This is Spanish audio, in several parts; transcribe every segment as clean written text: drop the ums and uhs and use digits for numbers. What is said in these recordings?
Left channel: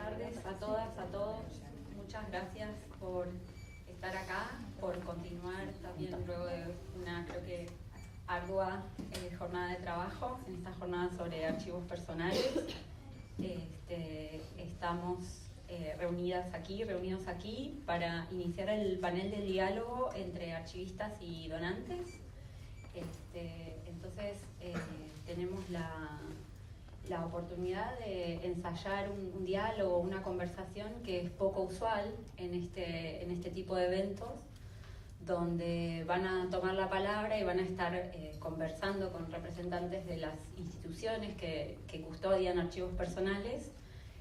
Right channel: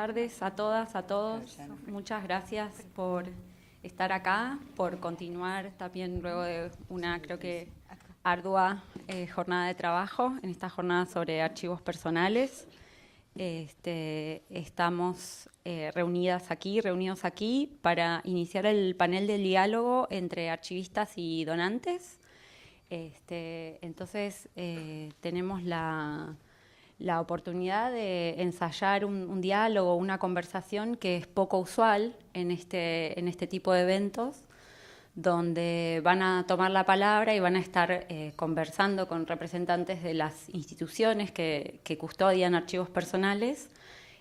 tardes a todas, a todos. Muchas gracias por estar acá, por continuar también luego de una, creo que, ardua jornada de trabajo en esta jornada sobre archivos personales. Estamos reunidos aquí para iniciar el panel de diálogo entre archivistas y donantes. Entonces tenemos la oportunidad de ensayar un diálogo, una conversación que es poco usual en este tipo de eventos, donde van a tomar la palabra y van a estar conversando con representantes de las instituciones que custodian archivos personales,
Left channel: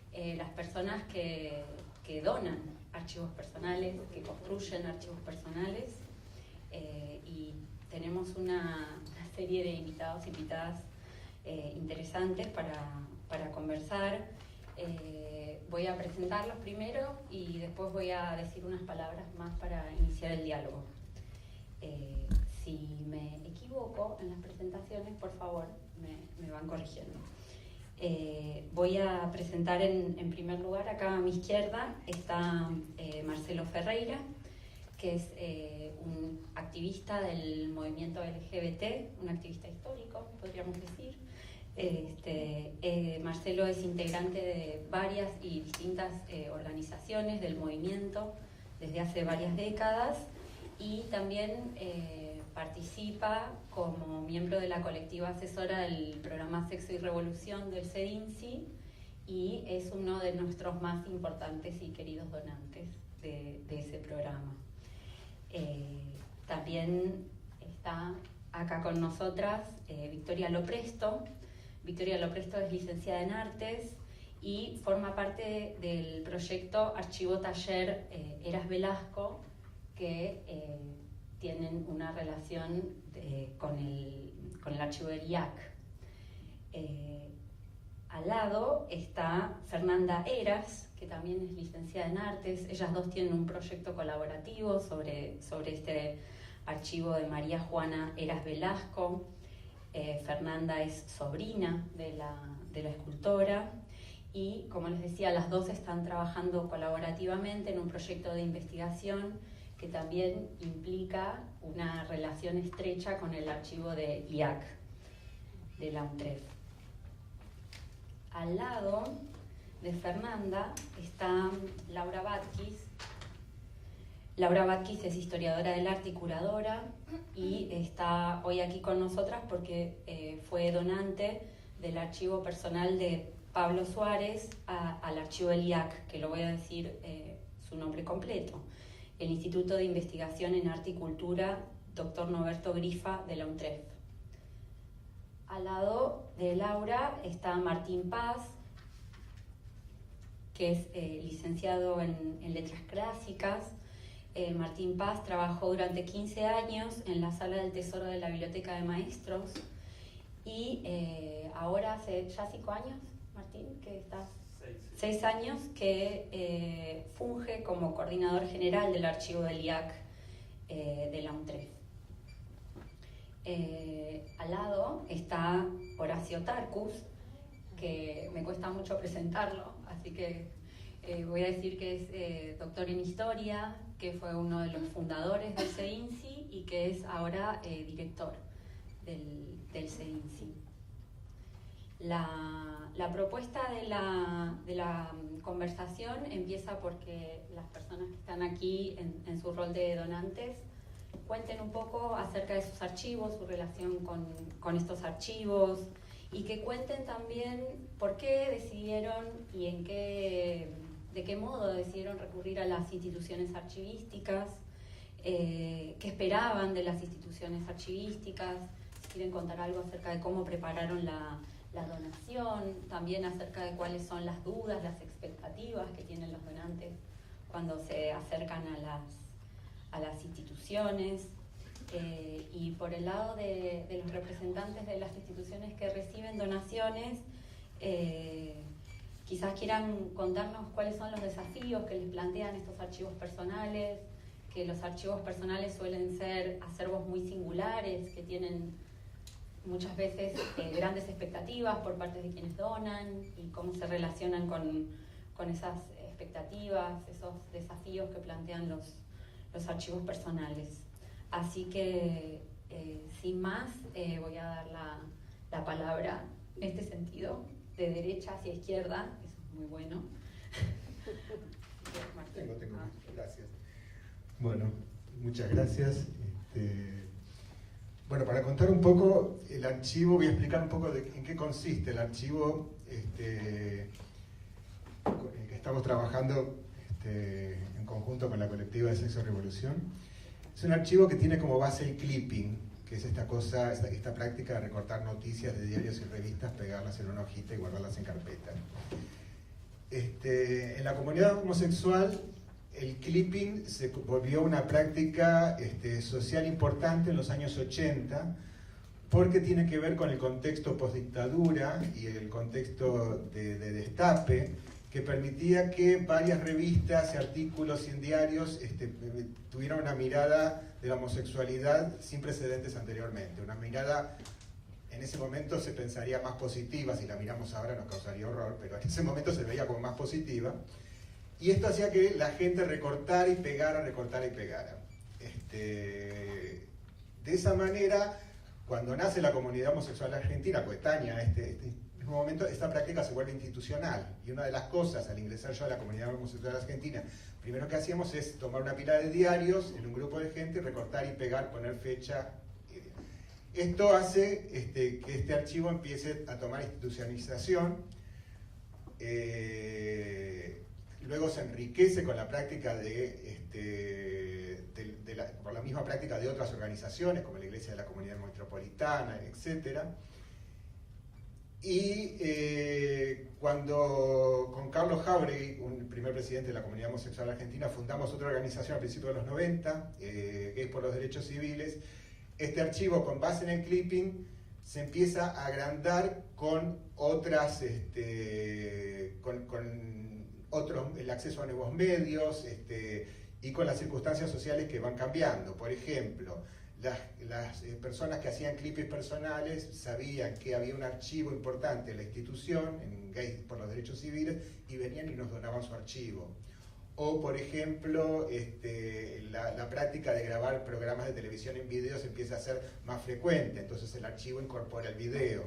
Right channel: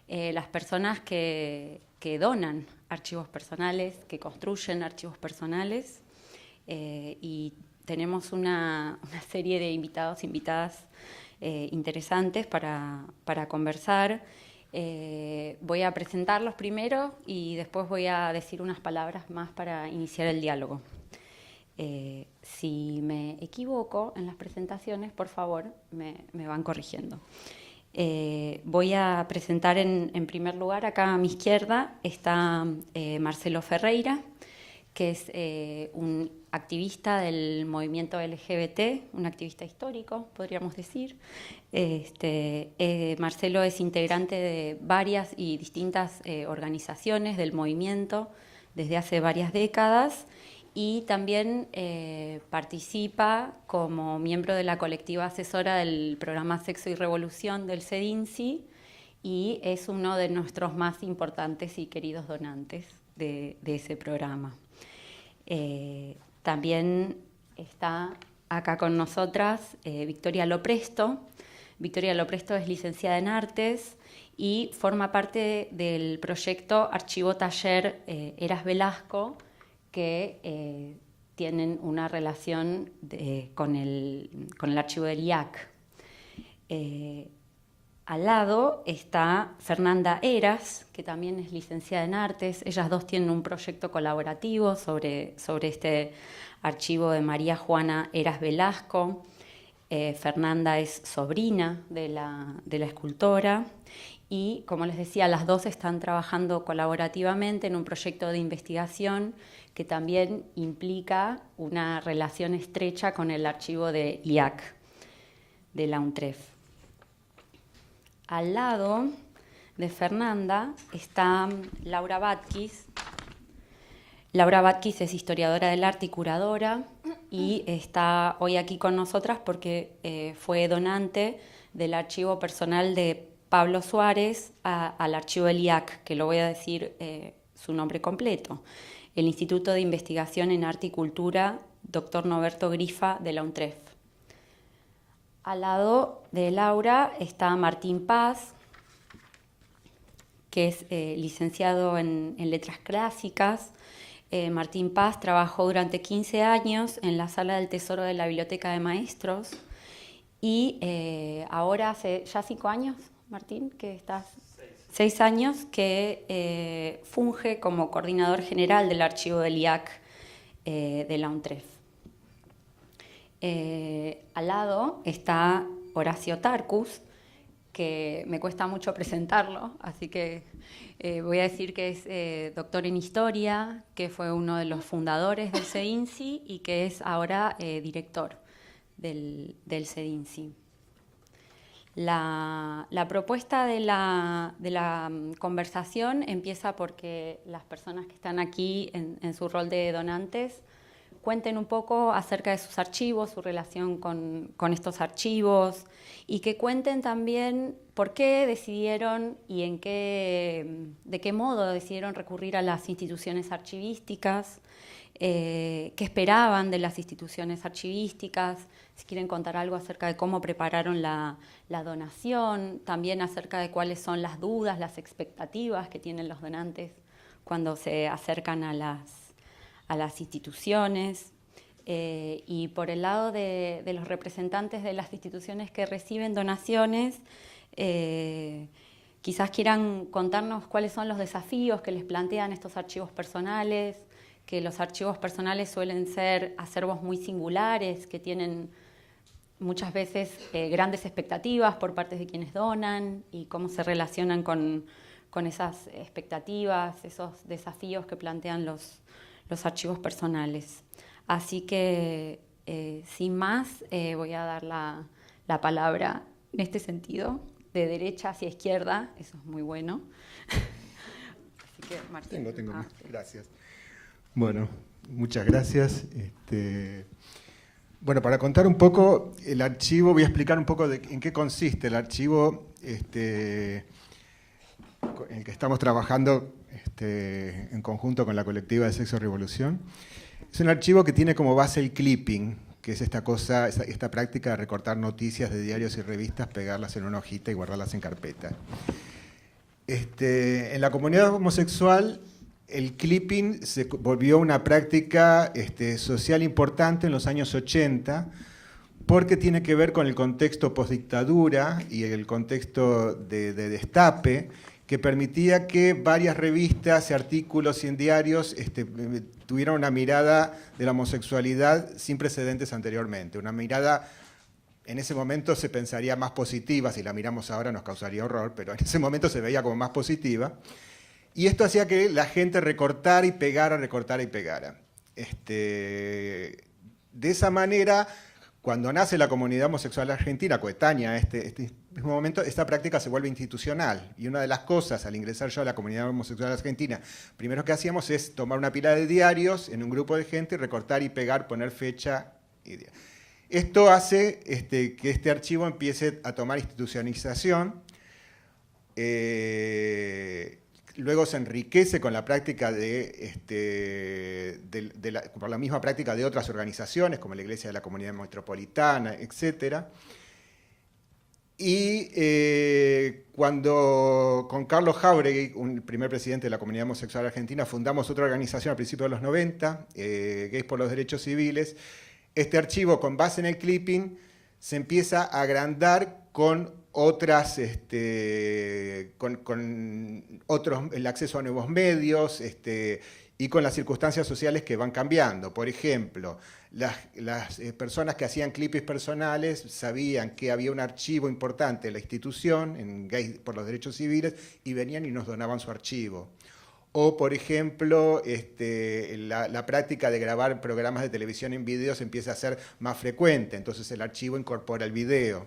las personas que donan archivos personales, que construyen archivos personales, y tenemos una serie de invitados, invitadas interesantes para conversar. Voy a presentarlos primero y después voy a decir unas palabras más para iniciar el diálogo. Si me equivoco en las presentaciones, por favor, me van corrigiendo. Voy a presentar en primer lugar, acá a mi izquierda está Marcelo Ferreira, que es un activista del movimiento LGBT, un activista histórico, podríamos decir. Marcelo es integrante de varias y distintas organizaciones del movimiento desde hace varias décadas y también participa como miembro de la colectiva asesora del programa Sexo y Revolución del CEDINCI y es uno de nuestros más importantes y queridos donantes de ese programa. También está acá con nosotras Victoria Lopresto. Victoria Lopresto es licenciada en Artes y forma parte del proyecto Archivo Taller Eras Velasco, que tienen una relación con el archivo del IAC. Al lado está Fernanda Eras, que también es licenciada en Artes. Ellas dos tienen un proyecto colaborativo sobre este archivo de María Juana Eras Velasco. Fernanda es sobrina de la escultora y, como les decía, las dos están trabajando colaborativamente en un proyecto de investigación que también implica una relación estrecha con el archivo de IAC, de la UNTREF. Al lado de Fernanda está Laura Batkis. Laura Batkis es historiadora del arte y curadora y está hoy aquí con nosotras porque fue donante del archivo personal de Pablo Suárez al archivo del IAC, que lo voy a decir su nombre completo, el Instituto de Investigación en Arte y Cultura Dr. Norberto Grifa de la UNTREF. Al lado de Laura está Martín Paz, que es licenciado en Letras Clásicas. Martín Paz trabajó durante 15 años en la Sala del Tesoro de la Biblioteca de Maestros y ahora hace ya 5 años, Martín, que estás... 6 años que funge como coordinador general del archivo del IAC de la UNTREF. Al lado está Horacio Tarcus, que me cuesta mucho presentarlo, así que voy a decir que es doctor en Historia, que fue uno de los fundadores del CEDINCI y que es ahora director del CEDINCI. La propuesta de la conversación empieza porque las personas que están aquí en su rol de donantes cuenten un poco acerca de sus archivos, su relación con estos archivos y que cuenten también por qué decidieron y de qué modo decidieron recurrir a las instituciones archivísticas, qué esperaban de las instituciones archivísticas, si quieren contar algo acerca de cómo prepararon la donación, también acerca de cuáles son las dudas, las expectativas que tienen los donantes cuando se acercan a las instituciones. Y por el lado de los representantes de las instituciones que reciben donaciones, quizás quieran contarnos cuáles son los desafíos que les plantean estos archivos personales, que los archivos personales suelen ser acervos muy singulares, que tienen muchas veces grandes expectativas por parte de quienes donan y cómo se relacionan con con esas expectativas, esos desafíos que plantean los archivos personales. Así que, sin más, voy a dar la palabra en este sentido, de derecha hacia izquierda, eso es muy bueno. Tengo. Gracias. Bueno, muchas gracias. Bueno, para contar un poco el archivo, voy a explicar un poco en qué consiste el archivo en el que estamos trabajando en conjunto con la colectiva de Sexo Revolución. Es un archivo que tiene como base el clipping, que es esta práctica de recortar noticias de diarios y revistas, pegarlas en una hojita y guardarlas en carpeta. En la comunidad homosexual, el clipping se volvió una práctica social importante en los años 80, porque tiene que ver con el contexto postdictadura y el contexto de destape, que permitía que varias revistas, artículos y en diarios tuvieran una mirada de la homosexualidad sin precedentes anteriormente. Una mirada, en ese momento se pensaría más positiva, si la miramos ahora nos causaría horror, pero en ese momento se veía como más positiva. Y esto hacía que la gente recortara y pegara, recortara y pegara. De esa manera, cuando nace la comunidad homosexual argentina, coetánea a este mismo momento, esta práctica se vuelve institucional. Y una de las cosas, al ingresar yo a la comunidad homosexual argentina, primero que hacíamos es tomar una pila de diarios en un grupo de gente, recortar y pegar, poner fecha. Esto hace que este archivo empiece a tomar institucionalización. Luego se enriquece con la práctica por la misma práctica de otras organizaciones, como la Iglesia de la Comunidad Metropolitana, etc. Y cuando con Carlos Jáuregui, el primer presidente de la Comunidad Homosexual Argentina, fundamos otra organización a principios de los 90, Gays por los Derechos Civiles, este archivo, con base en el clipping, se empieza a agrandar con otras, el acceso a nuevos medios y con las circunstancias sociales que van cambiando. Por ejemplo, las personas que hacían clippings personales sabían que había un archivo importante en la institución, en Gays por los Derechos Civiles, y venían y nos donaban su archivo. O, por ejemplo, la práctica de grabar programas de televisión en video se empieza a hacer más frecuente, entonces el archivo incorpora el video.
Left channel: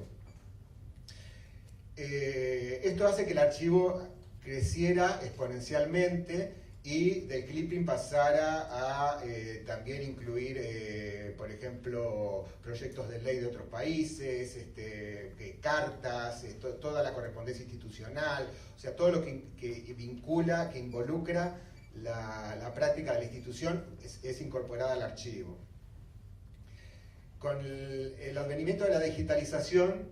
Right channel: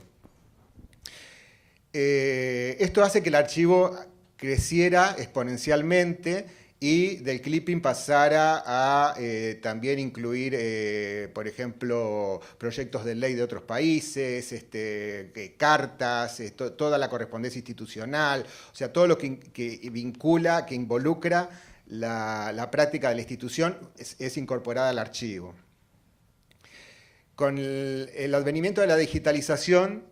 Esto hace que el archivo creciera exponencialmente y del clipping pasara a también incluir, por ejemplo, proyectos de ley de otros países, cartas, toda la correspondencia institucional, o sea, todo lo que vincula, que involucra la práctica de la institución es incorporada al archivo. Con el advenimiento de la digitalización,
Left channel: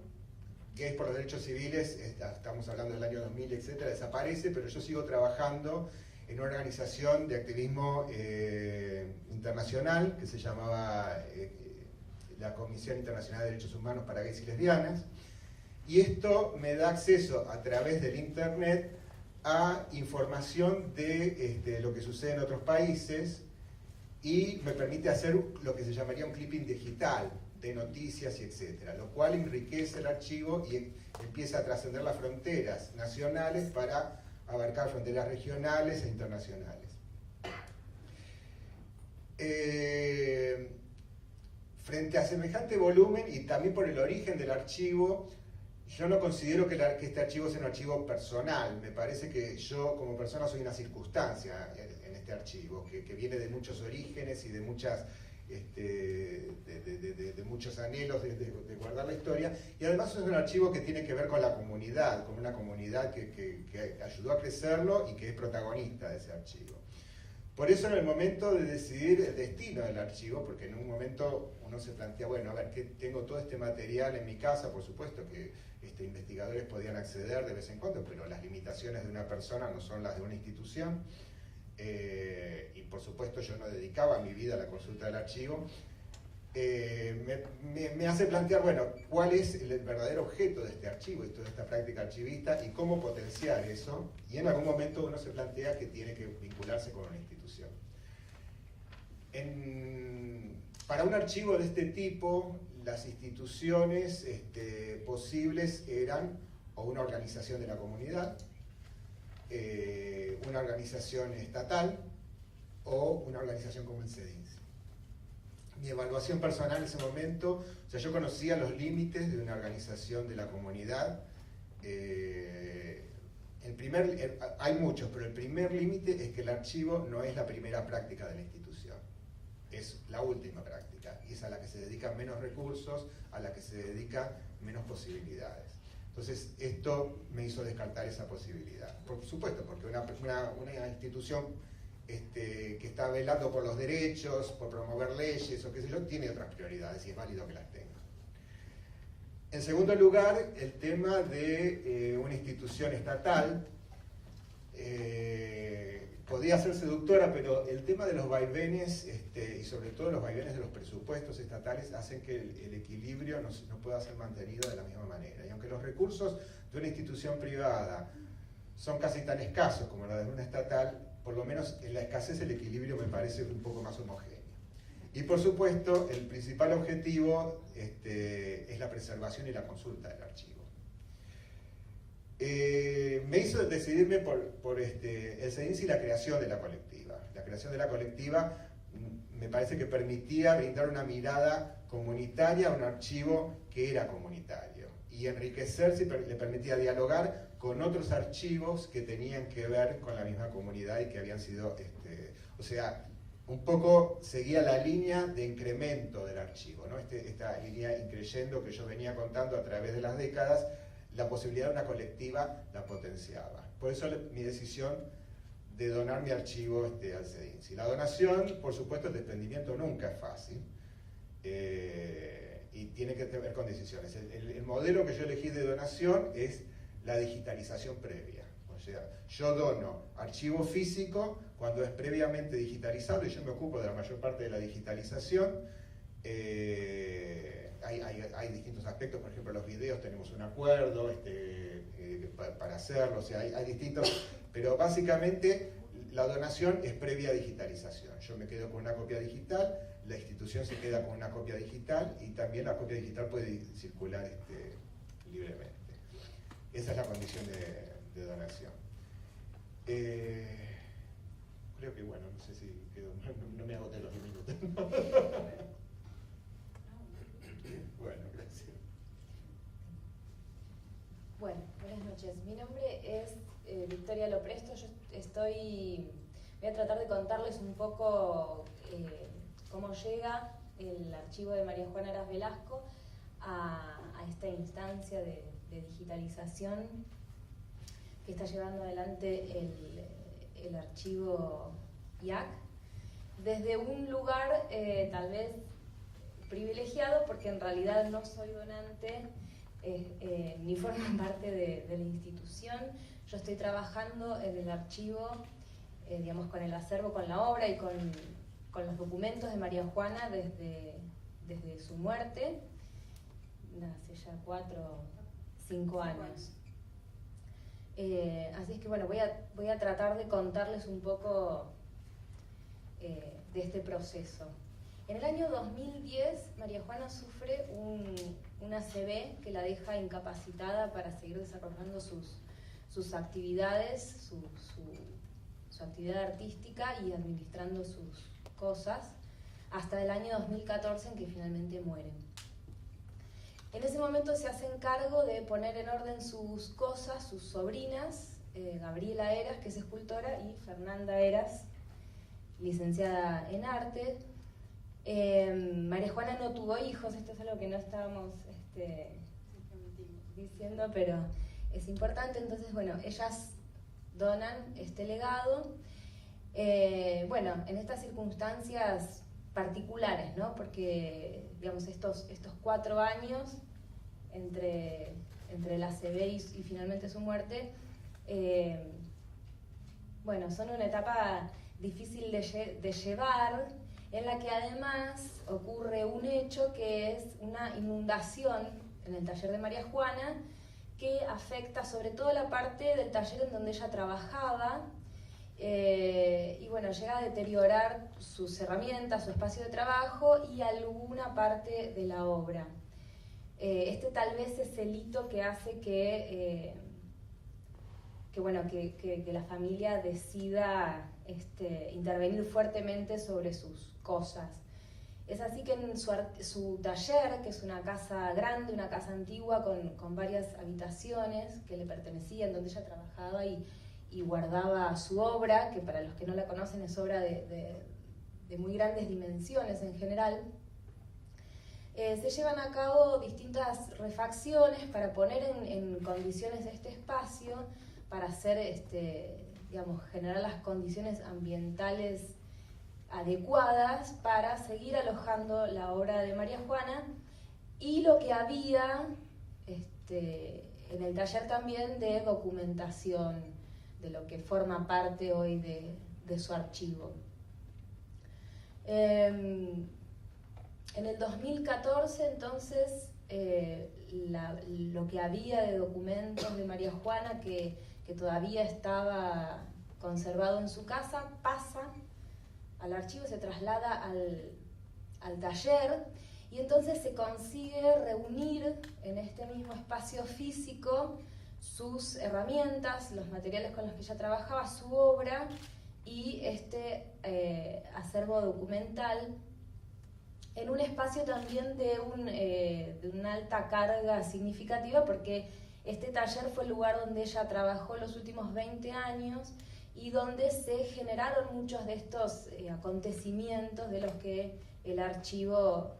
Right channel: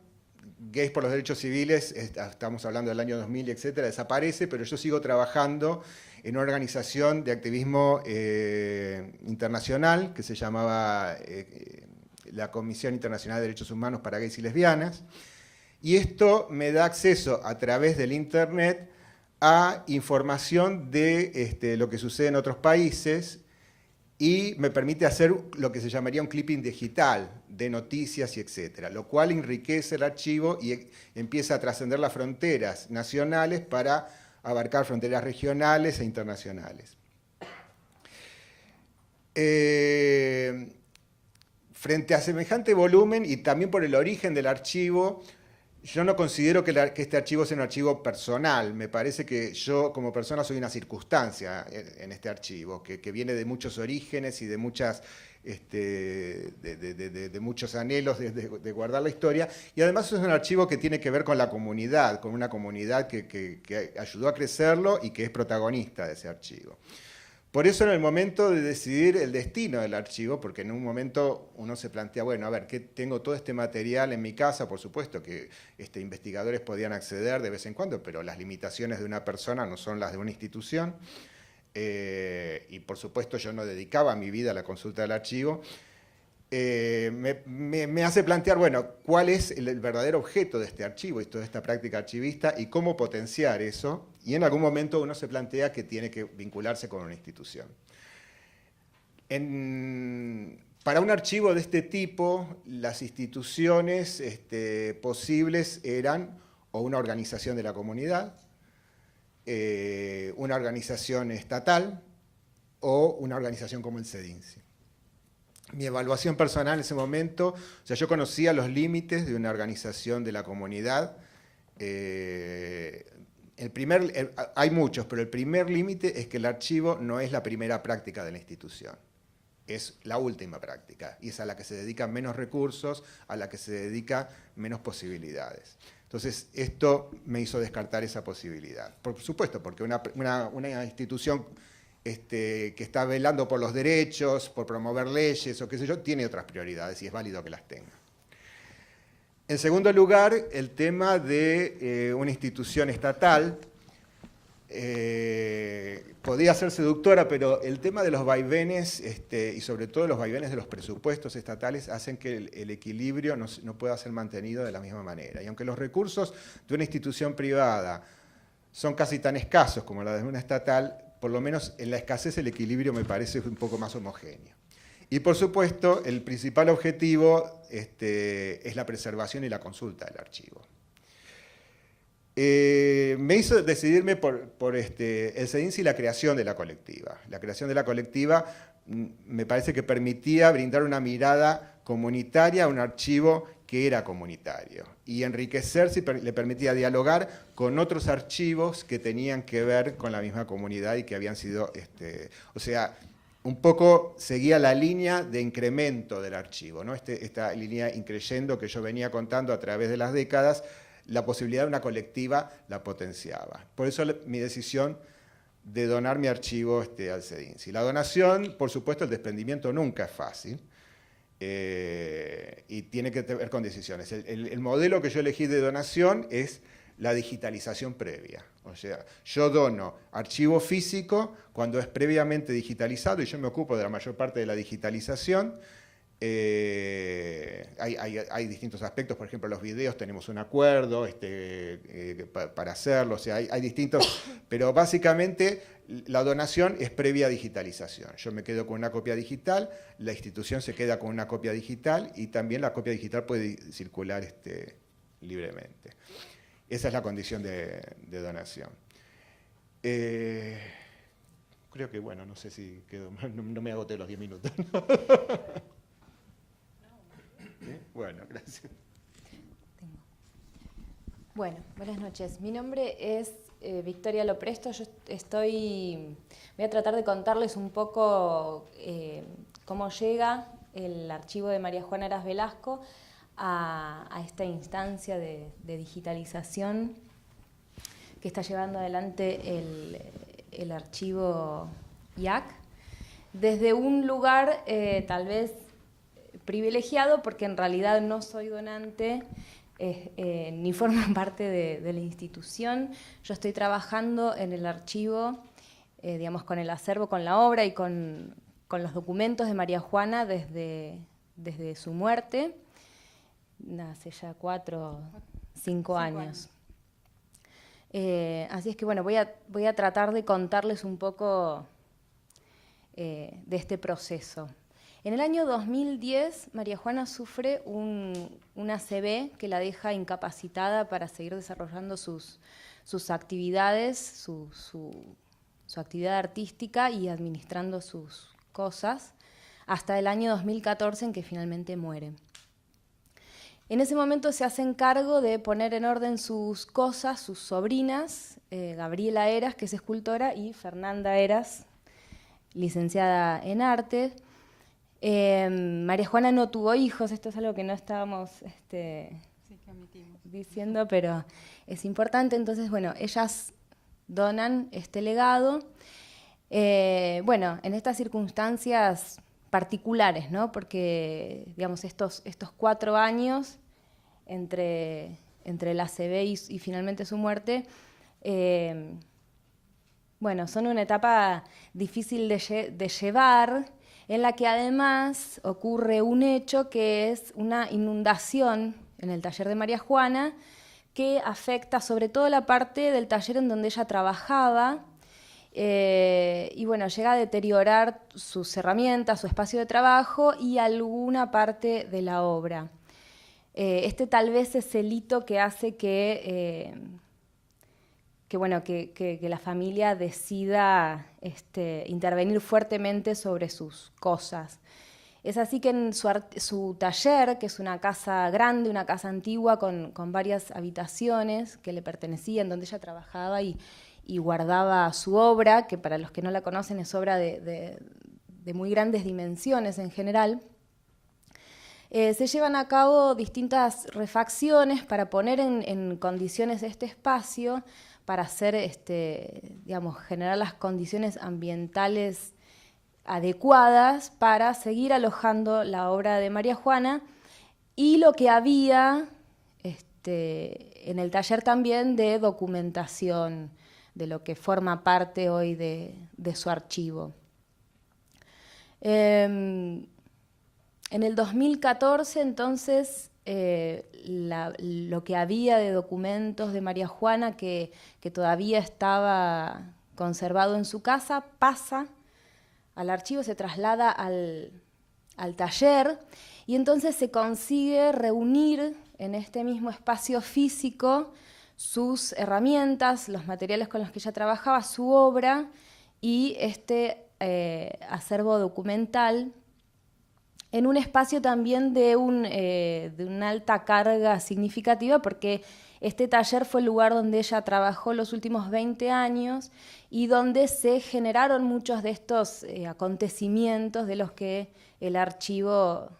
Gays por los Derechos Civiles, estamos hablando del año 2000, etcétera, desaparece, pero yo sigo trabajando en una organización de activismo internacional que se llamaba la Comisión Internacional de Derechos Humanos para Gays y Lesbianas, y esto me da acceso a través del internet a información de lo que sucede en otros países y me permite hacer lo que se llamaría un clipping digital de noticias y etcétera, lo cual enriquece el archivo y empieza a trascender las fronteras nacionales para abarcar fronteras regionales e internacionales. Frente a semejante volumen y también por el origen del archivo, yo no considero que este archivo sea un archivo personal. Me parece que yo como persona soy una circunstancia en este archivo, que viene de muchos orígenes y de muchas de muchos anhelos de guardar la historia, y además es un archivo que tiene que ver con la comunidad, con una comunidad que ayudó a crecerlo y que es protagonista de ese archivo. Por eso en el momento de decidir el destino del archivo, porque en un momento uno se plantea, bueno, a ver, ¿qué tengo todo este material en mi casa? Por supuesto que investigadores podían acceder de vez en cuando, pero las limitaciones de una persona no son las de una institución. Y por supuesto yo no dedicaba mi vida a la consulta del archivo, me hace plantear, bueno, cuál es el verdadero objeto de este archivo y toda esta práctica archivista y cómo potenciar eso, y en algún momento uno se plantea que tiene que vincularse con una institución. Para un archivo de este tipo, las instituciones posibles eran o una organización de la comunidad, una organización estatal o una organización como el CEDINSI. Mi evaluación personal en ese momento, o sea, yo conocía los límites de una organización de la comunidad. Hay muchos, pero el primer límite es que el archivo no es la primera práctica de la institución. Es la última práctica, y es a la que se dedican menos recursos, a la que se dedican menos posibilidades. Entonces, esto me hizo descartar esa posibilidad. Por supuesto, porque una institución que está velando por los derechos, por promover leyes o qué sé yo, tiene otras prioridades y es válido que las tenga. En segundo lugar, el tema de una institución estatal. Podría ser seductora, pero el tema de los vaivenes, y sobre todo los vaivenes de los presupuestos estatales, hacen que el equilibrio no pueda ser mantenido de la misma manera. Y aunque los recursos de una institución privada son casi tan escasos como los de una estatal, por lo menos en la escasez el equilibrio me parece un poco más homogéneo. Y por supuesto, el principal objetivo es la preservación y la consulta del archivo. Me hizo decidirme por el CEDINSI y la creación de la colectiva. La creación de la colectiva me parece que permitía brindar una mirada comunitaria a un archivo que era comunitario y enriquecerse, le permitía dialogar con otros archivos que tenían que ver con la misma comunidad y que habían sido, o sea, un poco seguía la línea de incremento del archivo, ¿no? Esta línea increyendo que yo venía contando a través de las décadas, la posibilidad de una colectiva la potenciaba. Por eso mi decisión de donar mi archivo al CEDINSI. La donación, por supuesto, el desprendimiento nunca es fácil, y tiene que ver con decisiones. El modelo que yo elegí de donación es la digitalización previa. O sea, yo dono archivo físico cuando es previamente digitalizado y yo me ocupo de la mayor parte de la digitalización. Hay distintos aspectos, por ejemplo, los videos tenemos un acuerdo para hacerlo, o sea, hay distintos, pero básicamente la donación es previa digitalización. Yo me quedo con una copia digital, la institución se queda con una copia digital y también la copia digital puede circular libremente. Esa es la condición de donación. Creo que, bueno, no sé si quedo, no me agoté los 10 minutos. Bueno, gracias. Bueno, buenas noches. Mi nombre es Victoria Lopresto. Yo voy a tratar de contarles un poco cómo llega el archivo de María Juana Heras Velasco a esta instancia de digitalización que está llevando adelante el archivo IAC, desde un lugar tal vez privilegiado, porque en realidad no soy donante ni formo parte de la institución. Yo estoy trabajando en el archivo, digamos, con el acervo, con la obra y con los documentos de María Juana desde su muerte, hace ya 4 o 5 años. Así es que bueno, voy a tratar de contarles un poco de este proceso. En el año 2010, María Juana sufre una ACV que la deja incapacitada para seguir desarrollando sus actividades, su actividad artística y administrando sus cosas, hasta el año 2014 en que finalmente muere. En ese momento se hacen cargo de poner en orden sus cosas, sus sobrinas, Gabriela Heras, que es escultora, y Fernanda Heras, licenciada en arte. María Juana no tuvo hijos, esto es algo que no estábamos diciendo, pero es importante. Entonces, bueno, ellas donan este legado. Bueno, en estas circunstancias particulares, ¿no? Porque, digamos, estos 4 años entre la ACV y finalmente su muerte, bueno, son una etapa difícil de llevar, en la que además ocurre un hecho que es una inundación en el taller de María Juana, que afecta sobre todo la parte del taller en donde ella trabajaba, y bueno, llega a deteriorar sus herramientas, su espacio de trabajo y alguna parte de la obra. Tal vez es el hito que hace que que la familia decida intervenir fuertemente sobre sus cosas. Es así que en su taller, que es una casa grande, una casa antigua con varias habitaciones que le pertenecían, donde ella trabajaba y guardaba su obra, que para los que no la conocen es obra de muy grandes dimensiones en general, se llevan a cabo distintas refacciones para poner en condiciones este espacio, para hacer, generar las condiciones ambientales adecuadas para seguir alojando la obra de María Juana y lo que había en el taller también de documentación de lo que forma parte hoy de su archivo. En el 2014, entonces, lo que había de documentos de María Juana que todavía estaba conservado en su casa pasa al archivo, se traslada al taller y entonces se consigue reunir en este mismo espacio físico sus herramientas, los materiales con los que ella trabajaba, su obra y acervo documental en un espacio también de una alta carga significativa, porque este taller fue el lugar donde ella trabajó los últimos 20 años y donde se generaron muchos de estos acontecimientos de los que el archivo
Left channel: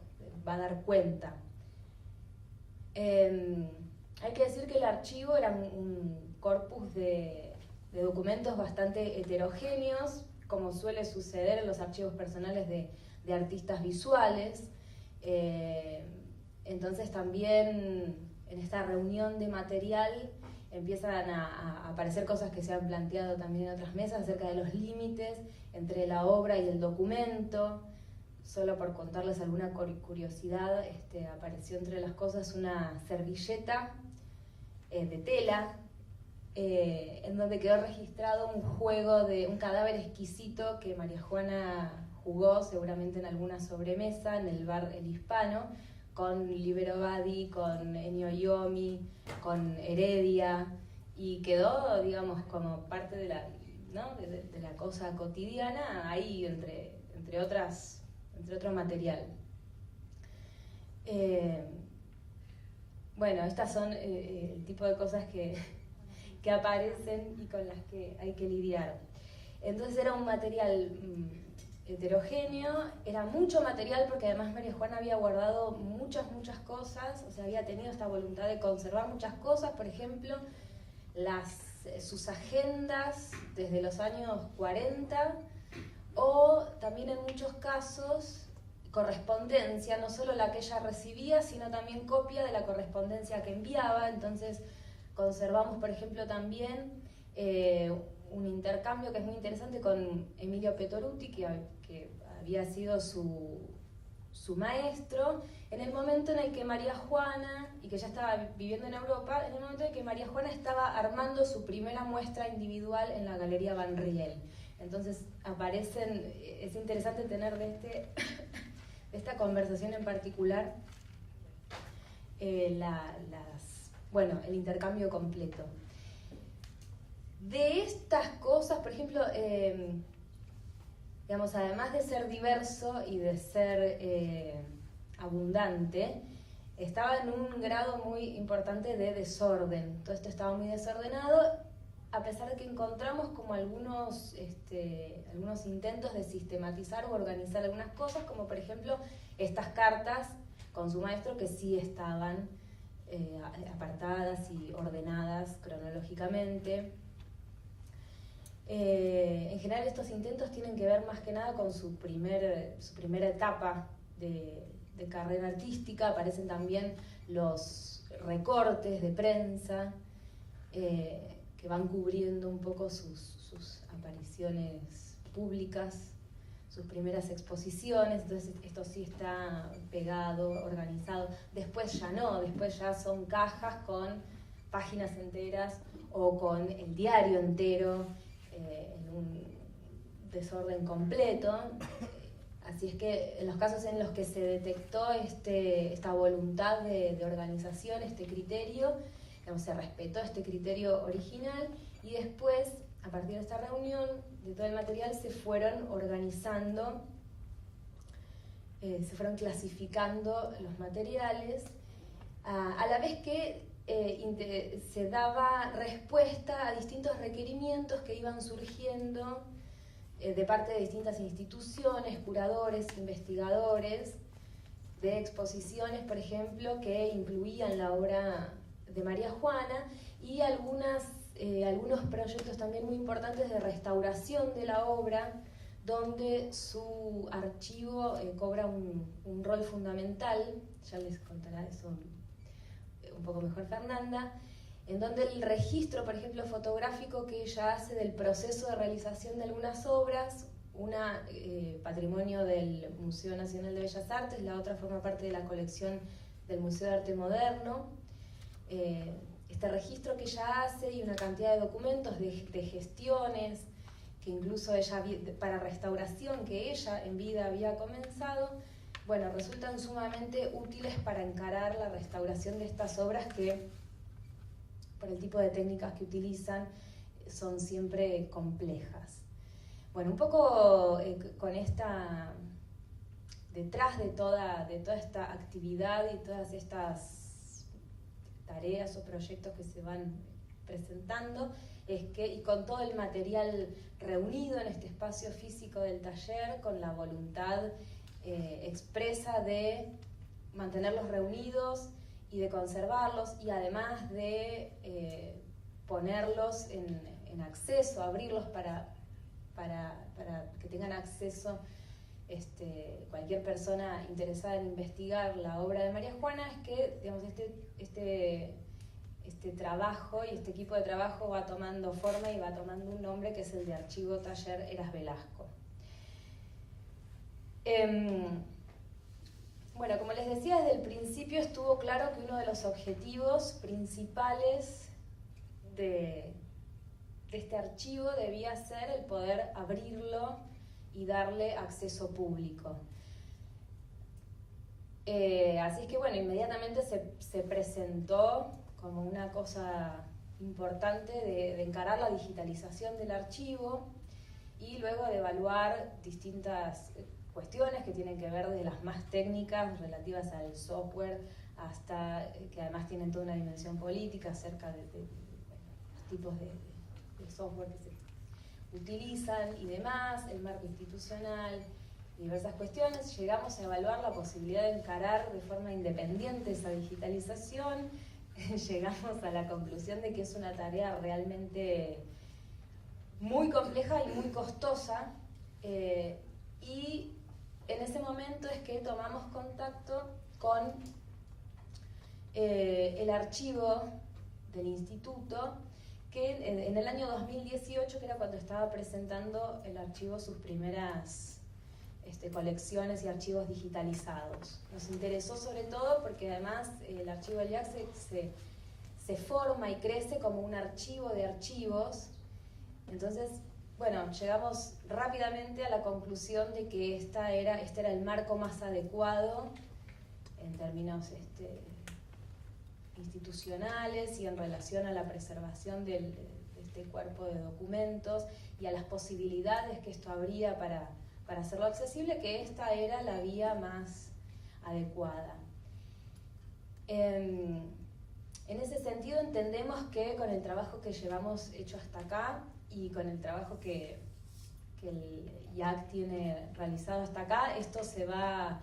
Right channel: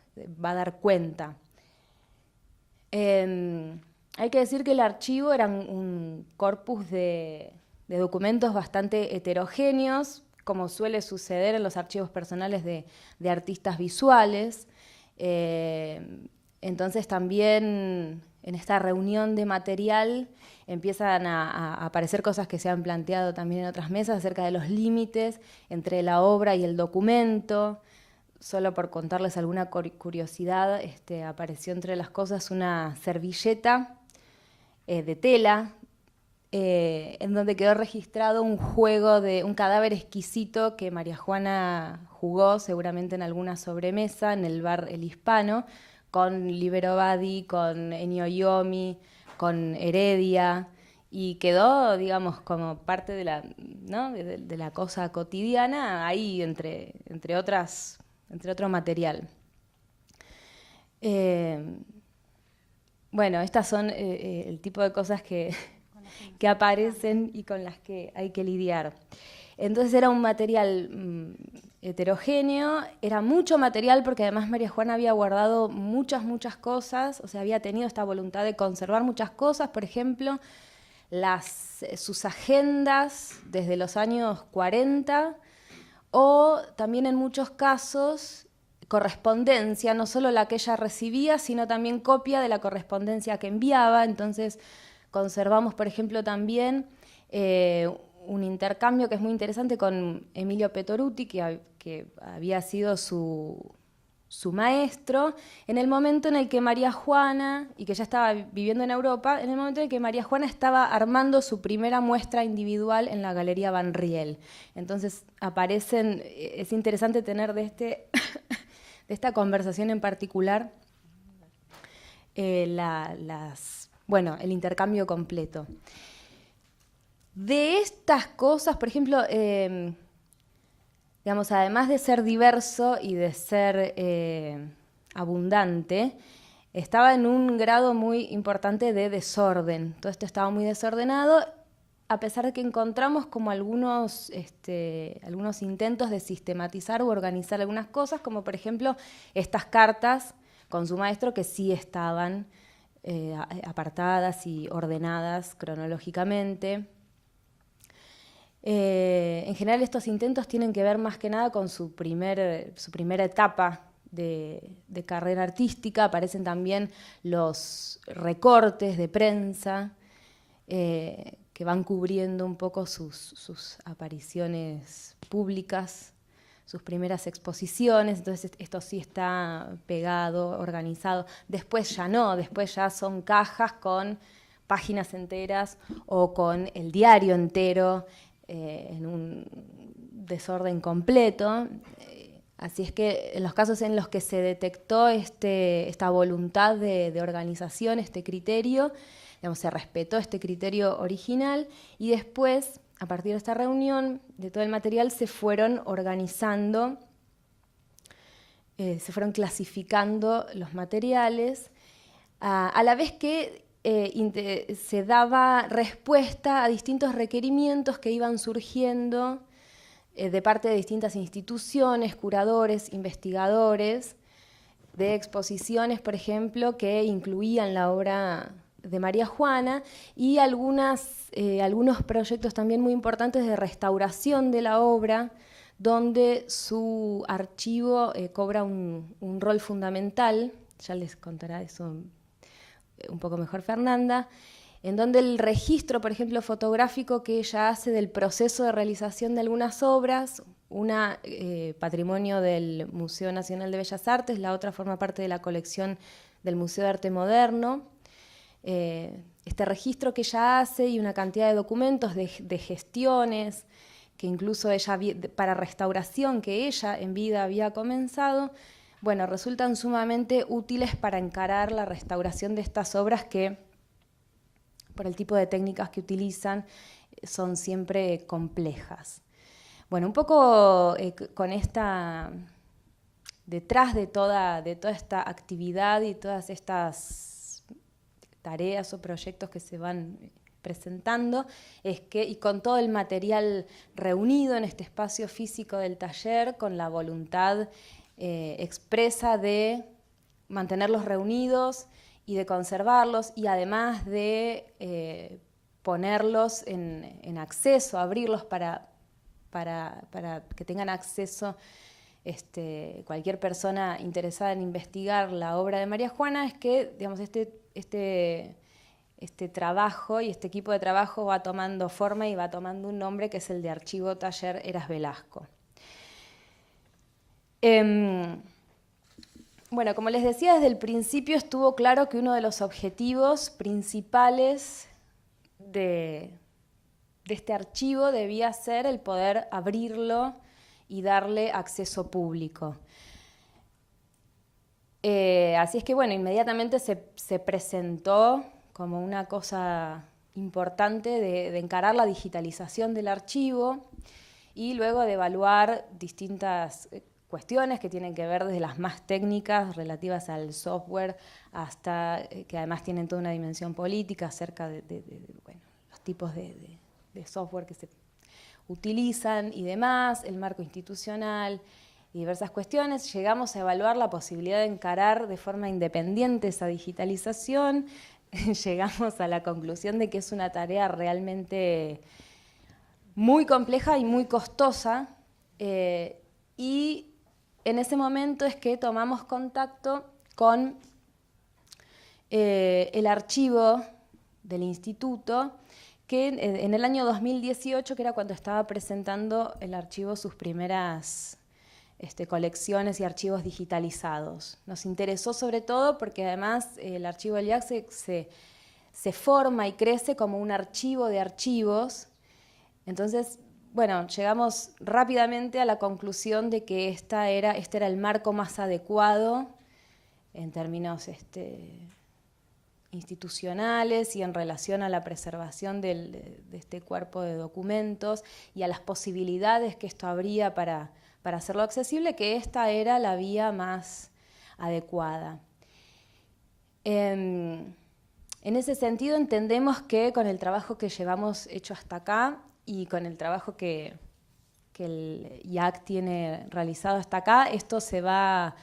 va a dar cuenta. Hay que decir que el archivo era un corpus de documentos bastante heterogéneos, como suele suceder en los archivos personales de artistas visuales. Entonces también en esta reunión de material empiezan a aparecer cosas que se han planteado también en otras mesas acerca de los límites entre la obra y el documento. Solo por contarles alguna curiosidad, apareció entre las cosas una servilleta de tela, en donde quedó registrado un juego de un cadáver exquisito que María Juana jugó seguramente en alguna sobremesa en el bar El Hispano, con Libero Badi, con Ennio Iommi, con Heredia, y quedó, digamos, como parte de la cosa cotidiana ahí entre otro material. Bueno, estas son el tipo de cosas que aparecen y con las que hay que lidiar. Entonces era un material heterogéneo, era mucho material porque además María Juana había guardado muchas cosas, o sea, había tenido esta voluntad de conservar muchas cosas, por ejemplo, sus agendas desde los años 40, o también en muchos casos correspondencia, no solo la que ella recibía, sino también copia de la correspondencia que enviaba. Entonces conservamos, por ejemplo, también un intercambio que es muy interesante con Emilio Petoruti, que había sido su maestro, en el momento en el que María Juana, y que ya estaba viviendo en Europa, en el momento en el que María Juana estaba armando su primera muestra individual en la Galería Van Riel. Entonces aparecen, es interesante tener de esta conversación en particular el intercambio completo. De estas cosas, por ejemplo, además de ser diverso y de ser abundante, estaba en un grado muy importante de desorden. Todo esto estaba muy desordenado, a pesar de que encontramos como algunos intentos de sistematizar u organizar algunas cosas, como por ejemplo estas cartas con su maestro que sí estaban apartadas y ordenadas cronológicamente. En general estos intentos tienen que ver más que nada con su primera etapa de carrera artística. Aparecen también los recortes de prensa que van cubriendo un poco sus apariciones públicas, sus primeras exposiciones. Entonces esto sí está pegado, organizado. Después ya no, después ya son cajas con páginas enteras o con el diario entero, en un desorden completo. Así es que en los casos en los que se detectó esta voluntad de organización, este criterio, digamos, se respetó este criterio original y después, a partir de esta reunión, de todo el material se fueron organizando, se fueron clasificando los materiales, a la vez que se daba respuesta a distintos requerimientos que iban surgiendo de parte de distintas instituciones, curadores, investigadores, de exposiciones, por ejemplo, que incluían la obra de María Juana y algunos proyectos también muy importantes de restauración de la obra, donde su archivo cobra un rol fundamental. Ya les contará eso un poco mejor Fernanda, en donde el registro, por ejemplo, fotográfico que ella hace del proceso de realización de algunas obras, una patrimonio del Museo Nacional de Bellas Artes, la otra forma parte de la colección del Museo de Arte Moderno. Este registro que ella hace y una cantidad de documentos de gestiones, que incluso ella, para restauración que ella en vida había comenzado, bueno, resultan sumamente útiles para encarar la restauración de estas obras que, por el tipo de técnicas que utilizan, son siempre complejas. Bueno, un poco con esta, detrás de toda esta actividad y todas estas tareas o proyectos que se van presentando, es que, y con todo el material reunido en este espacio físico del taller, con la voluntad expresa de mantenerlos reunidos y de conservarlos, y además de ponerlos en acceso, abrirlos para que tengan acceso cualquier persona interesada en investigar la obra de María Juana, es que, digamos, este trabajo y este equipo de trabajo va tomando forma y va tomando un nombre que es el de Archivo Taller Heras Velasco. Bueno, como les decía, desde el principio estuvo claro que uno de los objetivos principales de este archivo debía ser el poder abrirlo y darle acceso público. Así es que, bueno, inmediatamente se presentó como una cosa importante de encarar la digitalización del archivo y luego de evaluar distintas cuestiones que tienen que ver desde las más técnicas relativas al software hasta que además tienen toda una dimensión política acerca de los tipos de software que se utilizan y demás, el marco institucional y diversas cuestiones. Llegamos a evaluar la posibilidad de encarar de forma independiente esa digitalización. Llegamos a la conclusión de que es una tarea realmente muy compleja y muy costosa, y en ese momento es que tomamos contacto con el archivo del instituto, que en el año 2018, que era cuando estaba presentando el archivo sus primeras colecciones y archivos digitalizados. Nos interesó sobre todo porque además el archivo del IAC se forma y crece como un archivo de archivos. Entonces, bueno, llegamos rápidamente a la conclusión de que este era el marco más adecuado en términos institucionales y en relación a la preservación de este cuerpo de documentos y a las posibilidades que esto habría para hacerlo accesible, que esta era la vía más adecuada. En ese sentido entendemos que con el trabajo que llevamos hecho hasta acá y con el trabajo que el IAC tiene realizado hasta acá, esto se va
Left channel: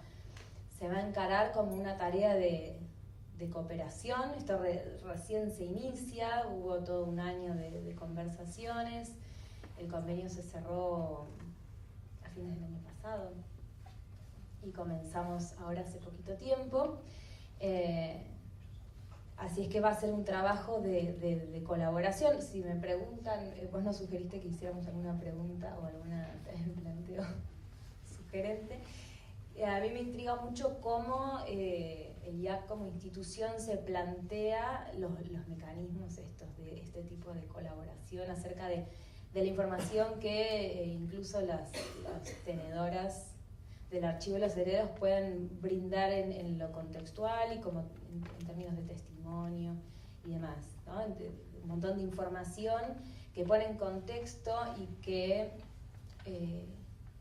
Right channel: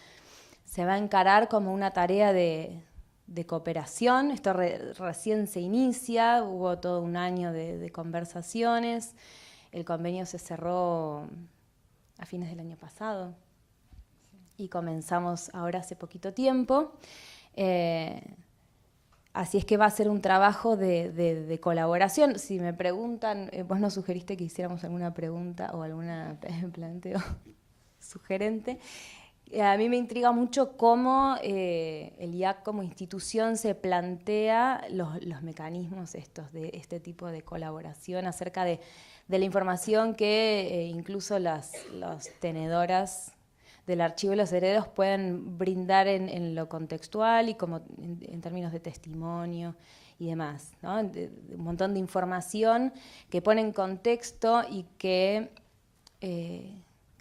a encarar como una tarea de cooperación. Esto recién se inicia, hubo todo un año de conversaciones, el convenio se cerró a fines del año pasado y comenzamos ahora hace poquito tiempo. Así es que va a ser un trabajo de colaboración. Si me preguntan, vos nos sugeriste que hiciéramos alguna pregunta o algún planteo sugerente. A mí me intriga mucho cómo el IAC como institución se plantea los mecanismos estos de este tipo de colaboración acerca de la información que incluso las tenedoras del archivo de los herederos pueden brindar en lo contextual y como en términos de testimonio demás, ¿no? Un montón de información que pone en contexto y que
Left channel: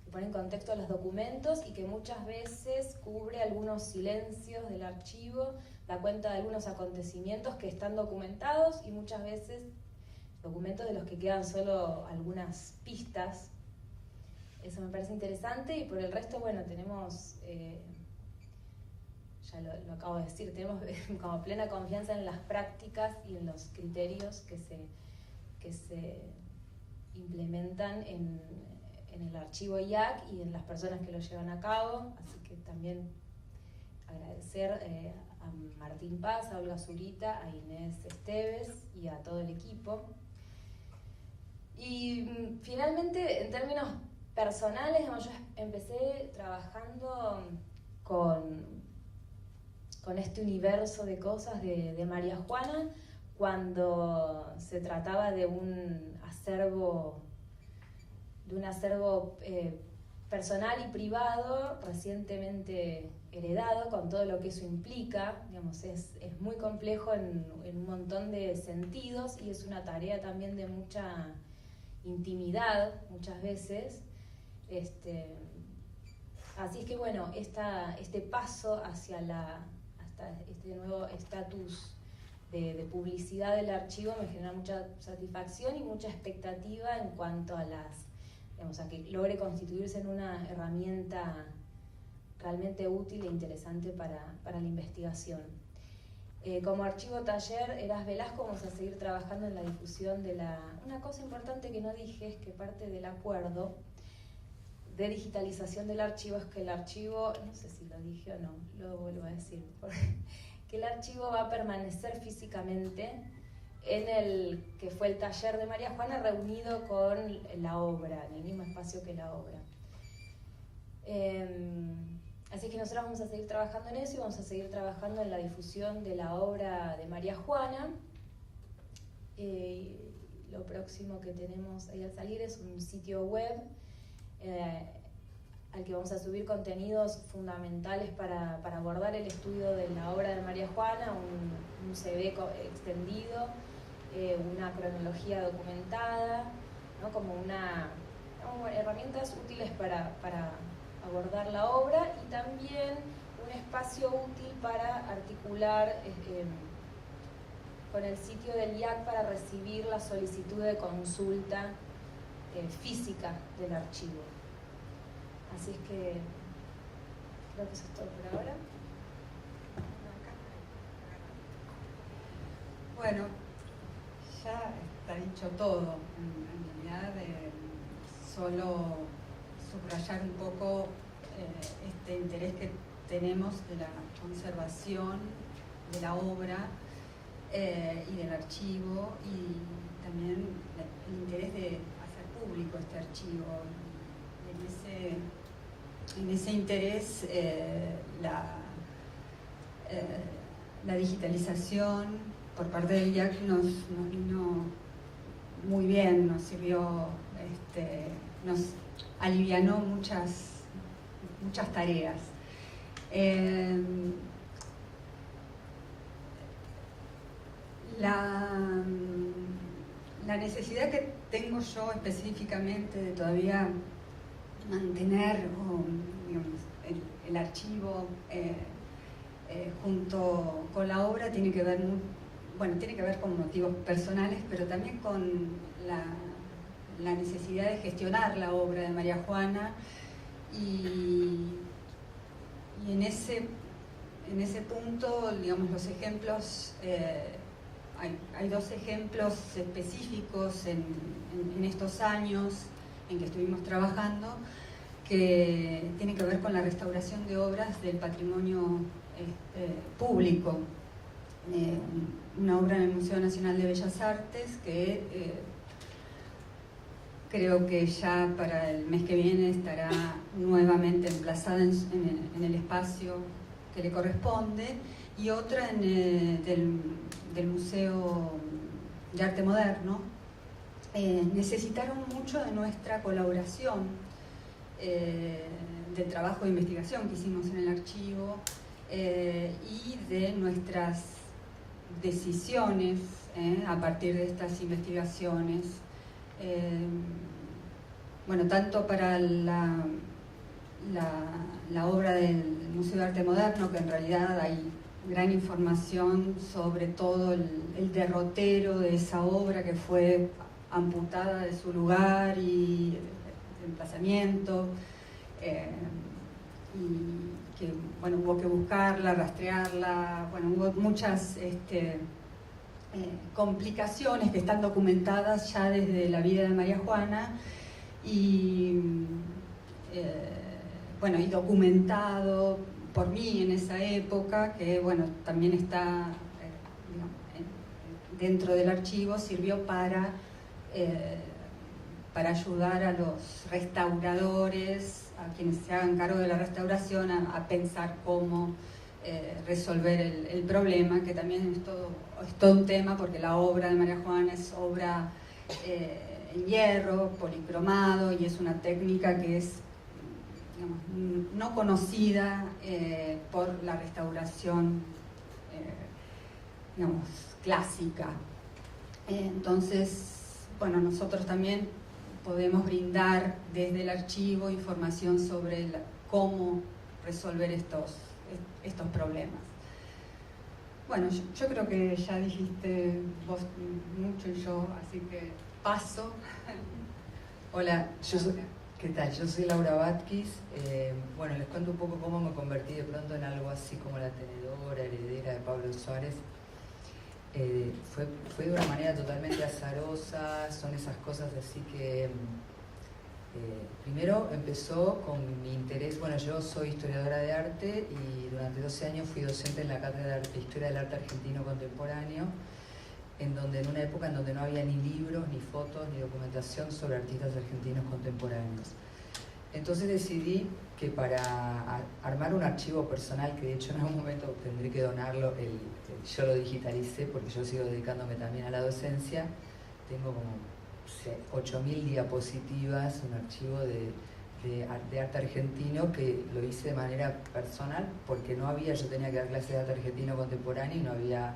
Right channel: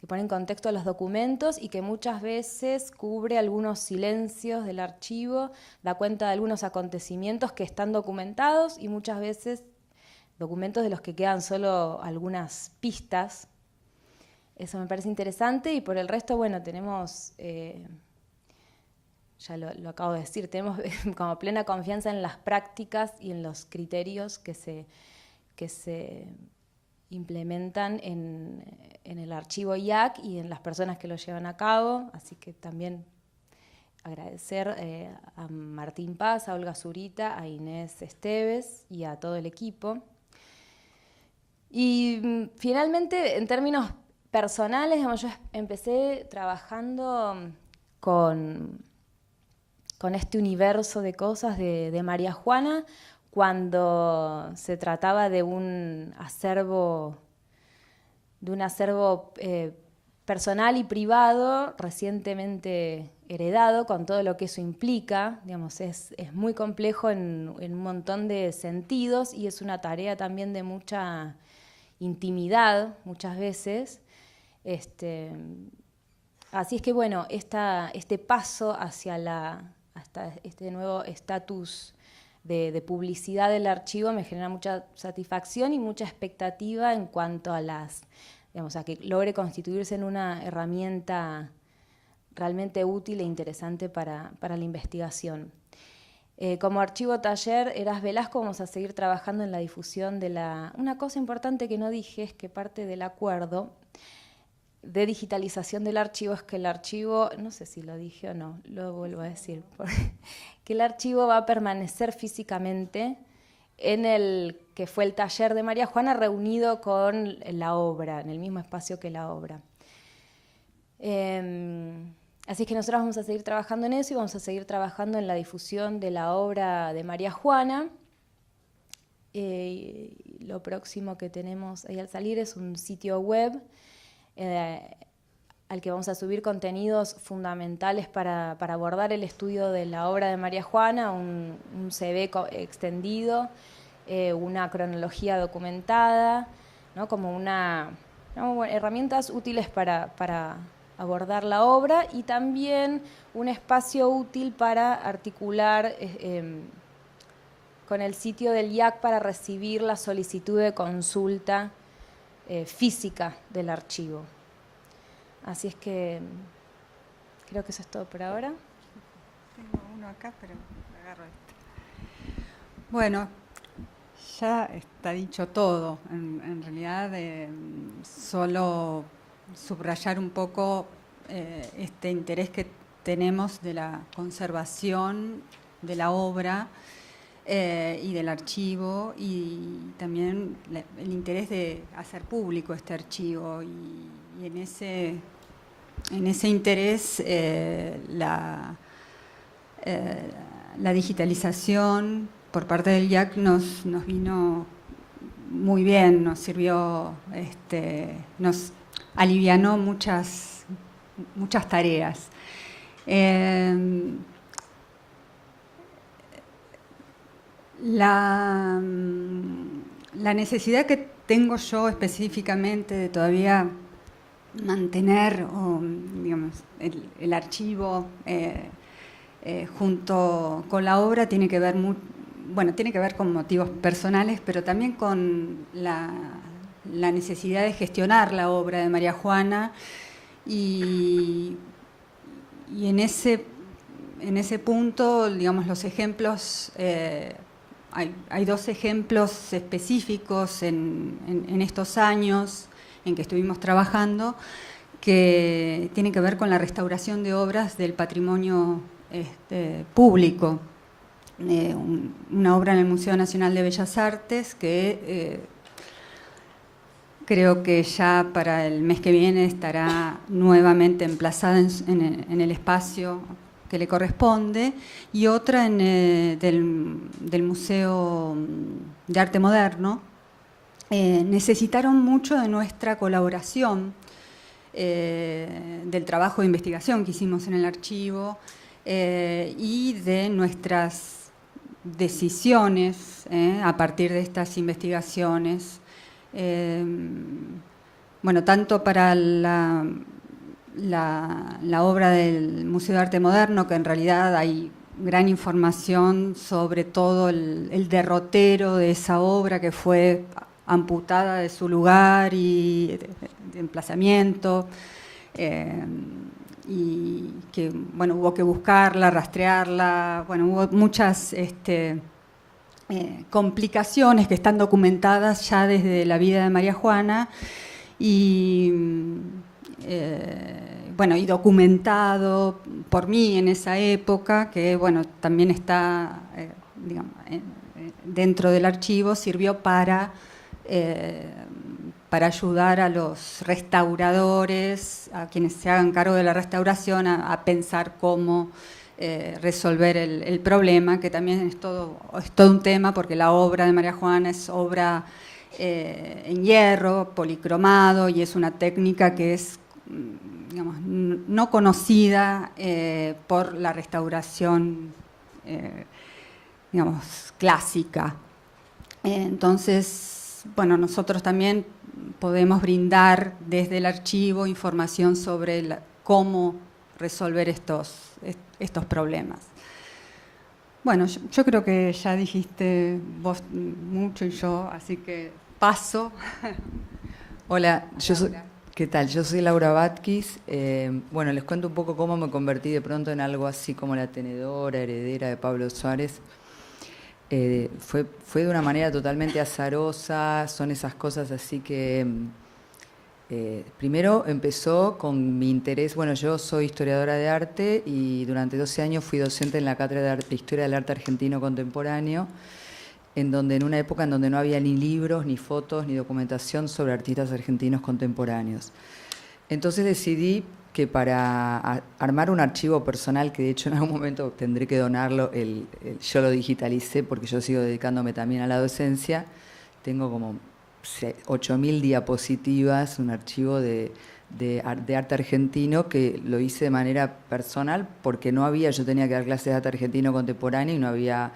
pone en contexto los documentos y que muchas veces cubre algunos silencios del archivo, da cuenta de algunos acontecimientos que están documentados y muchas veces documentos de los que quedan solo algunas pistas. Eso me parece interesante y por el resto, bueno, tenemos, ya lo acabo de decir, tenemos como plena confianza en las prácticas y en los criterios que se implementan en el archivo IAC y en las personas que lo llevan a cabo, así que también agradecer a Martín Paz, a Olga Zurita, a Inés Esteves y a todo el equipo. Y finalmente, en términos personales, digamos, yo empecé trabajando con este universo de cosas de María Juana cuando se trataba de un acervo personal y privado recientemente heredado, con todo lo que eso implica. Digamos, es muy complejo en un montón de sentidos y es una tarea también de mucha intimidad muchas veces. Así es que bueno, este paso hasta este nuevo estatus de publicidad del archivo me genera mucha satisfacción y mucha expectativa en cuanto a a que logre constituirse en una herramienta realmente útil e interesante para la investigación. Como archivo taller Eras Velasco vamos a seguir trabajando en la difusión de una cosa importante que no dije es que parte del acuerdo de digitalización del archivo es que el archivo, no sé si lo dije o no, lo vuelvo a decir, que el archivo va a permanecer físicamente en el que fue el taller de María Juana reunido con la obra, en el mismo espacio que la obra. Así que nosotros vamos a seguir trabajando en eso y vamos a seguir trabajando en la difusión de la obra de María Juana. Lo próximo que tenemos ahí al salir es un sitio web al que vamos a subir contenidos fundamentales para abordar el estudio de la obra de María Juana, un CV extendido, una cronología documentada, ¿no? Como herramientas útiles para abordar la obra y también un espacio útil para articular con el sitio del IAC para recibir la solicitud de consulta física del archivo. Así es que creo que eso es todo por ahora. Tengo uno acá, pero agarro este. Bueno, ya está dicho todo. En realidad, solo subrayar un poco este interés que tenemos de la conservación de la obra y del archivo y también el interés de hacer público este archivo y en ese interés la digitalización por parte del IAC nos vino muy bien, nos sirvió, nos alivianó muchas tareas. La necesidad que tengo yo específicamente de todavía mantener digamos, el archivo junto con la obra tiene que ver con motivos personales, pero también con la necesidad de gestionar la obra de María Juana y en ese punto, digamos, los ejemplos, hay dos ejemplos específicos en estos años en que estuvimos trabajando que tienen que ver con la restauración de obras del patrimonio público. Una obra en el Museo Nacional de Bellas Artes que creo que ya para el mes que viene estará nuevamente emplazada en el espacio que le corresponde, y otra del Museo de Arte Moderno. Necesitaron mucho de nuestra colaboración, del trabajo de investigación que hicimos en el archivo y de decisiones a partir de estas investigaciones. Bueno, tanto para la obra del Museo de Arte Moderno, que en realidad hay gran información sobre todo el derrotero de esa obra que fue amputada de su lugar y de emplazamiento, y que bueno, hubo que buscarla, rastrearla, bueno, hubo muchas complicaciones que están documentadas ya desde la vida de María Juana y bueno, y documentado por mí en esa época, que bueno, también está digamos, dentro del archivo, sirvió para ayudar a los restauradores, a quienes se hagan cargo de la restauración, a pensar cómo resolver el problema, que también es todo un tema, porque la obra de María Juana es obra en hierro, policromado, y es una técnica que es, digamos, no conocida por la restauración, digamos, clásica. Entonces, bueno, nosotros también podemos brindar desde el archivo información sobre cómo resolver estos problemas. Bueno, yo creo que ya dijiste vos mucho y yo, así que paso. Hola, ¿qué tal? Yo soy Laura Batkis. Bueno, les cuento un poco cómo me convertí de pronto en algo así como la tenedora, heredera de Pablo Suárez. Fue de una manera totalmente azarosa, son esas cosas así que... primero empezó con mi interés, bueno, yo soy historiadora de arte y durante 12 años fui docente en la Cátedra de Historia del Arte Argentino Contemporáneo, en una época en donde no había ni libros, ni fotos, ni documentación sobre artistas argentinos contemporáneos. Entonces decidí que para armar un archivo personal, que de hecho en algún momento tendré que donarlo, yo lo digitalicé porque yo sigo dedicándome también a la docencia, tengo como 8.000 diapositivas, un archivo de arte argentino que lo hice de manera personal porque yo tenía que dar clases de arte argentino contemporáneo y no había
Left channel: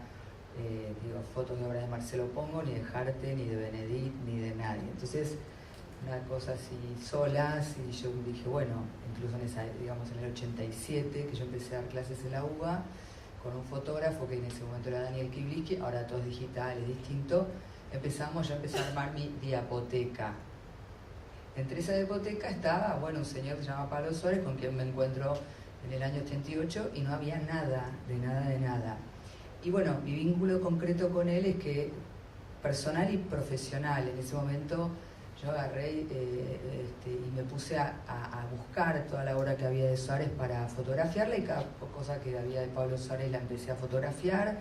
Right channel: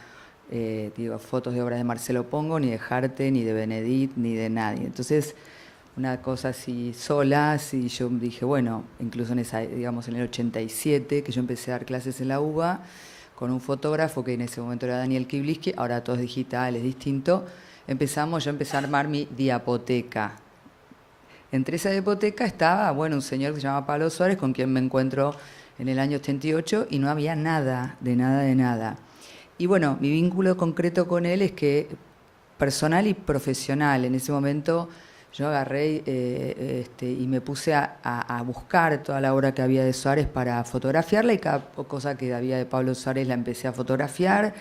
fotos de obras de Marcelo Pongo, ni de Harte, ni de Benedit, ni de nadie. Entonces, una cosa así sola, así yo dije, bueno, incluso en el 87, que yo empecé a dar clases en la UBA, con un fotógrafo que en ese momento era Daniel Kibliski, ahora todo es digital, es distinto, yo empecé a armar mi diapoteca. Entre esa diapoteca estaba, bueno, un señor que se llama Pablo Suárez, con quien me encuentro en el año 88, y no había nada, de nada. Y bueno, mi vínculo concreto con él es que personal y profesional. En ese momento yo agarré y me puse a buscar toda la obra que había de Suárez para fotografiarla, y cada cosa que había de Pablo Suárez la empecé a fotografiar,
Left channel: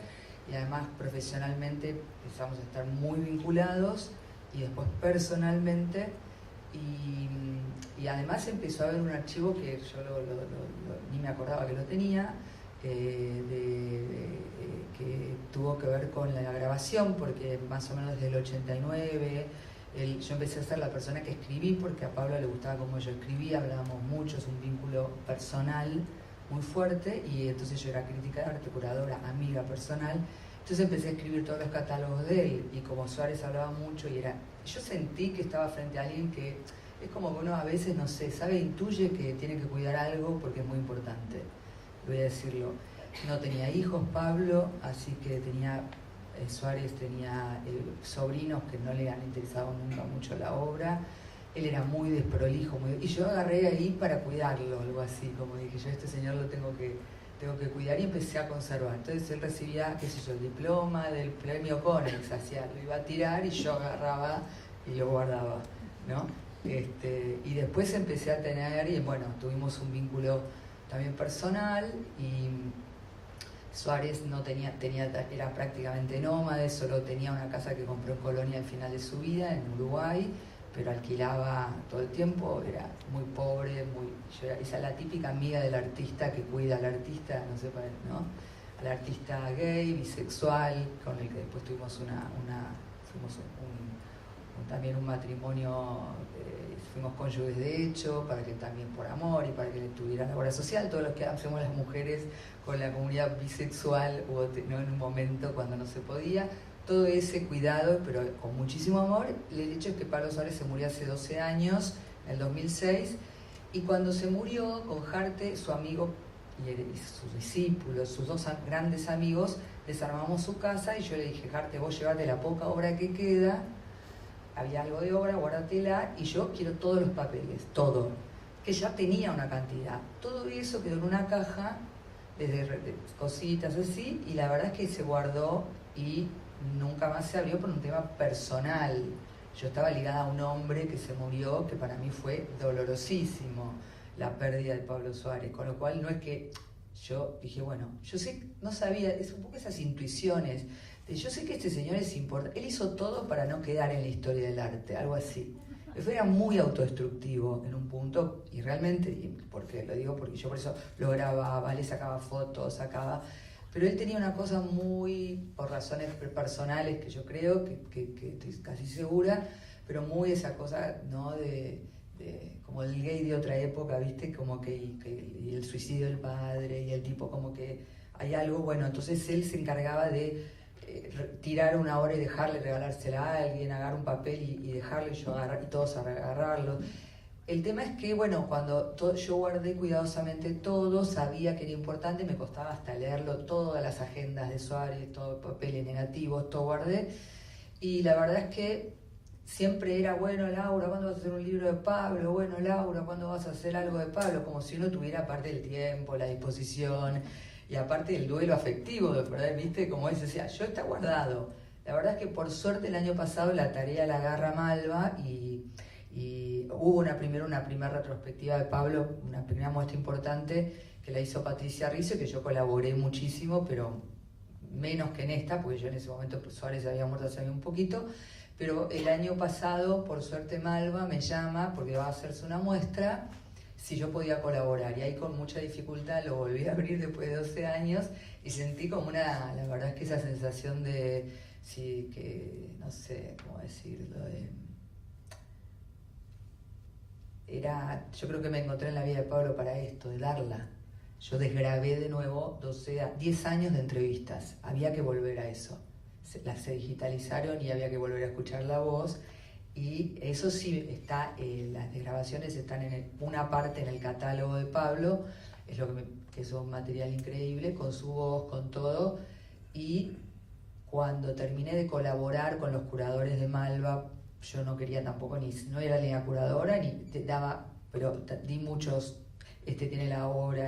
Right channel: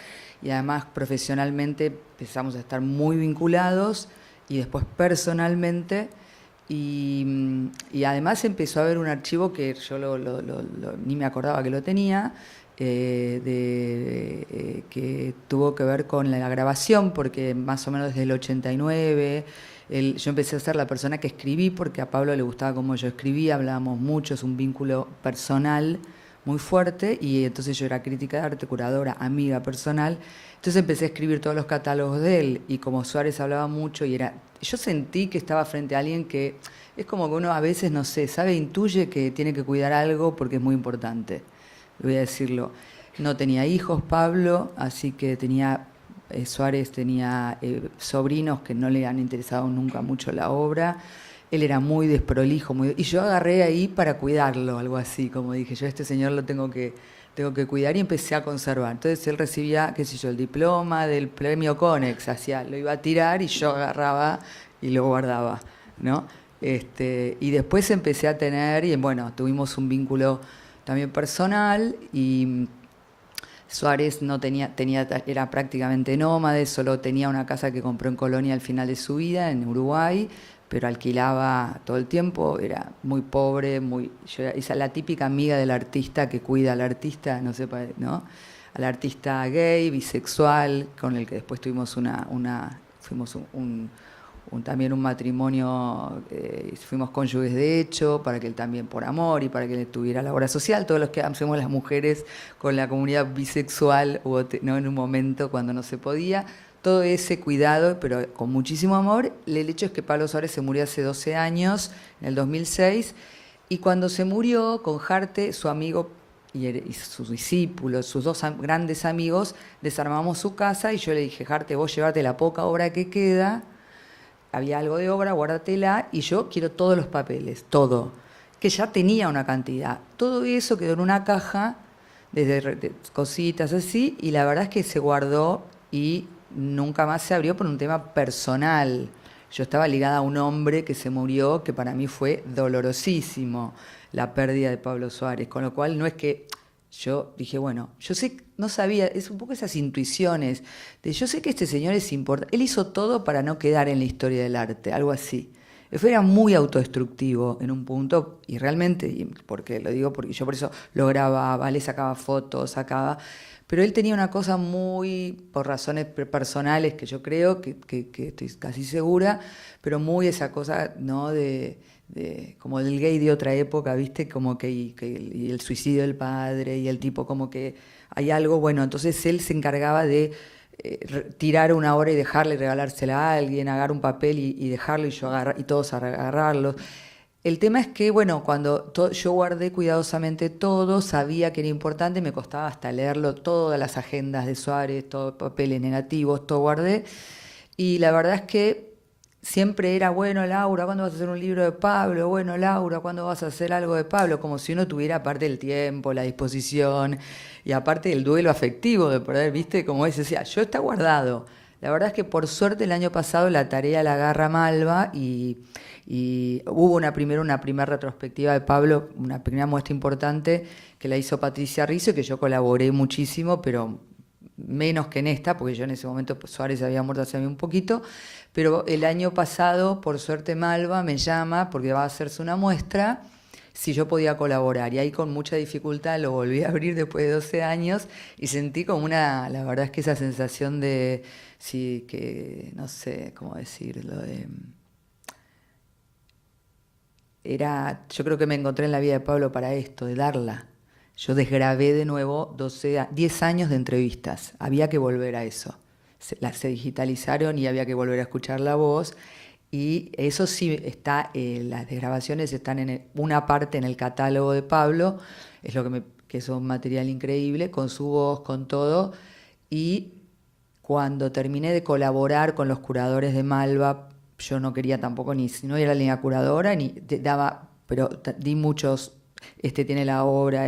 y además profesionalmente empezamos a estar muy vinculados, y después personalmente, y además empezó a haber un archivo que yo ni me acordaba que lo tenía, que tuvo que ver con la grabación, porque más o menos desde el 89 yo empecé a ser la persona que escribí, porque a Pablo le gustaba cómo yo escribía, hablábamos mucho, es un vínculo personal muy fuerte, y entonces yo era crítica de arte, curadora, amiga personal, entonces empecé a escribir todos los catálogos de él, y como Suárez hablaba mucho, yo sentí que estaba frente a alguien que es como que uno a veces, no sé, intuye que tiene que cuidar algo porque es muy importante. Voy a decirlo, no tenía hijos Pablo, así que Suárez tenía sobrinos que no le han interesado nunca mucho la obra, él era muy desprolijo, y yo agarré ahí para cuidarlo, algo así, como dije, yo a este señor lo tengo que cuidar, y empecé a conservar. Entonces él recibía, qué sé yo, el diploma del premio Conex, lo iba a tirar y yo agarraba y lo guardaba, ¿no? Y después empecé a tener, y bueno, tuvimos un vínculo también personal, y Suárez era prácticamente nómade, solo tenía una casa que compró en Colonia al final de su vida, en Uruguay, pero alquilaba todo el tiempo, era muy pobre, esa es la típica amiga del artista que cuida al artista, ¿no? Al artista gay, bisexual, con el que después tuvimos fuimos también un matrimonio, fuimos cónyuges de hecho, para que él también por amor y para que él tuviera la obra social, todos los que hacemos las mujeres con la comunidad bisexual, ¿no? En un momento cuando no se podía, todo ese cuidado, pero con muchísimo amor. El hecho es que Pablo Suárez se murió hace 12 años, en el 2006, y cuando se murió, con Jarte, su amigo y sus discípulos, sus dos grandes amigos, desarmamos su casa y yo le dije, Jarte, vos llevate la poca obra que queda, había algo de obra, guárdatela, y yo quiero todos los papeles, todo, que ya tenía una cantidad. Todo eso quedó en una caja, desde cositas así, y la verdad es que se guardó y nunca más se abrió por un tema personal. Yo estaba ligada a un hombre que se murió, que para mí fue dolorosísimo, la pérdida de Pablo Suárez, con lo cual no es que yo dije, bueno, yo sé, no sabía, es un poco esas intuiciones, de yo sé que este señor es importante, él hizo todo para no quedar en la historia del arte, algo así. Era muy autodestructivo en un punto, y realmente, porque lo digo porque yo por eso lo grababa, le sacaba fotos, pero él tenía una cosa muy, por razones personales que yo creo, que estoy casi segura, pero muy esa cosa, ¿no?, de como del gay de otra época, ¿viste? Como y el suicidio del padre, y el tipo como que hay algo, bueno, entonces él se encargaba de tirar una obra y dejarle, regalársela a alguien, agarrar un papel y dejarlo, y todos agarrarlo. El tema es que, bueno, cuando yo guardé cuidadosamente todo, sabía que era importante, me costaba hasta leerlo, todas las agendas de Suárez, todos papeles negativos, todo guardé, y la verdad es que siempre era, bueno, Laura, ¿cuándo vas a hacer un libro de Pablo? Bueno, Laura, ¿cuándo vas a hacer algo de Pablo? Como si uno tuviera aparte el tiempo, la disposición y aparte el duelo afectivo de poder, ¿viste? Como es, decía, yo está guardado. La verdad es que por suerte el año pasado la tarea la agarra Malva y hubo una primera retrospectiva de Pablo, una primera muestra importante que la hizo Patricia Rizzo, que yo colaboré muchísimo, pero menos que en esta, porque yo en ese momento Suárez había muerto hace un poquito. Pero el año pasado, por suerte, Malva me llama porque va a hacerse una muestra, si yo podía colaborar. Y ahí con mucha dificultad lo volví a abrir después de 12 años y sentí como la verdad es que esa sensación de, sí, que no sé cómo decirlo, yo creo que me encontré en la vida de Pablo para esto, de darla. Yo desgrabé de nuevo 10 años de entrevistas, había que volver a eso. Se digitalizaron y había que volver a escuchar la voz, y eso sí está, las grabaciones están en una parte en el catálogo de Pablo, es lo que es un material increíble, con su voz, con todo. Y cuando terminé de colaborar con los curadores de Malva, yo no quería tampoco, no era la línea curadora, ni pero di muchos, tiene la obra,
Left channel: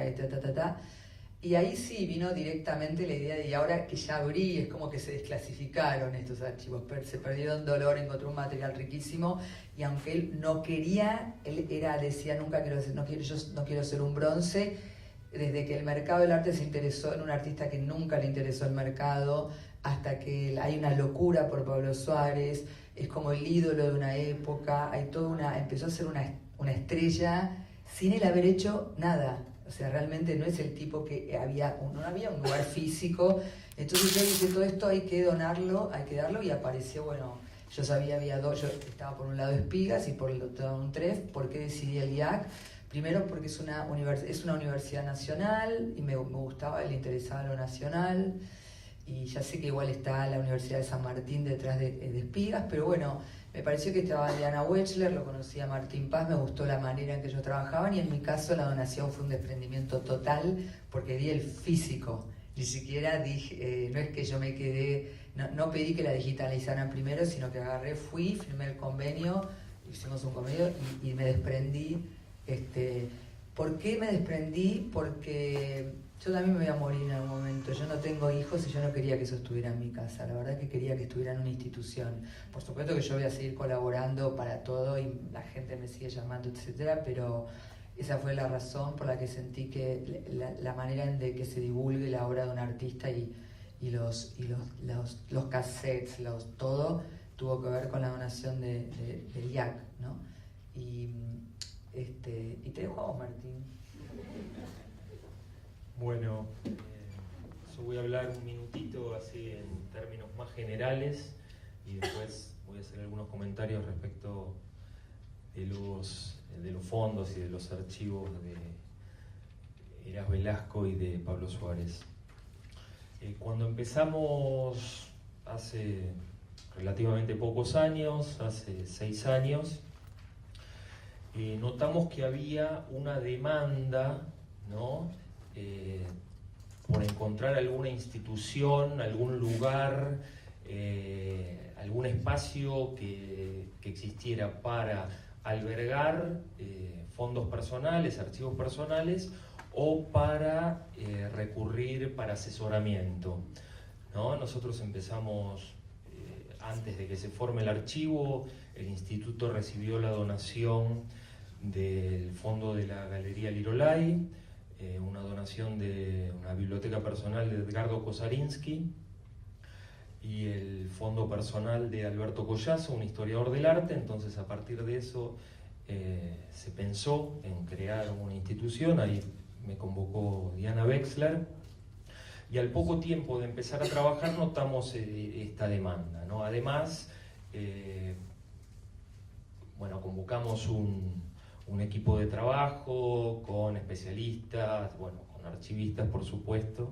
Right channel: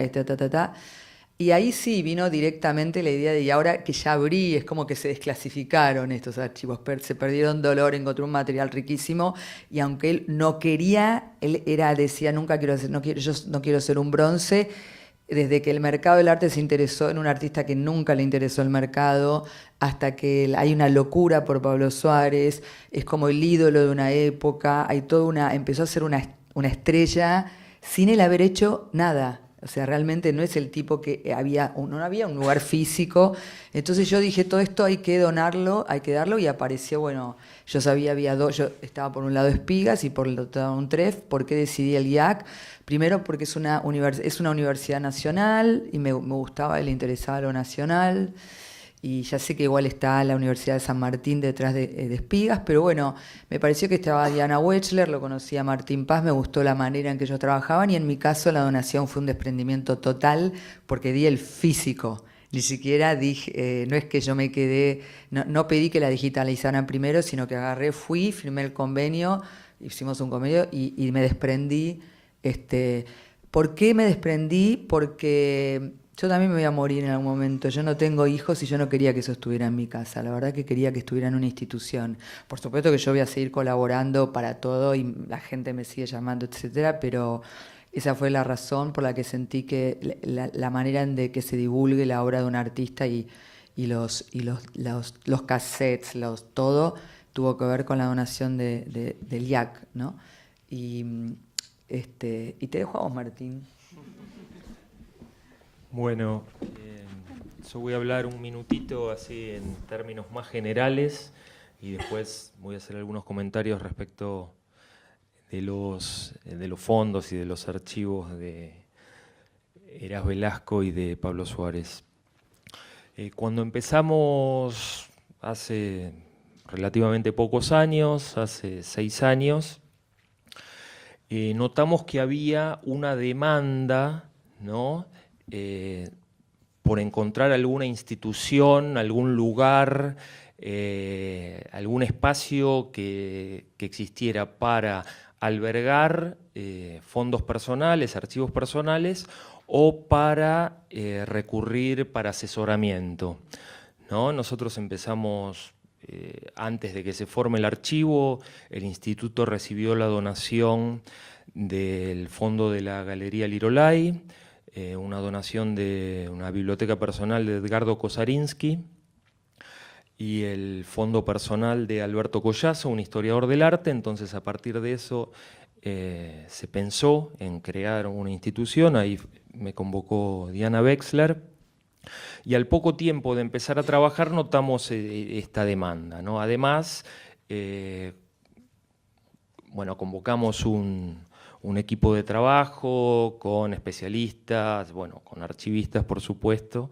y ahí sí vino directamente la idea de, y ahora que ya abrí, es como que se desclasificaron estos archivos, se perdieron dolor, encontré un material riquísimo, y aunque él no quería, decía, yo no quiero ser un bronce. Desde que el mercado del arte se interesó en un artista que nunca le interesó el mercado, hasta que hay una locura por Pablo Suárez, es como el ídolo de una época, empezó a ser una estrella sin él haber hecho nada. O sea, realmente no es el tipo que no había un lugar físico. Entonces yo dije, todo esto hay que donarlo, hay que darlo, y apareció, bueno, yo sabía, yo estaba por un lado Espigas y por el otro un TREF. ¿Por qué decidí el IAC? Primero porque es una universidad nacional y me gustaba, le interesaba lo nacional. Y ya sé que igual está la Universidad de San Martín detrás de Espigas, pero bueno, me pareció que estaba Diana Wechsler, lo conocía Martín Paz, me gustó la manera en que ellos trabajaban, y en mi caso la donación fue un desprendimiento total porque di el físico. Ni siquiera dije, no es que yo me quedé, no pedí que la digitalizaran primero, sino que agarré, fui, firmé el convenio, hicimos un convenio y me desprendí. ¿Por qué me desprendí? Porque yo también me voy a morir en algún momento. Yo no tengo hijos y yo no quería que eso estuviera en mi casa. La verdad que quería que estuviera en una institución. Por supuesto que yo voy a seguir colaborando para todo y la gente me sigue llamando, etcétera, pero esa fue la razón por la que sentí que la manera en de que se divulgue la obra de un artista y los cassettes, todo, tuvo que ver con la donación del IAC, ¿no? Y te dejo a vos, Martín. Bueno, yo voy a hablar un minutito así en términos más generales y después voy a hacer algunos comentarios respecto de los fondos y de los archivos de Heras Velasco y de Pablo Suárez. Cuando empezamos hace relativamente pocos años, hace 6 años, notamos que había una demanda, ¿no?, por encontrar alguna institución, algún lugar, algún espacio que existiera para albergar fondos personales, archivos personales, o para recurrir para asesoramiento, ¿no? Nosotros empezamos, antes de que se forme el archivo, el instituto recibió la donación del fondo de la Galería Lirolai, una donación de una biblioteca personal de Edgardo Kosarinsky, y el fondo personal de Alberto Collazo, un historiador del arte. Entonces, a partir de eso se pensó en crear una institución. Ahí me convocó Diana Wexler, y al poco tiempo de empezar a trabajar notamos esta demanda, ¿no? Además, bueno, convocamos un equipo de trabajo con especialistas, bueno, con archivistas, por supuesto,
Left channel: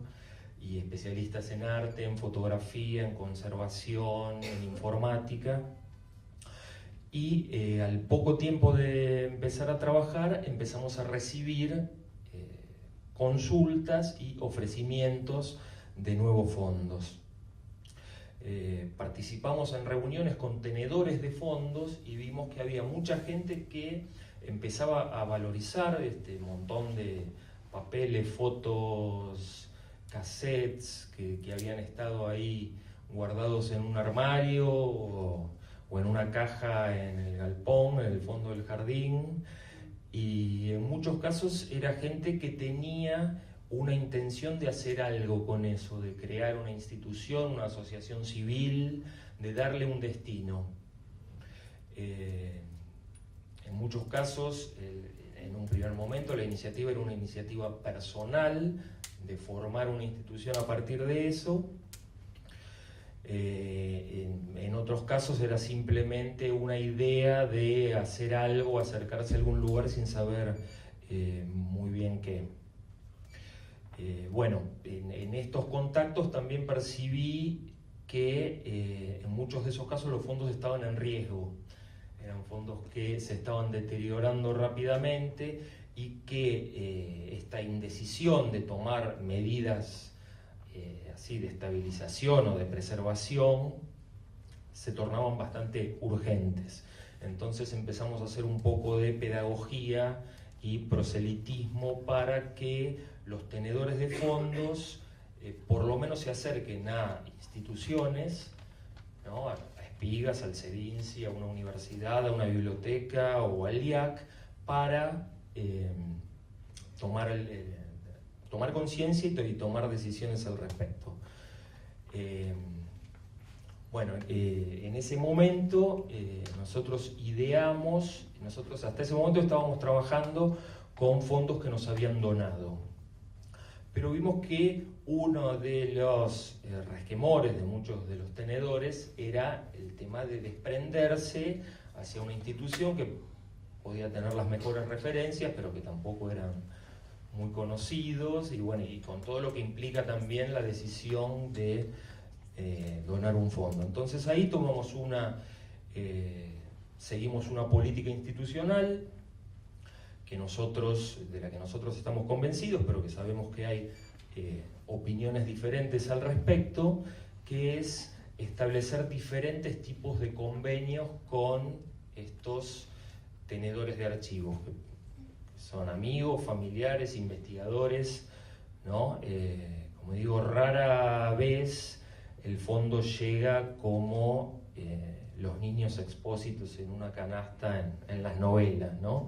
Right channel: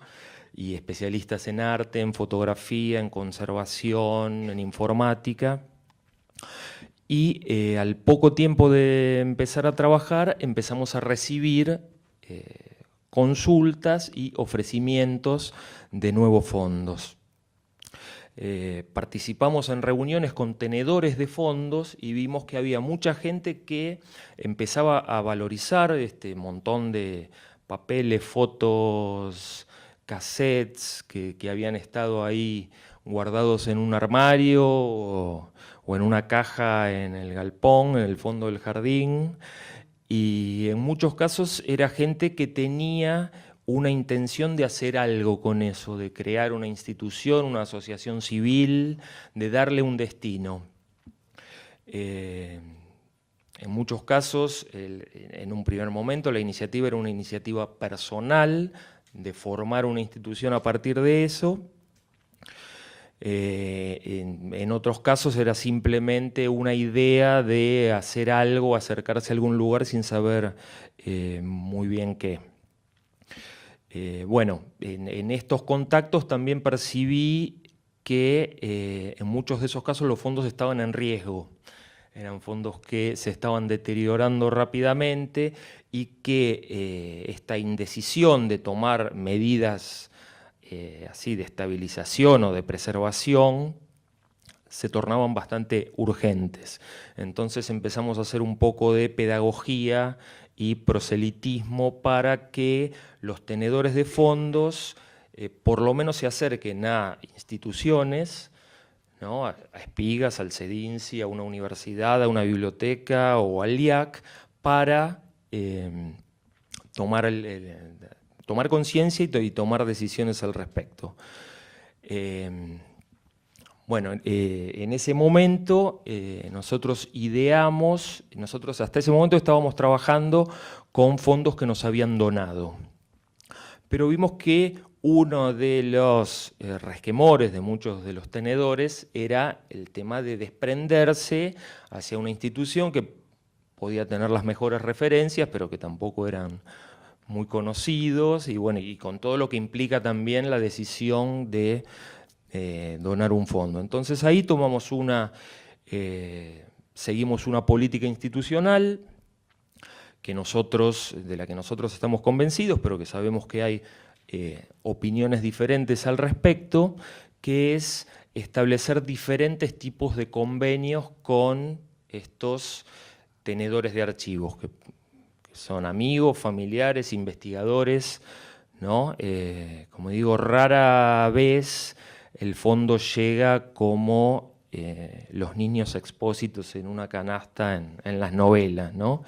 y especialistas en arte, en fotografía, en conservación, en informática. Y al poco tiempo de empezar a trabajar, empezamos a recibir consultas y ofrecimientos de nuevos fondos. Participamos en reuniones con tenedores de fondos y vimos que había mucha gente que empezaba a valorizar este montón de papeles, fotos, cassettes que habían estado ahí guardados en un armario o en una caja en el galpón, en el fondo del jardín. Y en muchos casos era gente que tenía una intención de hacer algo con eso, de crear una institución, una asociación civil, de darle un destino. En muchos casos, en un primer momento, la iniciativa era una iniciativa personal, de formar una institución a partir de eso. En otros casos era simplemente una idea de hacer algo, acercarse a algún lugar sin saber muy bien qué. Bueno, en estos contactos también percibí que en muchos de esos casos los fondos estaban en riesgo. Eran fondos que se estaban deteriorando rápidamente y que esta indecisión de tomar medidas así de estabilización o de preservación se tornaban bastante urgentes. Entonces empezamos a hacer un poco de pedagogía y proselitismo para que los tenedores de fondos por lo menos se acerquen a instituciones, ¿no?, a Espigas, al CEDINCI, a una universidad, a una biblioteca o al IAC, para tomar conciencia y tomar decisiones al respecto. Bueno, en ese momento nosotros hasta ese momento estábamos trabajando con fondos que nos habían donado. Pero vimos que uno de los resquemores de muchos de los tenedores era el tema de desprenderse hacia una institución que podía tener las mejores referencias, pero que tampoco eran muy conocidos, y bueno, y con todo lo que implica también la decisión de donar un fondo. Entonces ahí seguimos una política institucional de la que nosotros estamos convencidos, pero que sabemos que hay opiniones diferentes al respecto, que es establecer diferentes tipos de convenios con estos tenedores de archivos, que son amigos, familiares, investigadores, ¿no? Como digo, rara vez el fondo llega como los niños expósitos en una canasta en las novelas, ¿no?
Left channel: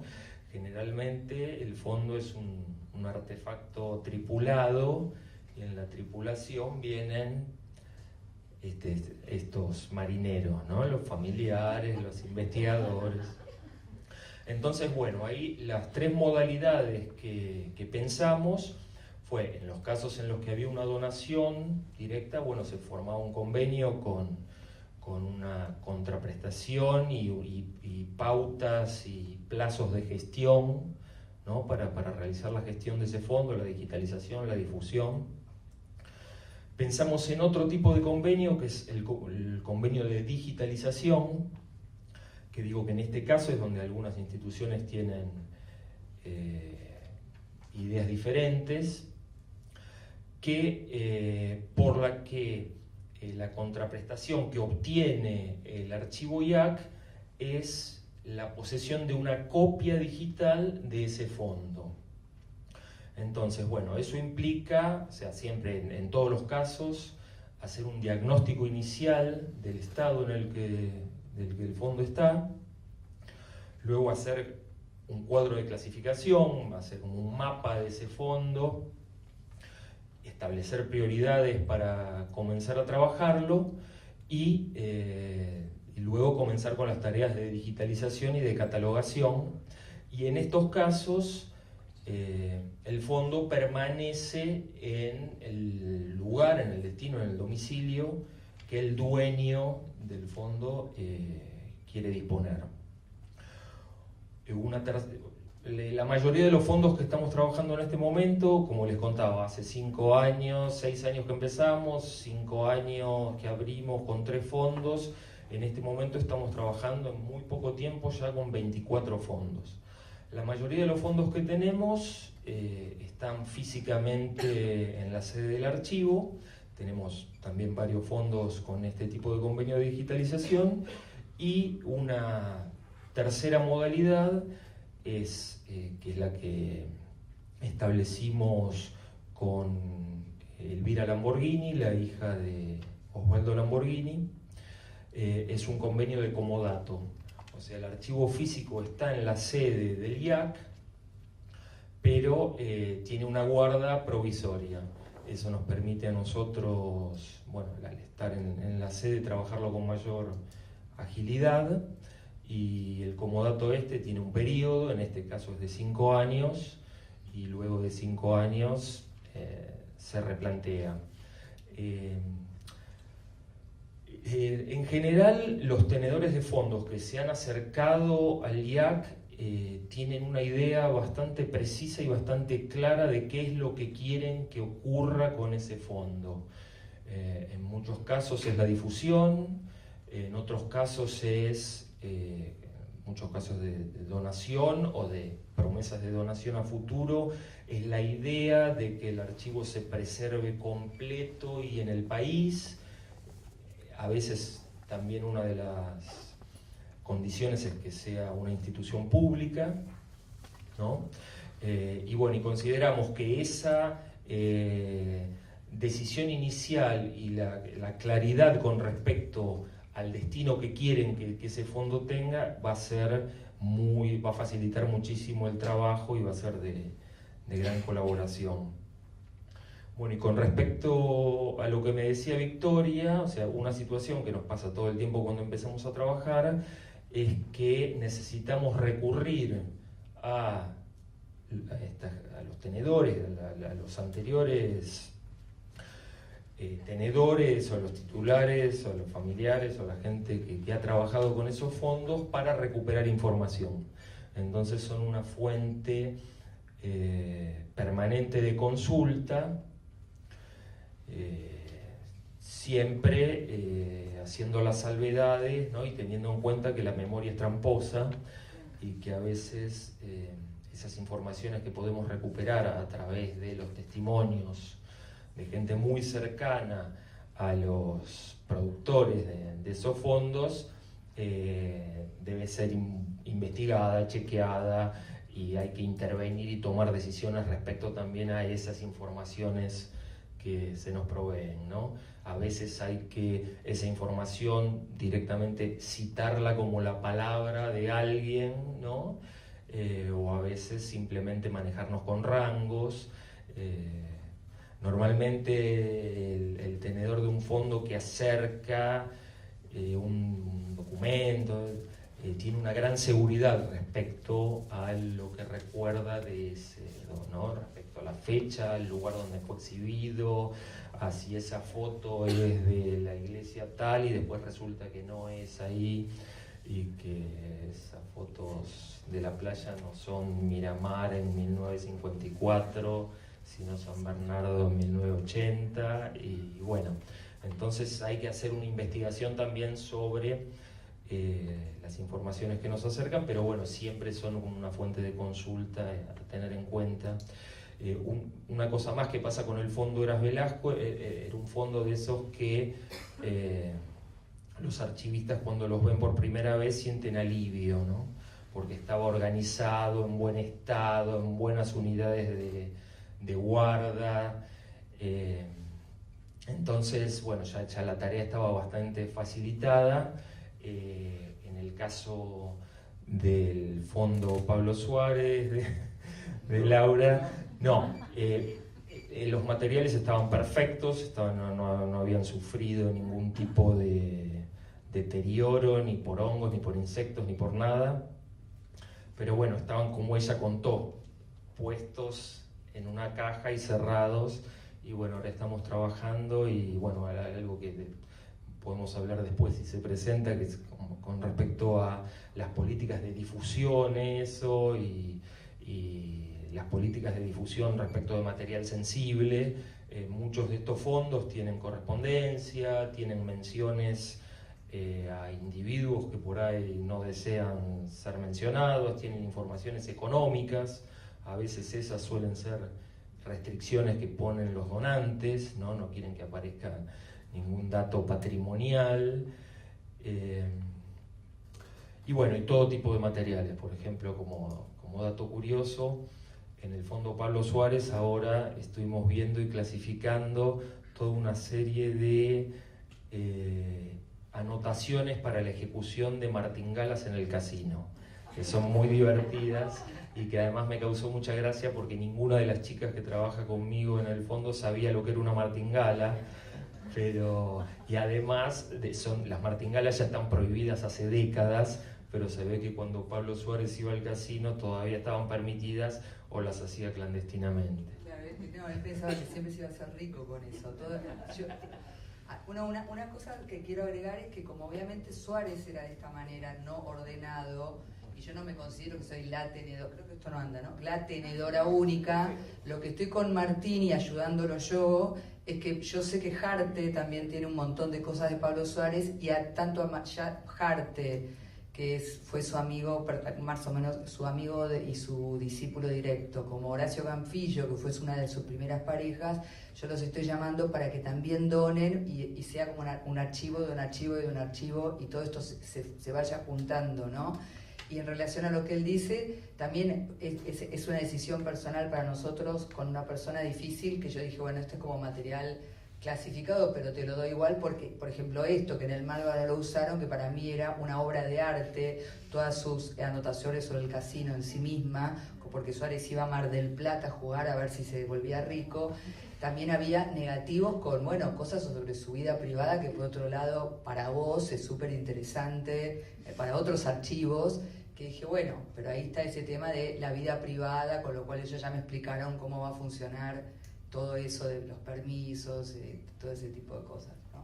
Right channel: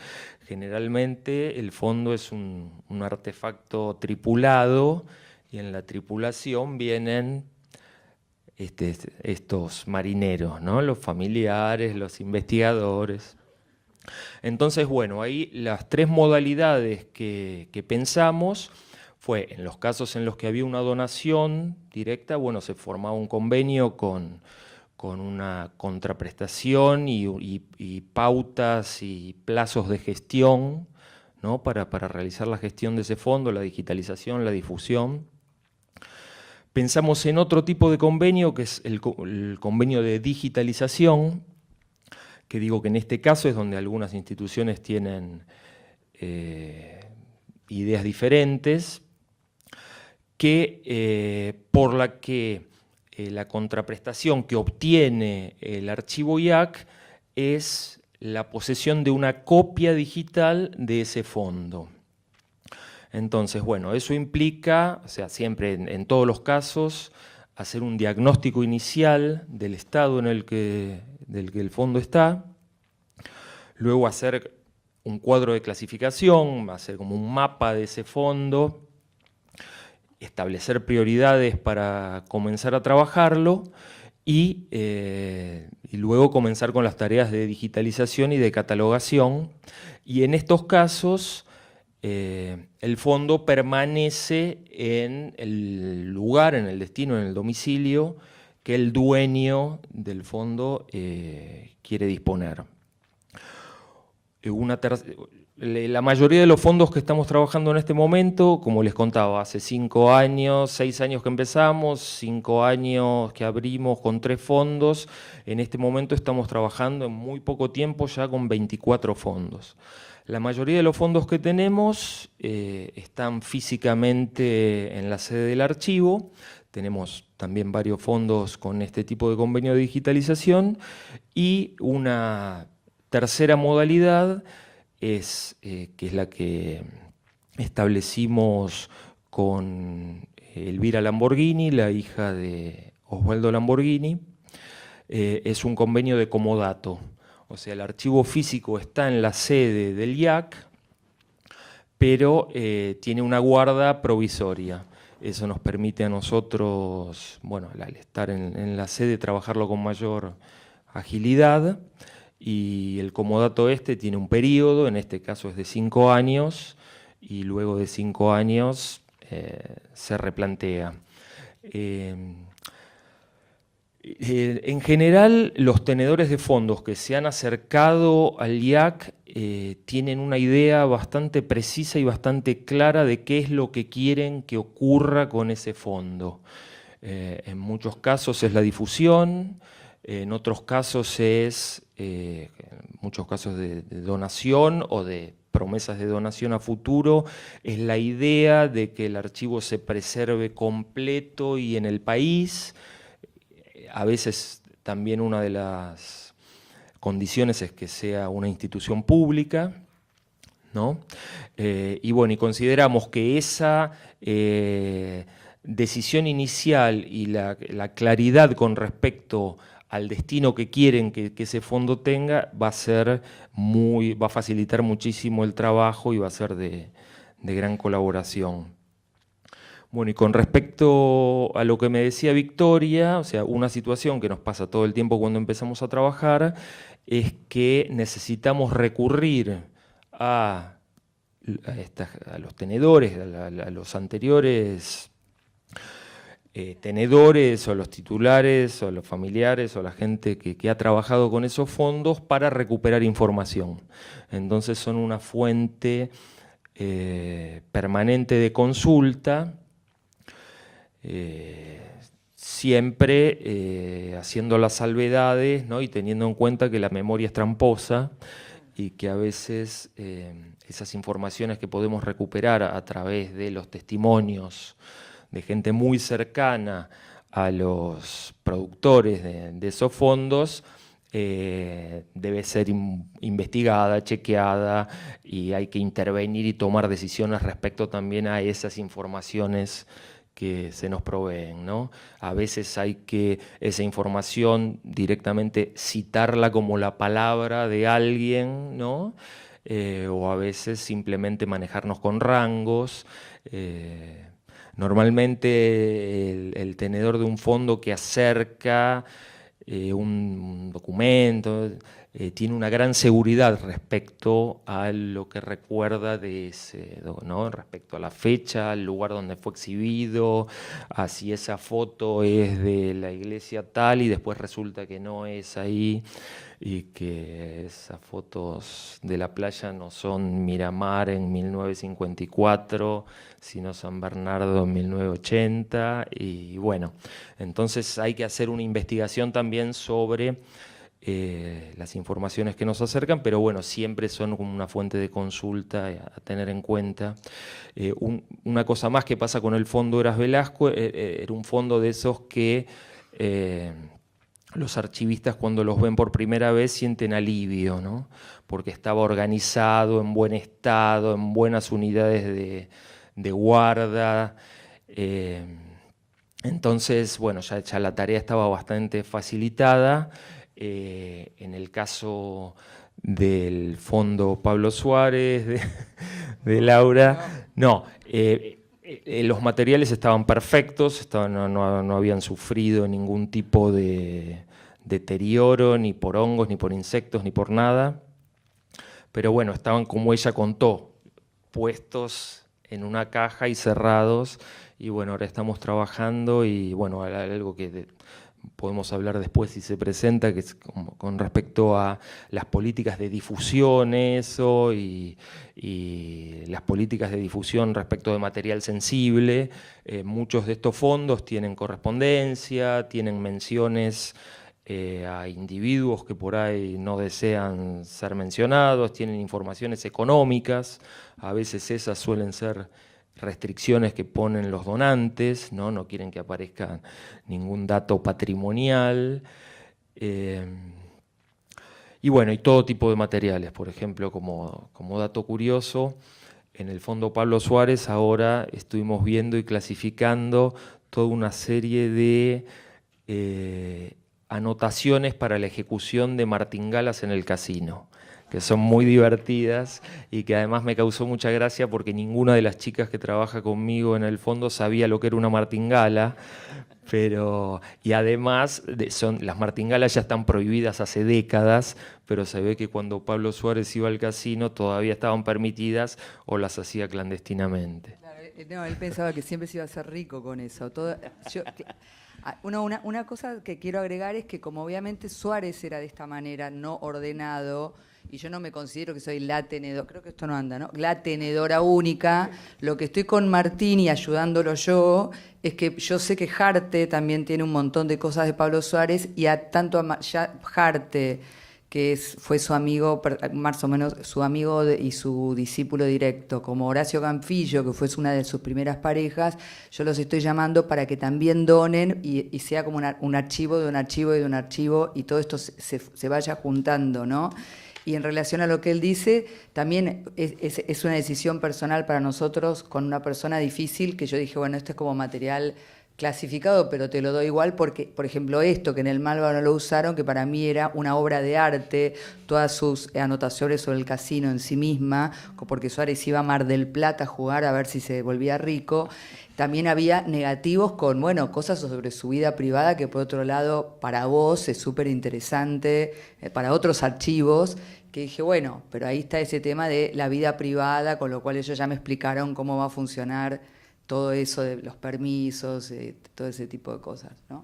Generalmente el fondo es un artefacto tripulado, y en la tripulación vienen estos marineros, ¿no?, los familiares, los investigadores. Entonces, bueno, ahí las 3 modalidades que pensamos fue, en los casos en los que había una donación directa, bueno, se formaba un convenio con un una contraprestación y pautas y plazos de gestión, ¿no? para realizar la gestión de ese fondo, la digitalización, la difusión. Pensamos en otro tipo de convenio, que es el convenio de digitalización, que digo que en este caso es donde algunas instituciones tienen ideas diferentes, por la que la contraprestación que obtiene el archivo IAC es la posesión de una copia digital de ese fondo. Entonces, bueno, eso implica, o sea, siempre en todos los casos, hacer un diagnóstico inicial del estado en el que el fondo está, luego hacer un cuadro de clasificación, hacer como un mapa de ese fondo, establecer prioridades para comenzar a trabajarlo y luego comenzar con las tareas de digitalización y de catalogación. Y en estos casos el fondo permanece en el lugar, en el destino, en el domicilio que el dueño del fondo quiere disponer. La mayoría de los fondos que estamos trabajando en este momento, como les contaba, hace 5 años, 6 años que empezamos, 5 años que abrimos con 3 fondos, en este momento estamos trabajando en muy poco tiempo ya con 24 fondos. La mayoría de los fondos que tenemos están físicamente en la sede del archivo. Tenemos también varios fondos con este tipo de convenio de digitalización y una tercera modalidad que es la que establecimos con Elvira Lamborghini, la hija de Osvaldo Lamborghini. Es un convenio de comodato, o sea, el archivo físico está en la sede del IAC, pero tiene una guarda provisoria. Eso nos permite a nosotros, bueno, al estar en la sede, trabajarlo con mayor agilidad. Y el comodato tiene un periodo, en este caso es de 5 años, y luego de 5 años se replantea. En general, los tenedores de fondos que se han acercado al IAC tienen una idea bastante precisa y bastante clara de qué es lo que quieren que ocurra con ese fondo. En muchos casos es la difusión, en otros casos es muchos casos de donación o de promesas de donación a futuro, es la idea de que el archivo se preserve completo y en el país. A veces también una de las condiciones es que sea una institución pública, ¿no? Y bueno, y consideramos que esa decisión inicial y la claridad con respecto al destino que quieren que ese fondo tenga va a facilitar muchísimo el trabajo y va a ser de gran colaboración. Bueno, y con respecto a lo que me decía Victoria, o sea, una situación que nos pasa todo el tiempo cuando empezamos a trabajar es que necesitamos recurrir a los tenedores, a los anteriores tenedores o los titulares o los familiares o la gente que ha trabajado con esos fondos para recuperar información. Entonces son una fuente permanente de consulta, siempre haciendo las salvedades, ¿no? Y teniendo en cuenta que la memoria es tramposa y que a veces esas informaciones que podemos recuperar a través de los testimonios de gente muy cercana a los productores de esos fondos, debe ser investigada, chequeada, y hay que intervenir y tomar decisiones respecto también a esas informaciones que se nos proveen, ¿no? A veces hay que esa información directamente citarla como la palabra de alguien, ¿no? O a veces simplemente manejarnos con rangos. Normalmente el tenedor de un fondo que acerca un documento tiene una gran seguridad respecto a lo que recuerda de ese, ¿no? Respecto a la fecha, al lugar donde fue exhibido, a si esa foto es de la iglesia tal y después resulta que no es ahí, y que esas fotos de la playa no son Miramar en 1954, sino San Bernardo en 1980, y bueno, entonces hay que hacer una investigación también sobre las informaciones que nos acercan, pero bueno, siempre son como una fuente de consulta a tener en cuenta. Una cosa más que pasa con el fondo Eras Velasco, era un fondo de esos que los archivistas cuando los ven por primera vez sienten alivio, ¿no? Porque estaba organizado, en buen estado, en buenas unidades de guarda. Entonces, bueno, ya la tarea estaba bastante facilitada. En el caso del fondo Pablo Suárez, de Laura, no, los materiales estaban perfectos, no habían sufrido ningún tipo de deterioro, ni por hongos, ni por insectos, ni por nada, pero bueno, estaban como ella contó, puestos en una caja y cerrados, y bueno, ahora estamos trabajando, y bueno, algo que podemos hablar después si se presenta, que es con respecto a las políticas de difusión, eso, y las políticas de difusión respecto de material sensible. Muchos de estos fondos tienen correspondencia, tienen menciones a individuos que por ahí no desean ser mencionados, tienen informaciones económicas, a veces esas suelen ser restricciones que ponen los donantes, no quieren que aparezca ningún dato patrimonial, y bueno, y todo tipo de materiales. Por ejemplo, como dato curioso, en el fondo Pablo Suárez ahora estuvimos viendo y clasificando toda una serie de anotaciones para la ejecución de martingalas en el casino, que son muy divertidas y que además me causó mucha gracia porque ninguna de las chicas que trabaja conmigo en el fondo sabía lo que era una martingala. Y además, las martingalas ya están prohibidas hace décadas, pero se ve que cuando Pablo Suárez iba al casino todavía estaban permitidas o las hacía clandestinamente. Claro, no, él pensaba que siempre se iba a hacer rico con eso. Una cosa que quiero agregar es que como obviamente Suárez era de esta manera, no ordenado, y yo no me considero que soy la tenedora, creo que esto no anda, ¿no? La tenedora única, lo que estoy con Martín y ayudándolo yo, es que yo sé que Jarte también tiene un montón de cosas de Pablo Suárez, y tanto a Jarte, que fue su amigo, más o menos su amigo y su discípulo directo, como Horacio Campillo, que fue una de sus primeras parejas, yo los estoy llamando para que también donen y sea como un archivo de un archivo y de un archivo, y todo esto se vaya juntando, ¿no? Y en relación a lo que él dice, también es una decisión personal para nosotros con una persona difícil, que yo dije, bueno, esto es como material clasificado, pero te lo doy igual porque, por ejemplo, esto que en el Malva no lo usaron, que para mí era una obra de arte, todas sus anotaciones sobre el casino en sí misma, porque Suárez iba a Mar del Plata a jugar a ver si se volvía rico. También había negativos con, bueno, cosas sobre su vida privada que por otro lado para vos es súper interesante, para otros archivos, que dije, bueno, pero ahí está ese tema de la vida privada, con lo cual ellos ya me explicaron cómo va a funcionar todo eso de los permisos, todo ese tipo de cosas, ¿no?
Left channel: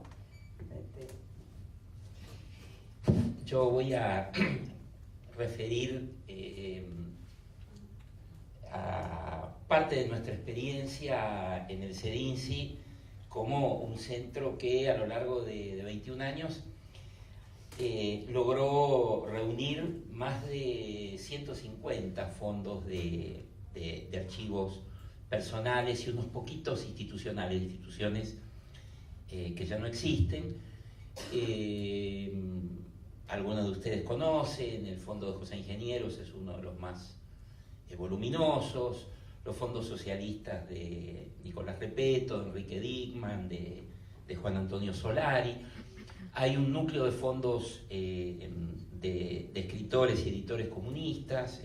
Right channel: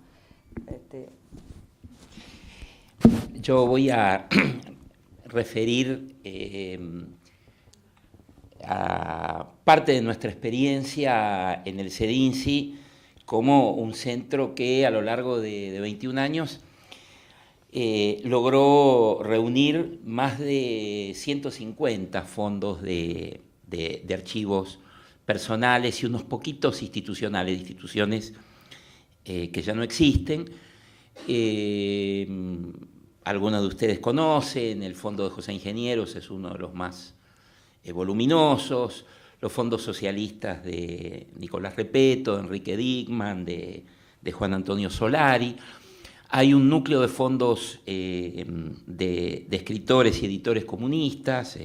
Yo voy a referir a parte de nuestra experiencia en el CEDINCI como un centro que a lo largo de 21 años logró reunir más de 150 fondos de archivos personales y unos poquitos institucionales, instituciones que ya no existen. Algunos de ustedes conocen, el Fondo de José Ingenieros es uno de los más voluminosos, los fondos socialistas de Nicolás Repeto, de Enrique Dickmann, de Juan Antonio Solari. Hay un núcleo de fondos de escritores y editores comunistas,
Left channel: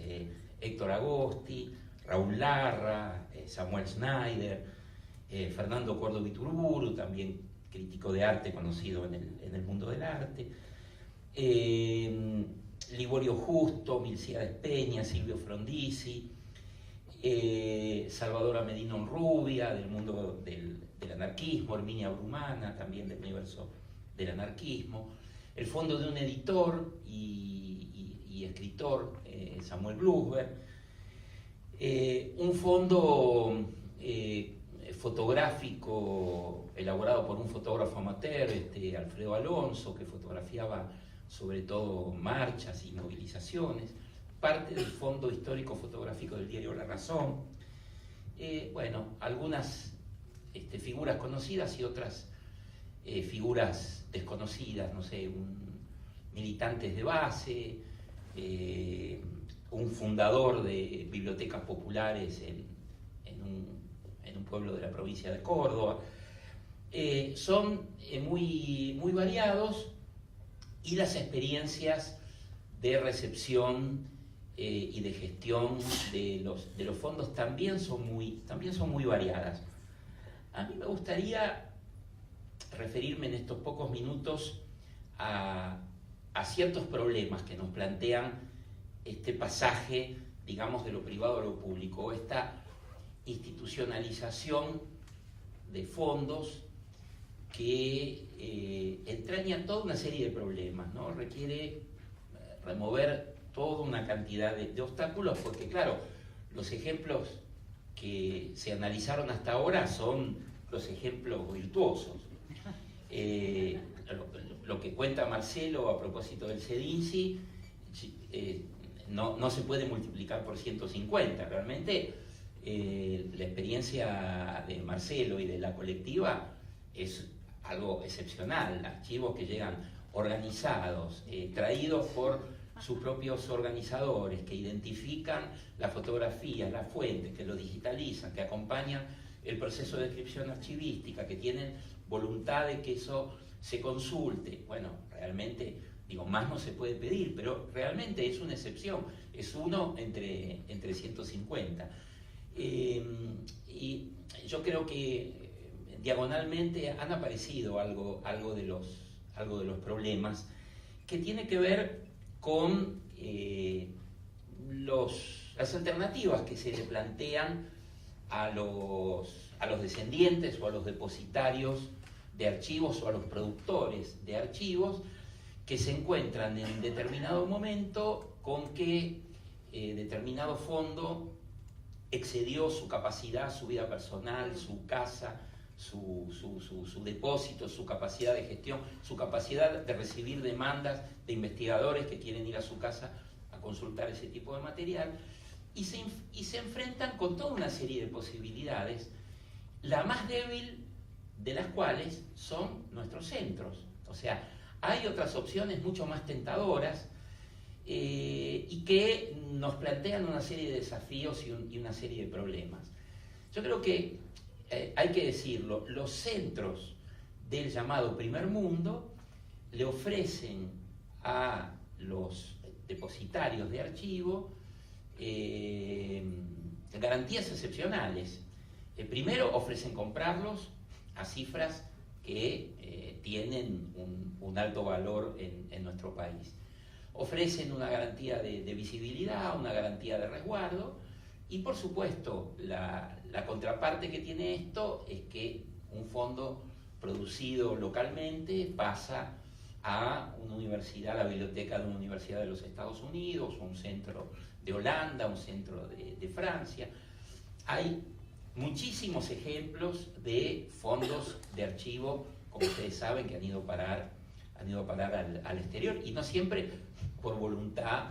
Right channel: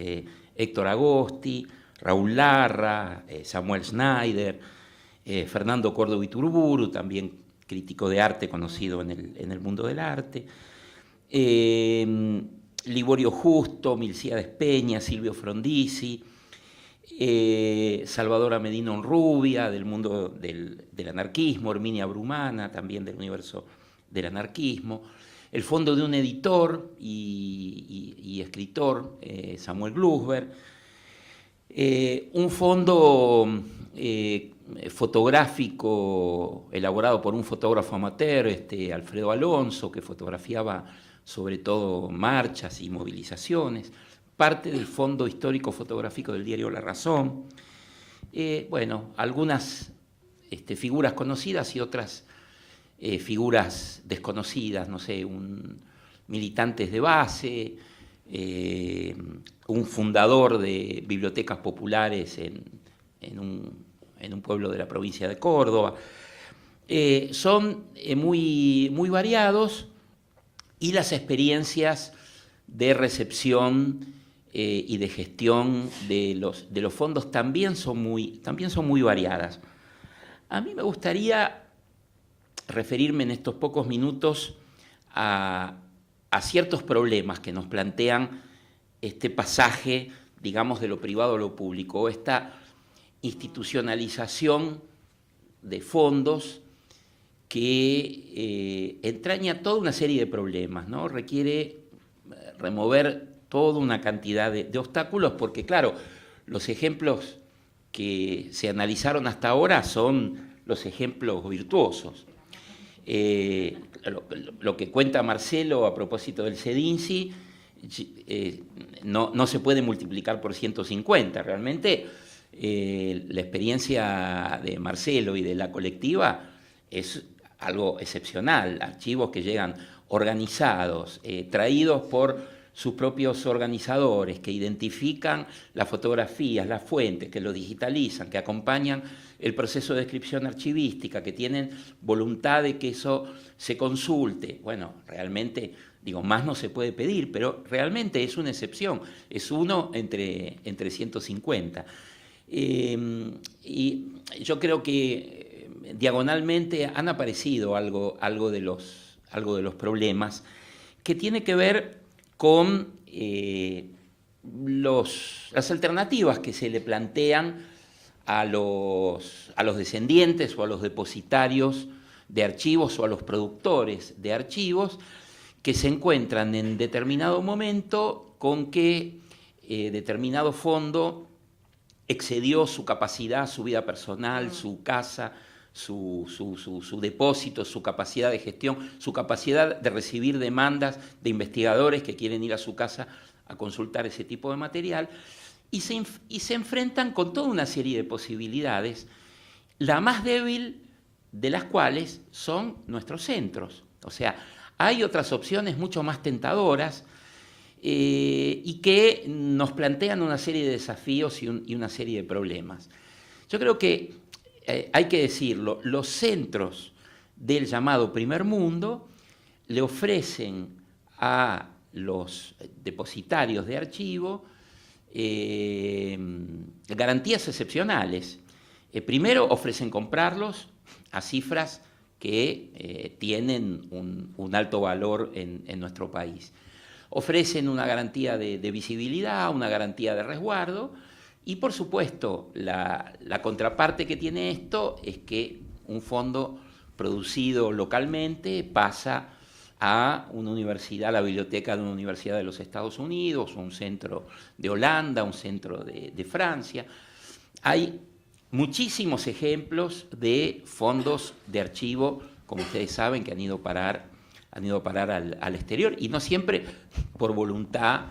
Héctor Agosti, Raúl Larra, Samuel Schneider, Fernando Córdoba Iturburu, también crítico de arte conocido en el mundo del arte. Liborio Justo, Milcíades Peña, Silvio Frondizi, Salvador Medina Onrubia, del mundo del anarquismo, Herminia Brumana, también del universo del anarquismo, el fondo de un editor y escritor, Samuel Blusberg, un fondo fotográfico elaborado por un fotógrafo amateur, Alfredo Alonso, que fotografiaba sobre todo marchas y movilizaciones, parte del fondo histórico fotográfico del diario La Razón, bueno, algunas figuras conocidas y otras figuras desconocidas, no sé, militantes de base, un fundador de bibliotecas populares en un pueblo de la provincia de Córdoba. Son muy variados, y las experiencias de recepción y de gestión de los fondos también son muy variadas. A mí me gustaría referirme en estos pocos minutos a ciertos problemas que nos plantean este pasaje, digamos, de lo privado a lo público, esta institucionalización de fondos que entraña toda una serie de problemas, ¿no? Requiere remover toda una cantidad de obstáculos, porque claro, los ejemplos que se analizaron hasta ahora son los ejemplos virtuosos. Lo que cuenta Marcelo a propósito del CEDINSI no se puede multiplicar por 150. Realmente la experiencia de Marcelo y de la colectiva es algo excepcional. Archivos que llegan organizados, traídos por sus propios organizadores, que identifican las fotografías, las fuentes, que lo digitalizan, que acompañan el proceso de descripción archivística, que tienen voluntad de que eso se consulte. Bueno, realmente, digo, más no se puede pedir, pero realmente es una excepción, es uno entre 150. Y yo creo que diagonalmente han aparecido algo de los problemas que tiene que ver con las alternativas que se le plantean a los descendientes o a los depositarios de archivos o a los productores de archivos que se encuentran en determinado momento con que determinado fondo excedió su capacidad, su vida personal, su casa, su depósito, su capacidad de gestión, su capacidad de recibir demandas de investigadores que quieren ir a su casa a consultar ese tipo de material, y se enfrentan con toda una serie de posibilidades, la más débil de las cuales son nuestros centros. O sea, hay otras opciones mucho más tentadoras y que nos plantean una serie de desafíos y una serie de problemas. Yo creo que hay que decirlo, los centros del llamado primer mundo le ofrecen a los depositarios de archivo garantías excepcionales. Primero, ofrecen comprarlos a cifras que tienen un alto valor en nuestro país. Ofrecen una garantía de visibilidad, una garantía de resguardo, y por supuesto la contraparte que tiene esto es que un fondo producido localmente pasa a una universidad, la biblioteca de una universidad de los Estados Unidos, o un centro de Holanda, un centro de Francia. Hay muchísimos ejemplos de fondos de archivo, como ustedes saben, que han ido a parar al exterior, y no siempre por voluntad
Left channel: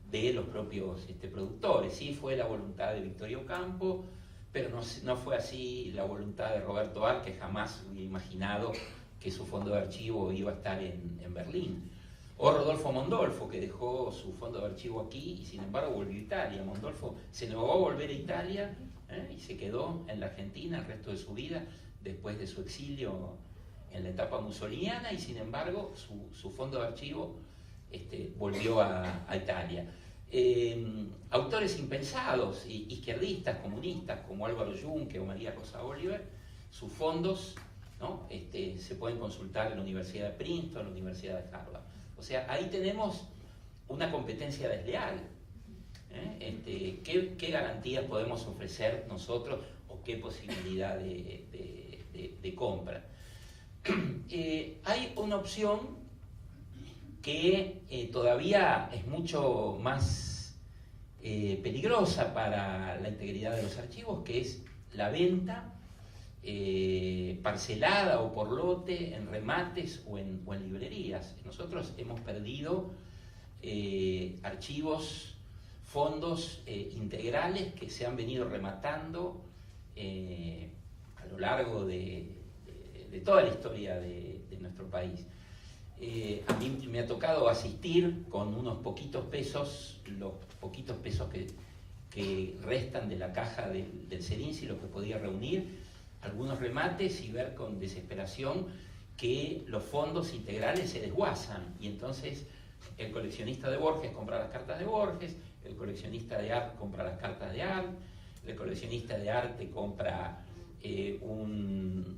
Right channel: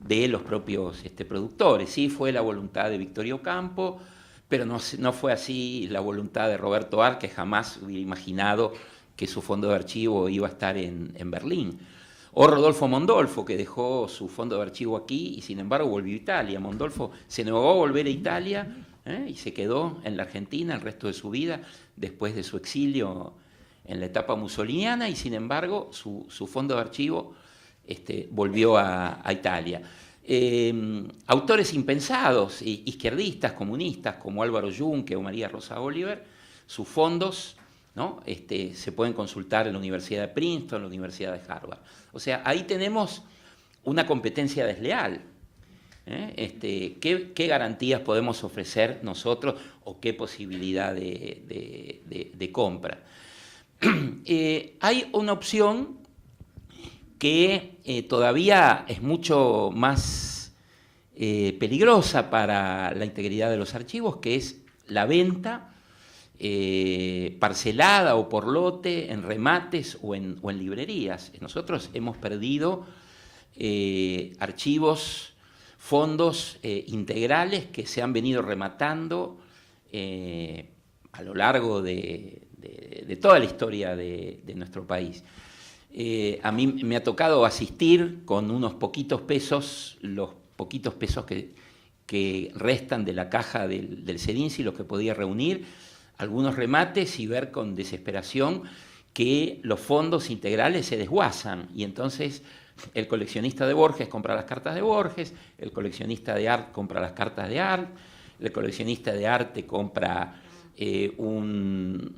de los propios productores. Sí fue la voluntad de Victorio Ocampo, pero no fue así la voluntad de Roberto Arlt, que jamás hubiera imaginado que su fondo de archivo iba a estar en Berlín. O Rodolfo Mondolfo, que dejó su fondo de archivo aquí y sin embargo volvió a Italia. Mondolfo se negó a volver a Italia y se quedó en la Argentina el resto de su vida, después de su exilio en la etapa mussoliniana, y sin embargo su fondo de archivo volvió a Italia. Autores impensados, izquierdistas, comunistas, como Álvaro Yunque o María Rosa Oliver, sus fondos, ¿no? Se pueden consultar en la Universidad de Princeton, en la Universidad de Harvard. O sea, ahí tenemos una competencia desleal. ¿Qué garantías podemos ofrecer nosotros o qué posibilidad de compra? Hay una opción que todavía es mucho más peligrosa para la integridad de los archivos, que es la venta parcelada o por lote en remates o en librerías. Nosotros hemos perdido archivos, fondos integrales que se han venido rematando a lo largo de toda la historia de nuestro país. A mí me ha tocado asistir con unos poquitos pesos, los poquitos pesos que restan de la caja del CEDINSI, lo que podía reunir, algunos remates, y ver con desesperación que los fondos integrales se desguazan, y entonces el coleccionista de Borges compra las cartas de Borges, el coleccionista de arte compra las cartas de arte, el coleccionista de arte compra un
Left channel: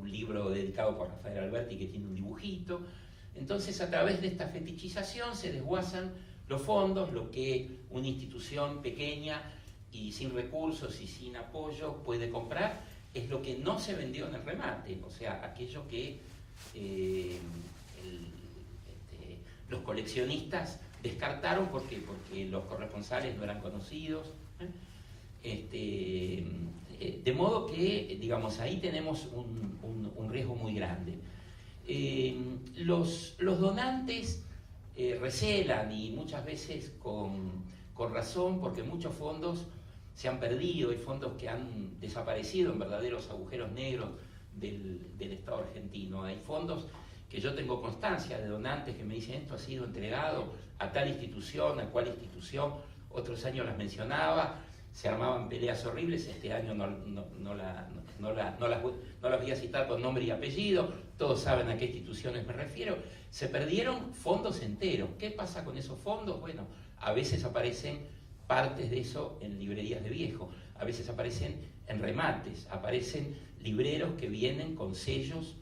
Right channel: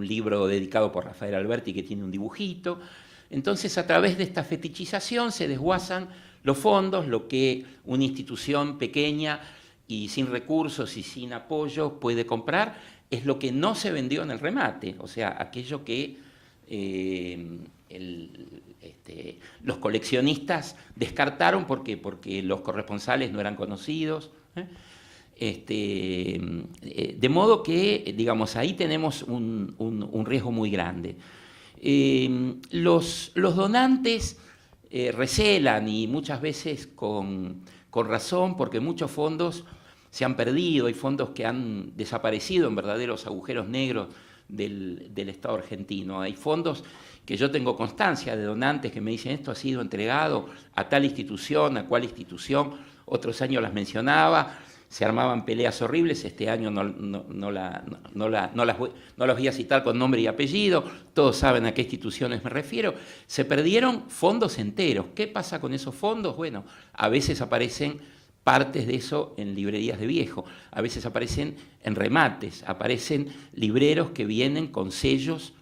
libro dedicado por Rafael Alberti que tiene un dibujito. Entonces, a través de esta fetichización se desguazan los fondos, lo que una institución pequeña y sin recursos y sin apoyo puede comprar es lo que no se vendió en el remate, o sea, aquello que los coleccionistas descartaron porque los corresponsales no eran conocidos. De modo que, digamos, ahí tenemos un riesgo muy grande. Los donantes recelan, y muchas veces con razón, porque muchos fondos se han perdido, hay fondos que han desaparecido en verdaderos agujeros negros del Estado argentino. Hay fondos que yo tengo constancia de donantes que me dicen: esto ha sido entregado a tal institución, a cual institución. Otros años las mencionaba, se armaban peleas horribles. Este año no las voy a citar con nombre y apellido, todos saben a qué instituciones me refiero. Se perdieron fondos enteros. ¿Qué pasa con esos fondos? Bueno, a veces aparecen partes de eso en librerías de viejo, a veces aparecen en remates, aparecen libreros que vienen con sellos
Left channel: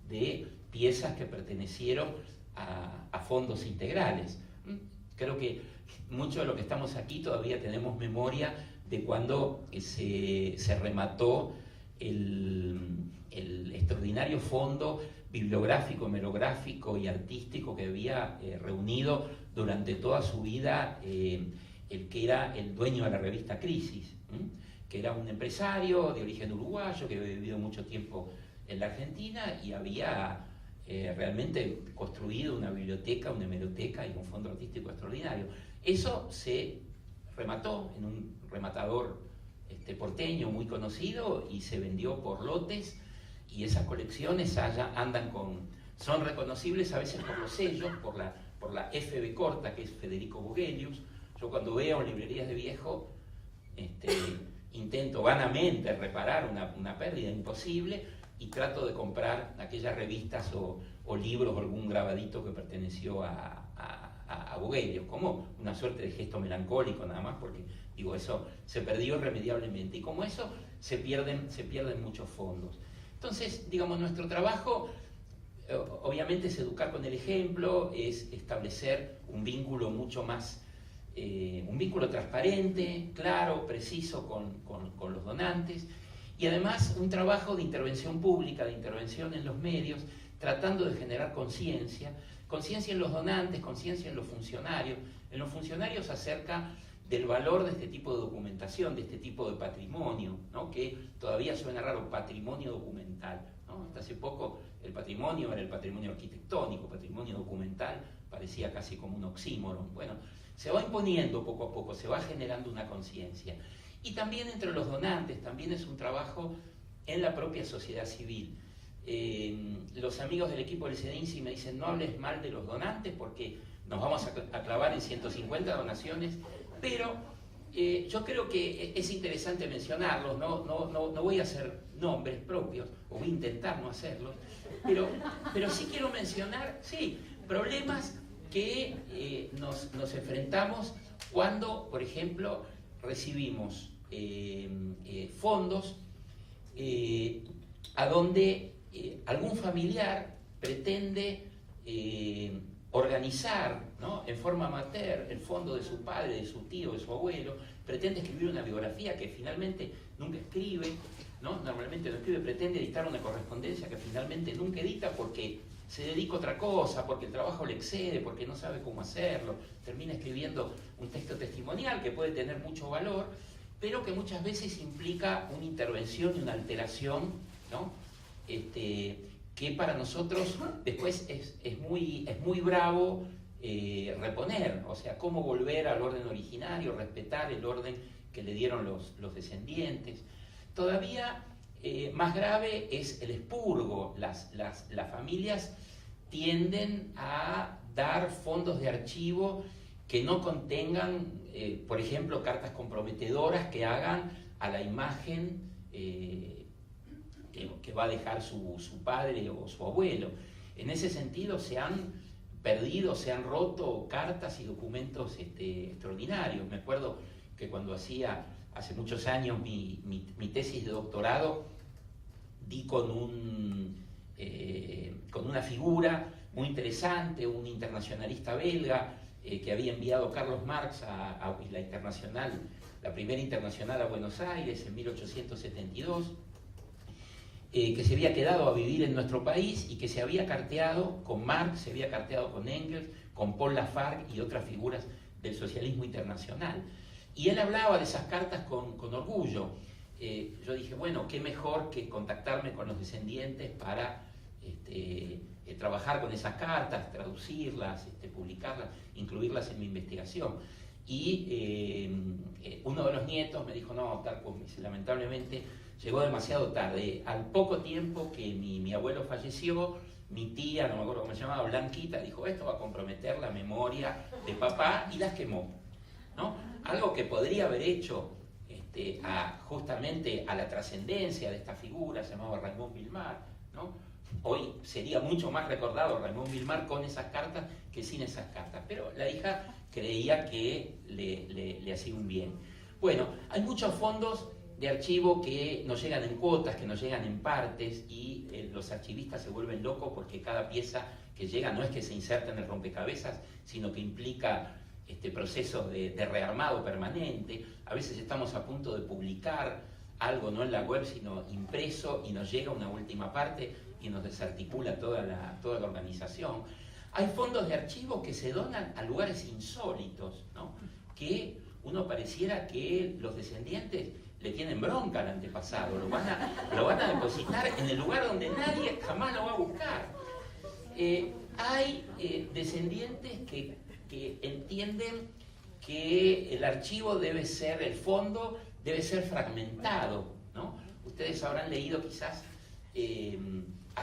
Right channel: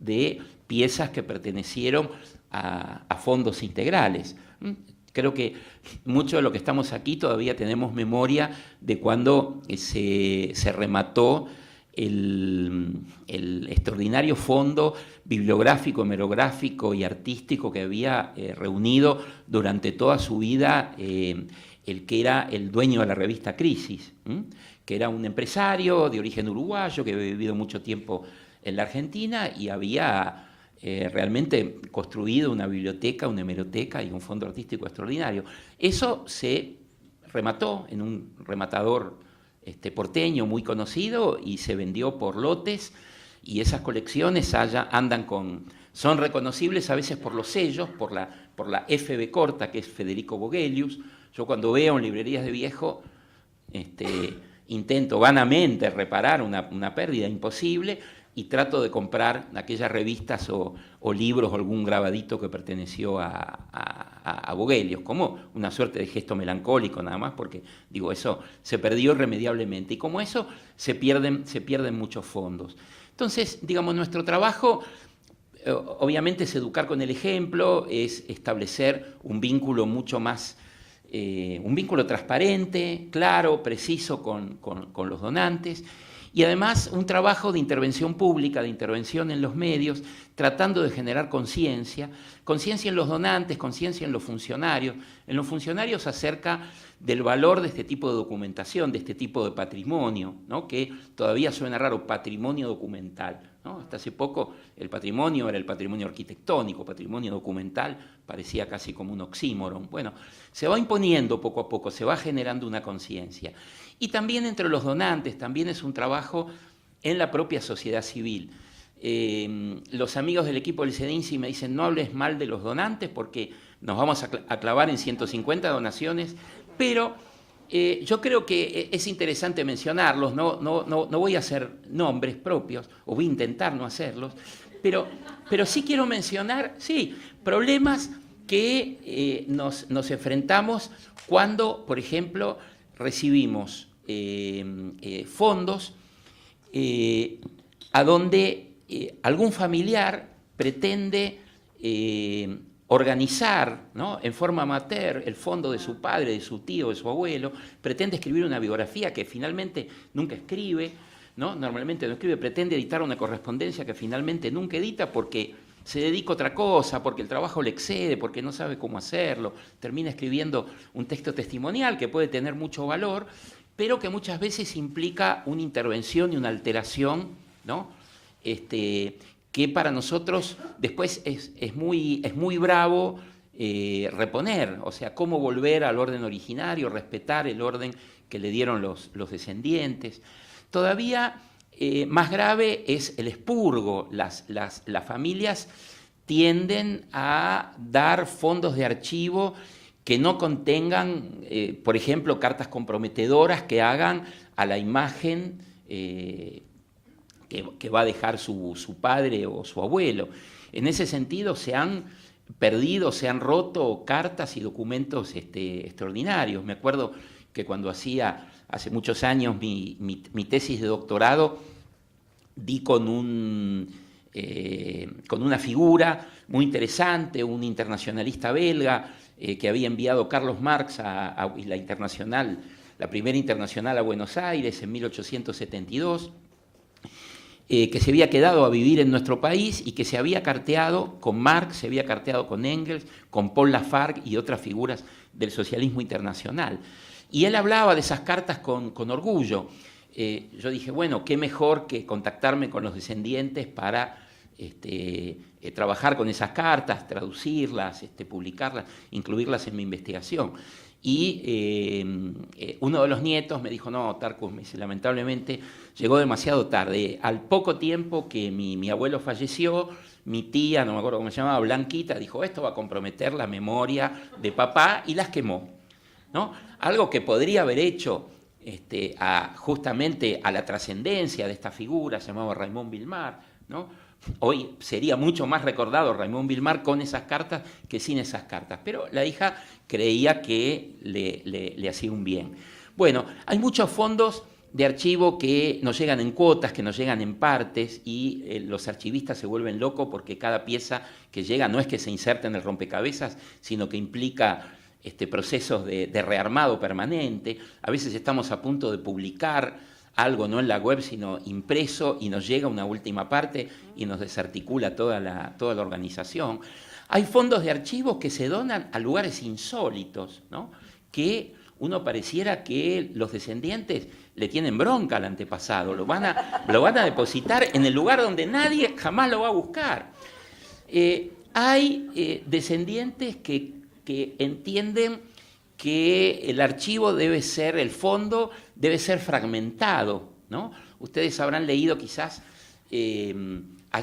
de piezas que pertenecieron a fondos integrales. Creo que mucho de lo que estamos aquí todavía tenemos memoria de cuando se remató el extraordinario fondo bibliográfico, hemerográfico y artístico que había reunido durante toda su vida el que era el dueño de la revista Crisis, que era un empresario de origen uruguayo que había vivido mucho tiempo en la Argentina y había realmente construido una biblioteca, una hemeroteca y un fondo artístico extraordinario. Eso se remató en un rematador porteño muy conocido y se vendió por lotes, y esas colecciones son reconocibles a veces por los sellos, por la FB corta, que es Federico Vogelius. Yo cuando veo en librerías de viejo intento vanamente reparar una pérdida imposible y trato de comprar aquellas revistas o libros o algún grabadito que perteneció a Vogelius, como una suerte de gesto melancólico nada más, porque digo, eso se perdió irremediablemente, y como eso se pierden muchos fondos. Entonces, digamos, nuestro trabajo obviamente es educar con el ejemplo, es establecer un vínculo mucho más un vínculo transparente, claro, preciso con los donantes, y además un trabajo de intervención pública, de intervención en los medios, tratando de generar conciencia en los donantes, conciencia en los funcionarios acerca del valor de este tipo de documentación, de este tipo de patrimonio, ¿no? Que todavía suena raro, patrimonio documental, ¿no? Hasta hace poco el patrimonio era el patrimonio arquitectónico, patrimonio documental parecía casi como un oxímoron. Bueno, se va imponiendo poco a poco, se va generando una conciencia. Y también entre los donantes, también es un trabajo en la propia sociedad civil. Los amigos del equipo del CEDINSI me dicen: no hables mal de los donantes porque nos vamos a clavar en 150 donaciones, pero yo creo que es interesante mencionarlos. No voy a hacer nombres propios, o voy a intentar no hacerlos, pero sí quiero mencionar, sí, problemas que nos enfrentamos cuando, por ejemplo, recibimos fondos a donde algún familiar pretende organizar, ¿no?, en forma amateur el fondo de su padre, de su tío, de su abuelo, pretende escribir una biografía que finalmente nunca escribe, ¿no? Normalmente no escribe, pretende editar una correspondencia que finalmente nunca edita porque se dedica a otra cosa, porque el trabajo le excede, porque no sabe cómo hacerlo, termina escribiendo un texto testimonial que puede tener mucho valor, pero que muchas veces implica una intervención y una alteración, ¿no?, que para nosotros después es muy bravo reponer, o sea, cómo volver al orden originario, respetar el orden que le dieron los descendientes. Todavía más grave es el expurgo. Las familias tienden a dar fondos de archivo que no contengan, por ejemplo, cartas comprometedoras que hagan a la imagen que va a dejar su padre o su abuelo. En ese sentido se han perdido, se han roto cartas y documentos extraordinarios. Me acuerdo que cuando hacía hace muchos años mi tesis de doctorado, di con una figura muy interesante, un internacionalista belga que había enviado Carlos Marx a la internacional, la primera internacional a Buenos Aires en 1872, que se había quedado a vivir en nuestro país y que se había carteado con Marx, se había carteado con Engels, con Paul Lafargue y otras figuras del socialismo internacional. Y él hablaba de esas cartas con orgullo. Yo dije, bueno, qué mejor que contactarme con los descendientes para trabajar con esas cartas, traducirlas, publicarlas, incluirlas en mi investigación. Y uno de los nietos me dijo, no, Tarcus, lamentablemente llegó demasiado tarde. Al poco tiempo que mi abuelo falleció, mi tía, no me acuerdo cómo se llamaba, Blanquita, dijo, esto va a comprometer la memoria de papá, y las quemó, ¿no? Algo que podría haber hecho justamente a la trascendencia de esta figura, se llamaba Raymond Vilmar, ¿no? Hoy sería mucho más recordado Raymond Vilmar con esas cartas que sin esas cartas, pero la hija creía que le hacía un bien. Bueno, hay muchos fondos de archivo que nos llegan en cuotas, que nos llegan en partes, y los archivistas se vuelven locos porque cada pieza que llega no es que se inserta en el rompecabezas, sino que implica procesos de rearmado permanente. A veces estamos a punto de publicar algo no en la web, sino impreso, y nos llega una última parte y nos desarticula toda la organización. Hay fondos de archivos que se donan a lugares insólitos, ¿no?, que uno pareciera que los descendientes le tienen bronca al antepasado, lo van a depositar en el lugar donde nadie jamás lo va a buscar. Hay descendientes que entienden que el archivo debe ser, el fondo debe ser fragmentado, ¿no? Ustedes habrán leído quizás,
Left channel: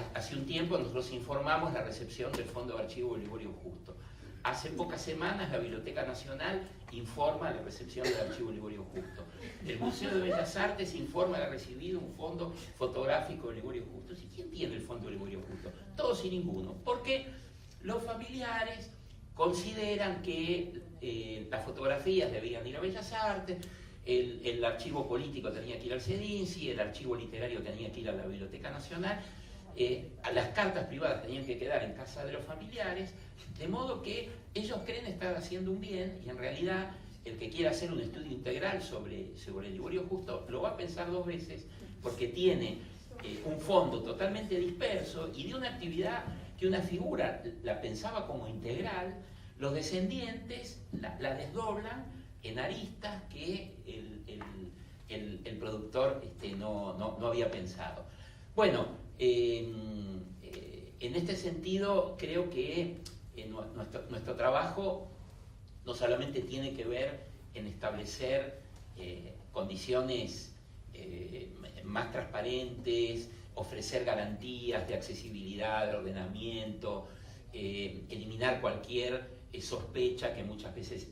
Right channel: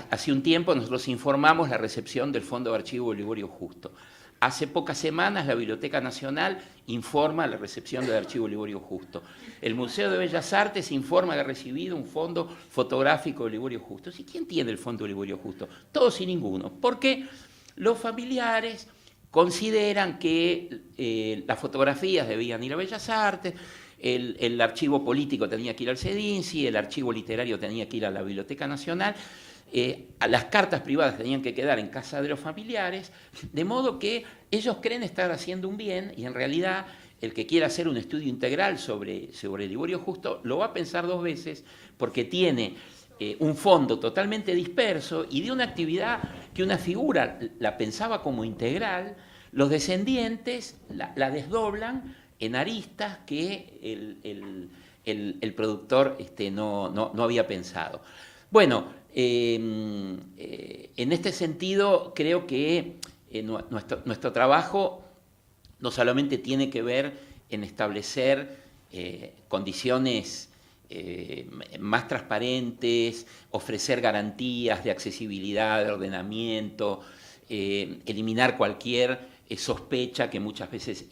hace un tiempo nosotros informamos la recepción del Fondo de Archivo de Liborio Justo. Hace pocas semanas la Biblioteca Nacional informa la recepción del Archivo Liborio Justo. El Museo de Bellas Artes informa que ha recibido un fondo fotográfico de Liborio Justo. ¿Y quién tiene el Fondo de Liborio Justo? Todos y ninguno. Porque los familiares consideran que las fotografías debían ir a Bellas Artes, el archivo político tenía que ir al CEDINCI, el archivo literario tenía que ir a la Biblioteca Nacional, a las cartas privadas tenían que quedar en casa de los familiares, de modo que ellos creen estar haciendo un bien, y en realidad el que quiera hacer un estudio integral sobre Liborio Justo lo va a pensar dos veces, porque tiene un fondo totalmente disperso y de una actividad que una figura la pensaba como integral. Los descendientes la desdoblan en aristas que el productor no había pensado. Bueno, en este sentido creo que nuestro trabajo no solamente tiene que ver en establecer condiciones más transparentes, ofrecer garantías de accesibilidad, de ordenamiento, eliminar cualquier sospecha que muchas veces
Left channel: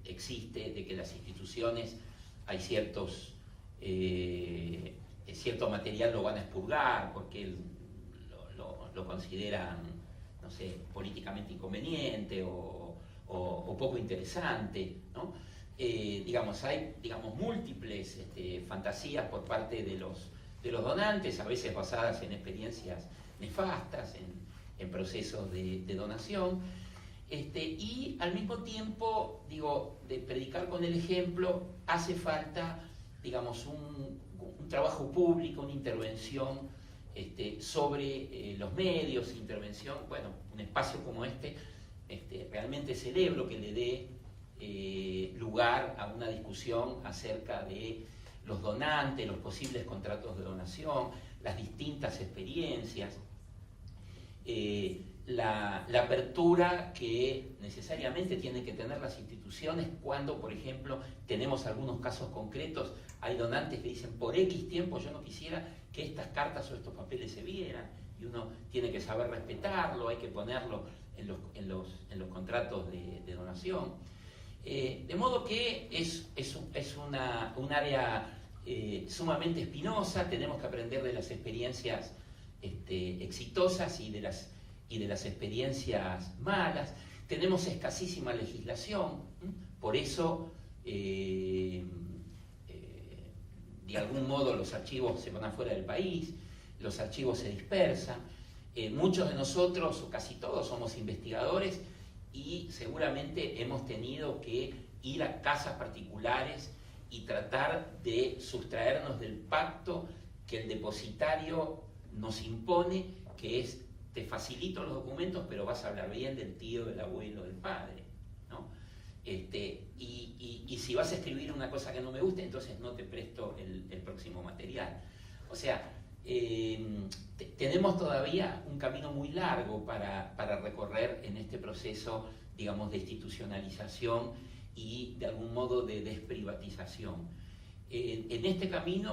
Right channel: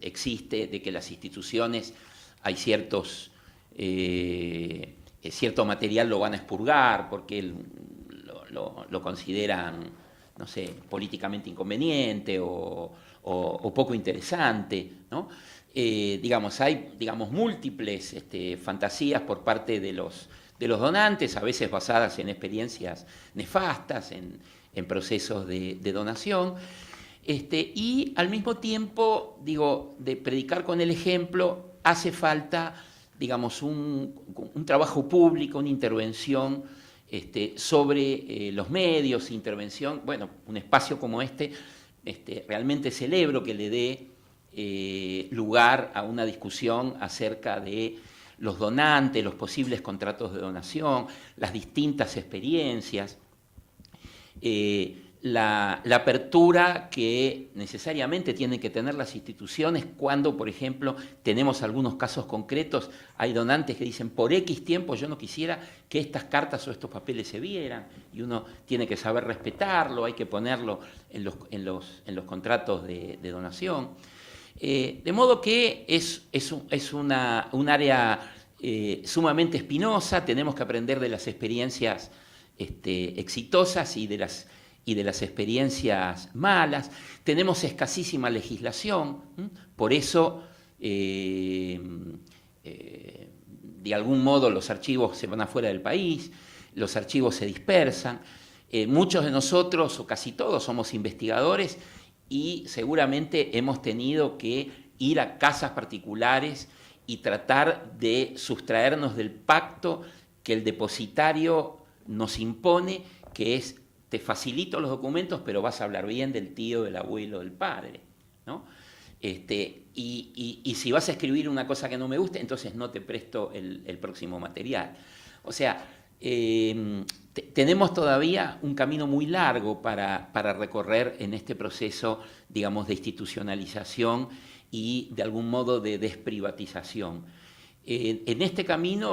existe de que las instituciones hay cierto material lo van a expurgar porque lo consideran, no sé, políticamente inconveniente o poco interesante, ¿no? Hay múltiples fantasías por parte de los donantes, a veces basadas en experiencias nefastas, en procesos de donación. Y al mismo tiempo, digo, de predicar con el ejemplo, hace falta, digamos, un trabajo público, una intervención sobre los medios, intervención, bueno, un espacio como realmente celebro que le dé lugar a una discusión acerca de los donantes, los posibles contratos de donación, las distintas experiencias, la apertura que necesariamente tienen que tener las instituciones cuando, por ejemplo, tenemos algunos casos concretos, hay donantes que dicen, por X tiempo yo no quisiera que estas cartas o estos papeles se vieran, y uno tiene que saber respetarlo, hay que ponerlo en los contratos de donación. De modo que es un área sumamente espinosa, tenemos que aprender de las experiencias exitosas y de las experiencias malas. Tenemos escasísima legislación, por eso de algún modo los archivos se van afuera del país, los archivos se dispersan. Muchos de nosotros, o casi todos, somos investigadores y seguramente hemos tenido que ir a casas particulares y tratar de sustraernos del pacto que el depositario nos impone, que es: te facilito los documentos, pero vas a hablar bien del tío, del abuelo, del padre, ¿no? Y si vas a escribir una cosa que no me guste, entonces no te presto el próximo material. O sea, tenemos todavía un camino muy largo para recorrer en este proceso, digamos, de institucionalización y de algún modo de desprivatización. En este camino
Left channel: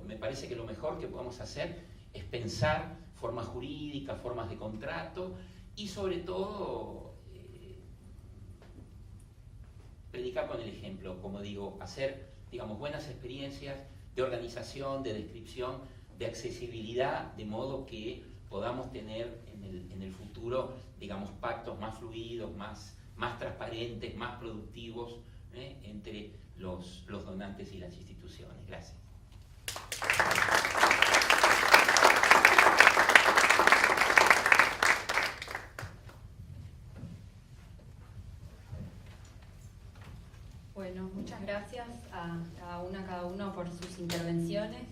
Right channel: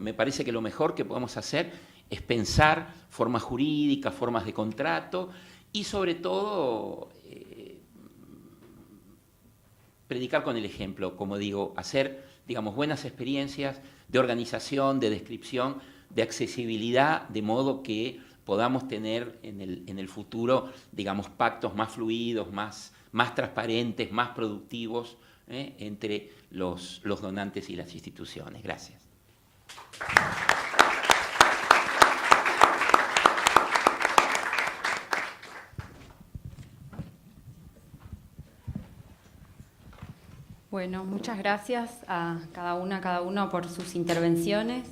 me parece que lo mejor que podemos hacer es pensar formas jurídicas, formas de contrato y sobre todo predicar con el ejemplo, como digo, hacer, digamos, buenas experiencias de organización, de descripción, de accesibilidad, de modo que podamos tener en el futuro, digamos, pactos más fluidos, más transparentes, más productivos entre los donantes y las instituciones. Gracias. Bueno, muchas gracias a cada uno por sus intervenciones.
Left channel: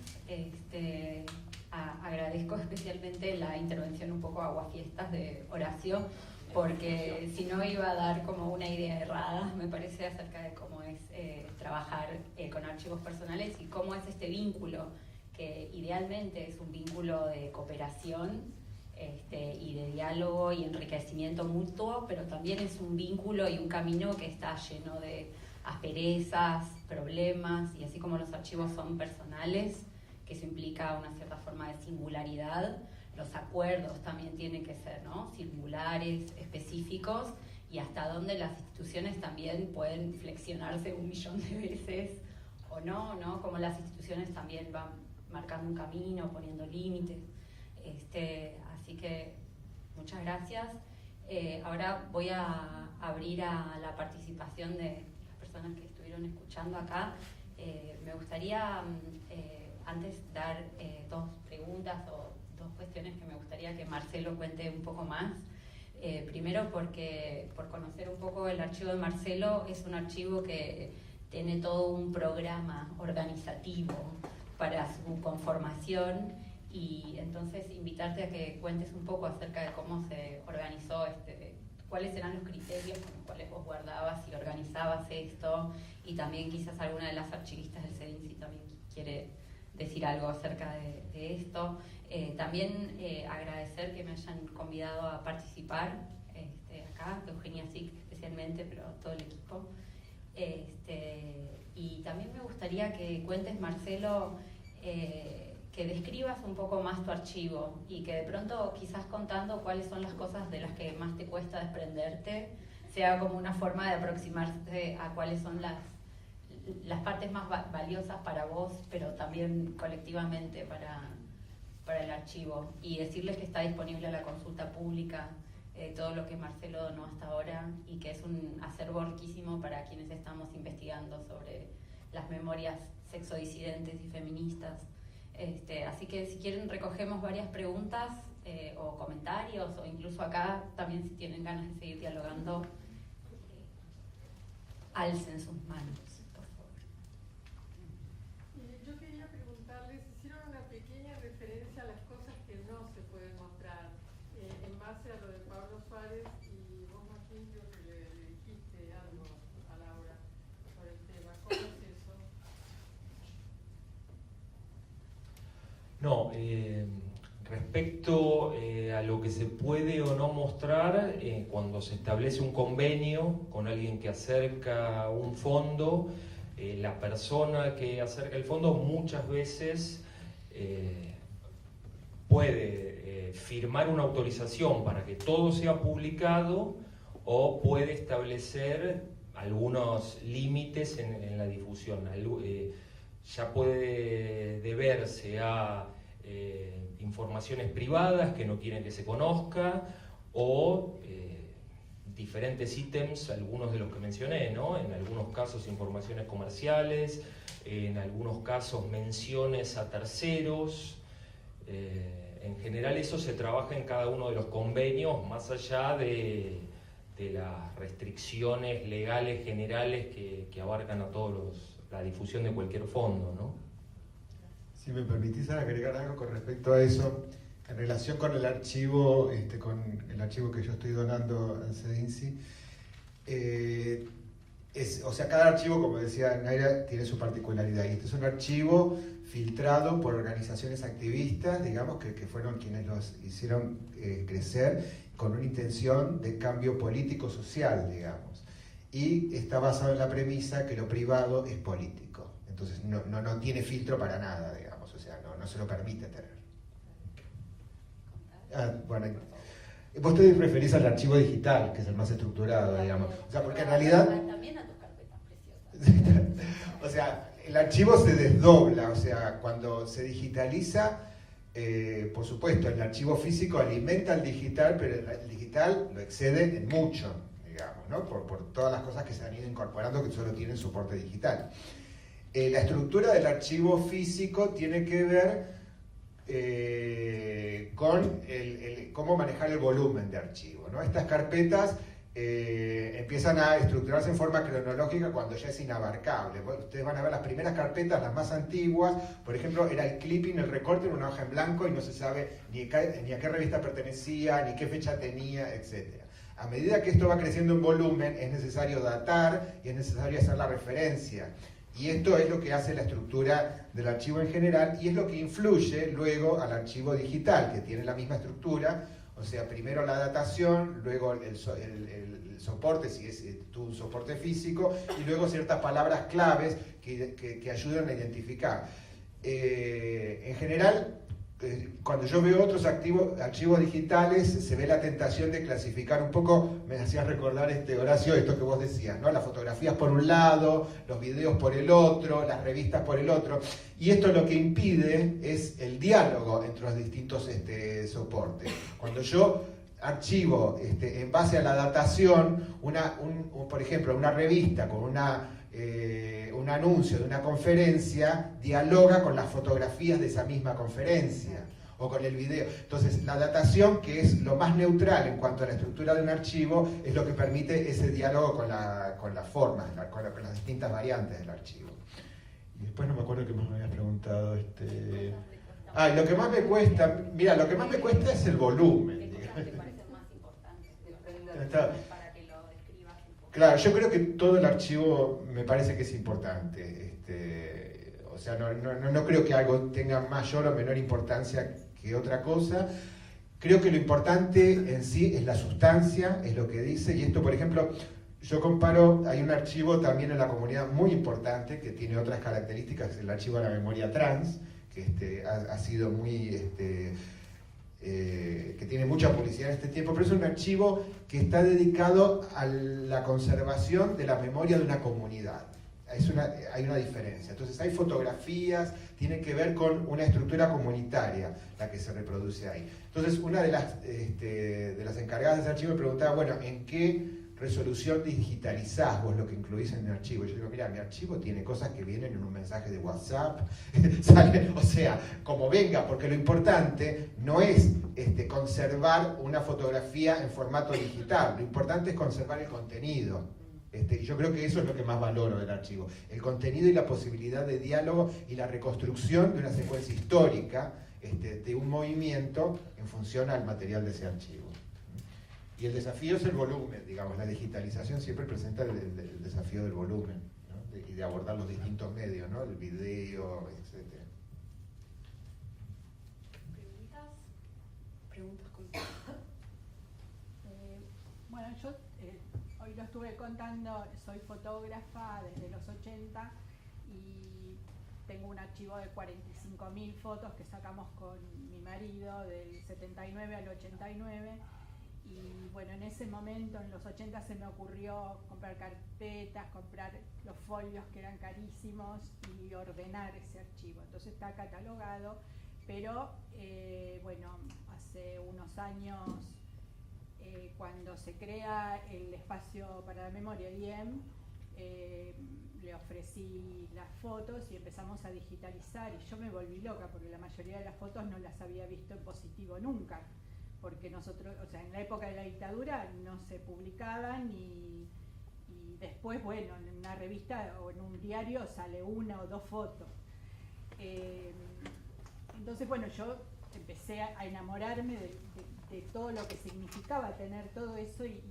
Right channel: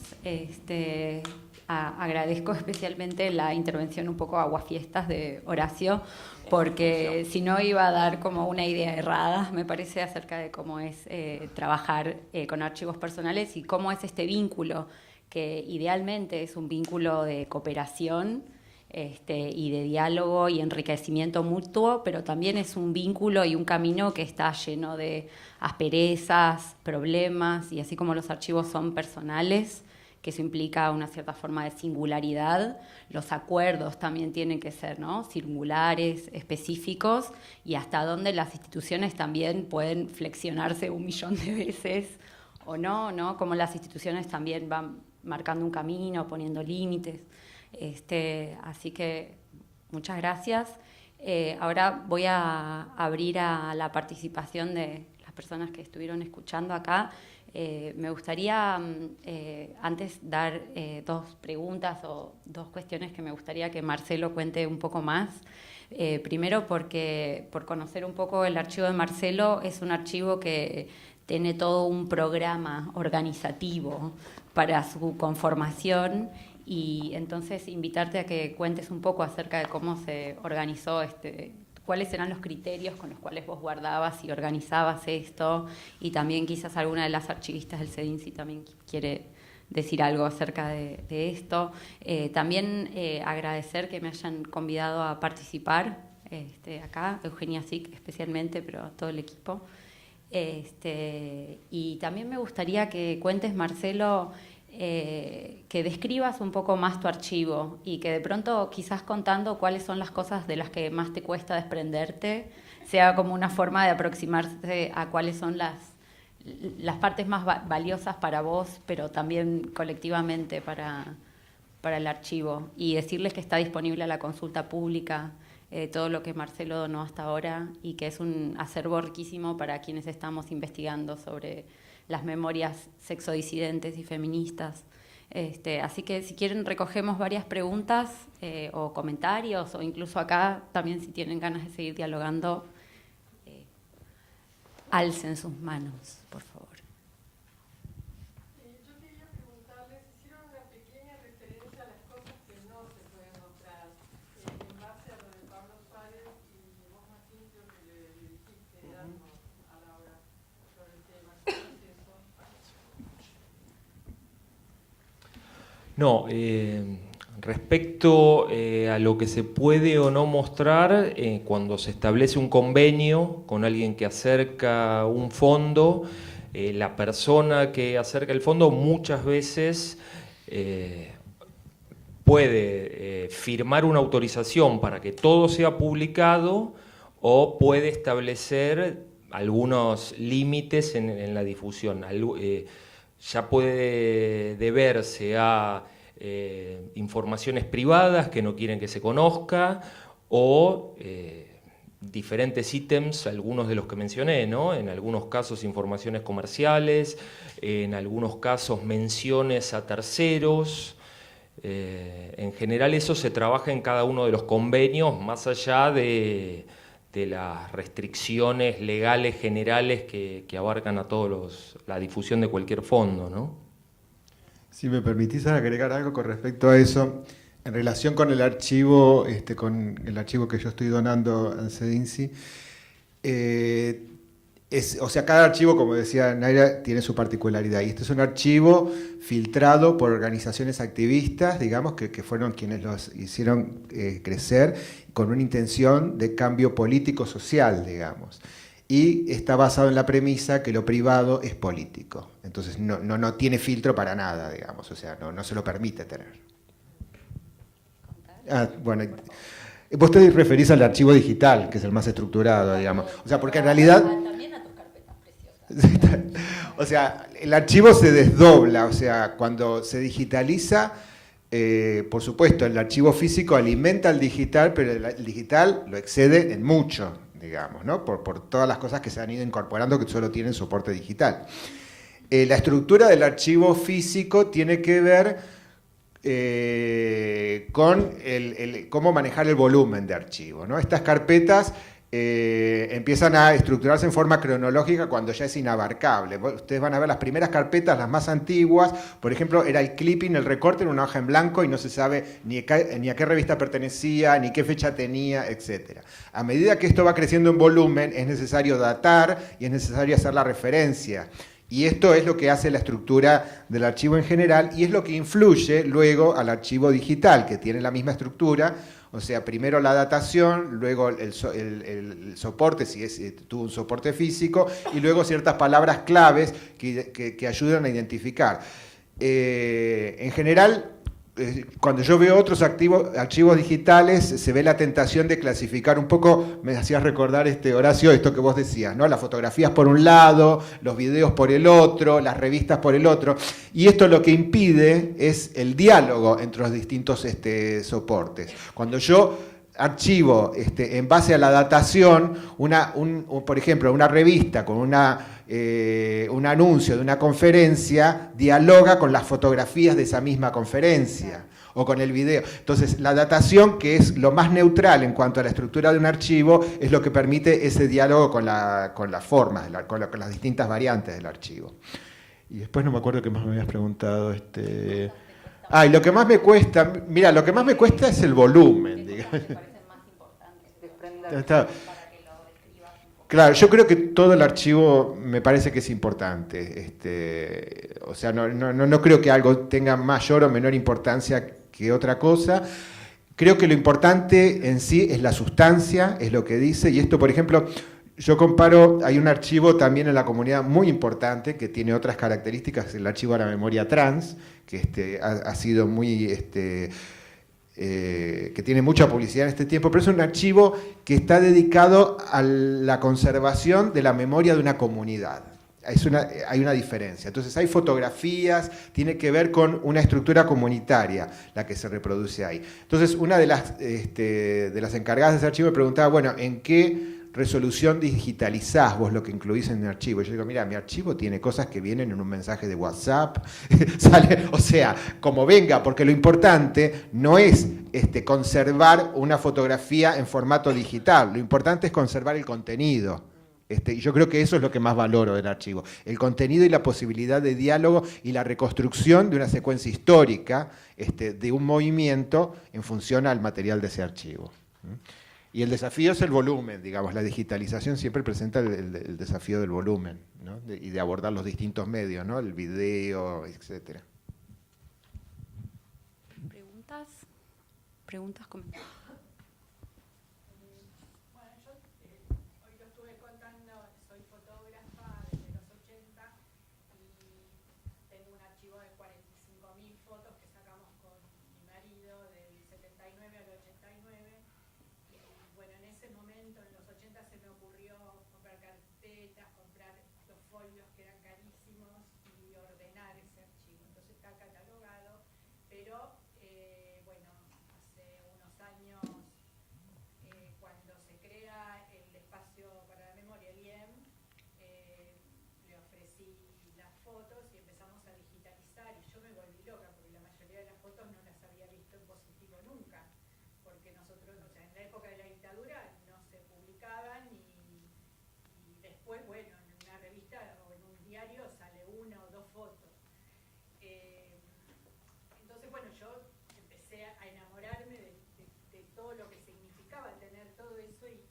Agradezco especialmente la intervención un poco aguafiestas de Horacio, porque si no iba a dar como una idea errada, me parece, acerca de cómo es trabajar con archivos personales y cómo es este vínculo, que idealmente es un vínculo de cooperación y de diálogo y enriquecimiento mutuo, pero también es un vínculo y un camino que está lleno de asperezas, problemas, y así como los archivos son personales, que eso implica una cierta forma de singularidad, los acuerdos también tienen que ser, ¿no?, singulares, específicos, y hasta donde las instituciones también pueden flexionarse 1.000.000 de veces o no, como las instituciones también van marcando un camino, poniendo límites. Así que muchas gracias. Ahora voy a abrir a la participación de las personas que estuvieron escuchando acá. Me gustaría antes dar dos preguntas o dos cuestiones que me gustaría que Marcelo cuente un poco más. Primero, porque por conocer un poco el archivo de Marcelo, es un archivo que tiene todo un programa organizativo para su conformación, y entonces invitarte a que cuentes un poco acerca de cómo se organizó cuáles eran los criterios con los cuales vos guardabas y organizabas esto, y también quizás alguna de las archivistas del CEDIN si también quiere decir algo acerca de esto. También agradecer que me hayan convidado a participar acá, Eugenia Sic especialmente, pero todo el equipo. Y también me gustaría que cuentes, Marcelo, que describas un poco más tu archivo y que de pronto, quizás contando cuáles son las cosas de las que más te cuesta desprenderte, sea como una forma de aproximarse a cuáles son las partes más valiosas para vos, pero también colectivamente para el archivo, y decirles que está disponible a la consulta pública todo lo que Marcelo donó hasta ahora, y que es un acervo riquísimo para quienes estamos investigando sobre las memorias sexodisidentes y feministas. Así que si quieren recogemos varias preguntas o comentarios, o incluso acá también si tienen ganas de seguir dialogando, alcen sus manos, por favor. Yo quería preguntarles, hicieron una pequeña referencia a las cosas que no se pueden mostrar, en base a lo de Pablo Suárez, y vos, Martín, creo que le dijiste algo a Laura sobre el tema. ¿Qué es eso? No, respecto a lo que se puede o no mostrar, cuando se establece un convenio con alguien que acerca un fondo, la persona que acerca el fondo muchas veces puede firmar una autorización para que todo sea publicado, o puede establecer algunos límites en la difusión. Ya puede deberse a informaciones privadas que no quieren que se conozca, o diferentes ítems, algunos de los que mencioné, ¿no? En algunos casos informaciones comerciales, en algunos casos menciones a terceros. En general eso se trabaja en cada uno de los convenios, más allá de las restricciones legales generales que abarcan a todos la difusión de cualquier fondo, ¿no? Si me permitís agregar algo con respecto a eso, en relación con el archivo, que yo estoy donando a CEDINSI, o sea, cada archivo, como decía Naira, tiene su particularidad, y este es un archivo filtrado por organizaciones activistas, digamos, que fueron quienes los hicieron crecer con una intención de cambio político-social, digamos, y está basado en la premisa que lo privado es político. Entonces no tiene filtro para nada, digamos, o sea, no se lo permite tener. Bueno, vos te referís al archivo digital, que es el más estructurado, digamos. O sea, porque en realidad... O sea, el archivo se desdobla, o sea, cuando se digitaliza, por supuesto, el archivo físico alimenta al digital, pero el digital lo excede en mucho, digamos, ¿no? Por todas las cosas que se han ido incorporando que solo tienen soporte digital. La estructura del archivo físico tiene que ver con cómo manejar el volumen de archivo, ¿no? Estas carpetas empiezan a estructurarse en forma cronológica cuando ya es inabarcable. Ustedes van a ver las primeras carpetas, las más antiguas, por ejemplo, era el clipping, el recorte en una hoja en blanco y no se sabe ni a qué revista pertenecía, ni qué fecha tenía, etc. A medida que esto va creciendo en volumen, es necesario datar y es necesario hacer la referencia. Y esto es lo que hace la estructura del archivo en general, y es lo que influye luego al archivo digital, que tiene la misma estructura. O sea, primero la datación, luego el soporte, si tuvo un soporte físico, y luego ciertas palabras claves que ayudan a identificar. En general, cuando yo veo otros archivos digitales, se ve la tentación de clasificar un poco, me hacías recordar, Horacio, esto que vos decías, ¿no? Las fotografías por un lado, los videos por el otro, las revistas por el otro, y esto lo que impide es el diálogo entre los distintos soportes. Cuando yo archivo en base a la datación, por ejemplo, una revista con un anuncio de una conferencia, dialoga con las fotografías de esa misma conferencia o con el video. Entonces, la datación, que es lo más neutral en cuanto a la estructura de un archivo, es lo que permite ese diálogo con las formas, con las distintas variantes del archivo. Y después no me acuerdo qué más me habías preguntado. Y lo que más me cuesta, lo que más me cuesta es el volumen, digamos. Claro, yo creo que todo el archivo me parece que es importante. O sea, no creo que algo tenga mayor o menor importancia que otra cosa. Creo que lo importante en sí es la sustancia, es lo que dice. Y esto, por ejemplo, yo comparo, hay un archivo también en la comunidad muy importante que tiene otras características, el archivo de la memoria trans, que ha sido muy... que tiene mucha publicidad en este tiempo, pero es un archivo que está dedicado a la conservación de la memoria de una comunidad. Hay una diferencia. Entonces hay fotografías, tiene que ver con una estructura comunitaria la que se reproduce ahí. Entonces una de las encargadas de ese archivo me preguntaba, bueno, ¿en qué resolución digitalizás vos lo que incluís en el archivo? Yo digo, mira, mi archivo tiene cosas que vienen en un mensaje de WhatsApp, sale, o sea, como venga, porque lo importante no es conservar una fotografía en formato digital, lo importante es conservar el contenido. Y yo creo que eso es lo que más valoro del archivo, el contenido y la posibilidad de diálogo y la reconstrucción de una secuencia histórica de un movimiento en función al material de ese archivo. Y el desafío es el volumen, digamos, la digitalización siempre presenta el desafío del volumen, ¿no? Y de abordar los distintos medios, ¿no? El video, etc. ¿Preguntas? Comentarios. Bueno, yo hoy lo estuve contando, soy fotógrafa desde los 80 y tengo un archivo de 45.000 fotos que sacamos con mi marido del 79 al 89. Y bueno, en ese momento, en los 80, se me ocurrió comprar carpetas, comprar los folios que eran carísimos y ordenar ese archivo. Entonces está catalogado, pero bueno, hace unos años, cuando se crea el espacio para la memoria IEM, le ofrecí las fotos y empezamos a digitalizar, y yo me volví loca porque la mayoría de las fotos no las había visto en positivo nunca, porque nosotros, o sea, en la época de la dictadura no se publicaban y después, bueno, en una revista o en un diario sale una o dos fotos. Entonces, bueno, yo empecé a enamorarme de todo lo que significaba tener todo eso y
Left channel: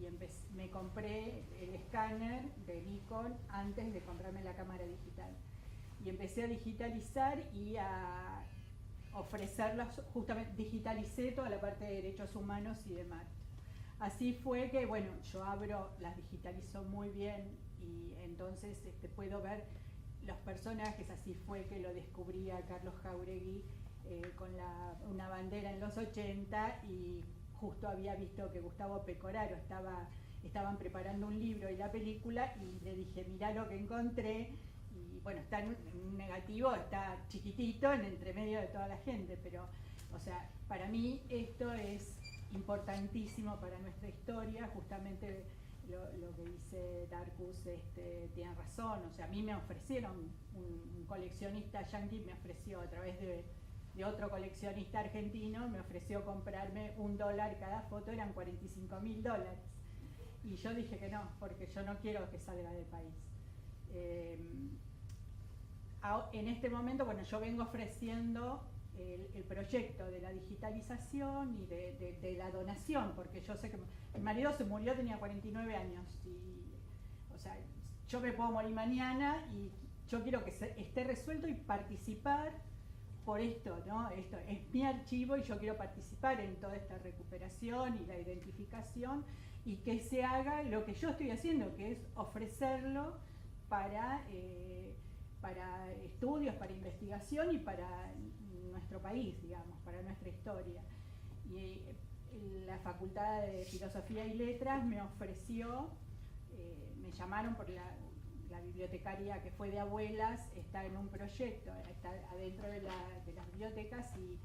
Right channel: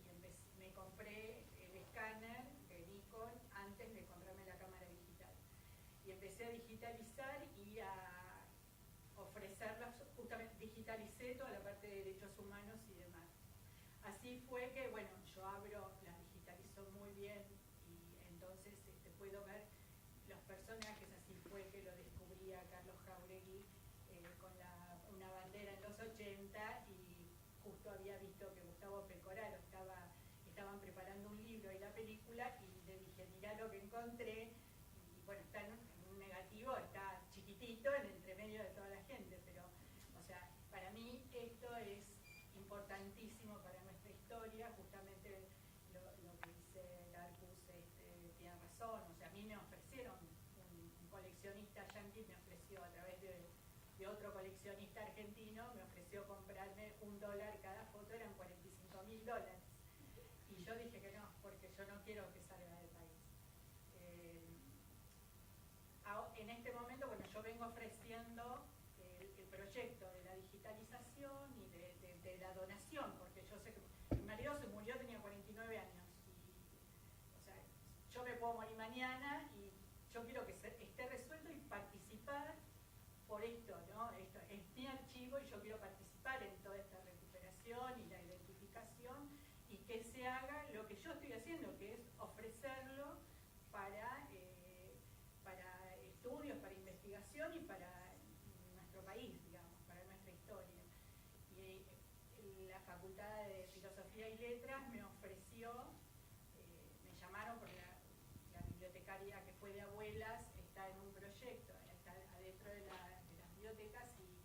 me compré el escáner de Nikon antes de comprarme la cámara digital. Y empecé a digitalizar y a ofrecerlos, justamente digitalicé toda la parte de derechos humanos y demás. Así fue que, bueno, yo las digitalizo muy bien y entonces puedo ver los personajes. Así fue que lo descubrí a Carlos Jáuregui con una bandera en los 80, y justo había visto que Gustavo Pecoraro estaban preparando un libro y la película, y le dije, mirá lo que encontré. Y bueno, está en un negativo, está chiquitito en entre medio de toda la gente, pero, o sea, para mí esto es importantísimo para nuestra historia. Justamente lo que dice Darkus tiene razón. O sea, a mí me ofrecieron, un coleccionista yanqui me ofreció, a través de otro coleccionista argentino, me ofreció comprarme $1 cada foto, eran $45.000. Y yo dije que no, porque yo no quiero que salga del país. En este momento, bueno, yo vengo ofreciendo el proyecto de la digitalización y de la donación, porque yo sé que mi marido se murió, tenía 49 años, y, o sea, yo me puedo morir mañana y yo quiero que esté resuelto y participar por esto, ¿no? Esto es mi archivo y yo quiero participar en toda esta recuperación y la identificación, y que se haga lo que yo estoy haciendo, que es ofrecerlo para estudios, para investigación y para nuestro país, digamos, para nuestra historia. Y la Facultad de Filosofía y Letras me ofreció, me llamaron porque la bibliotecaria que fue de Abuelas está en un proyecto, está adentro de las bibliotecas, y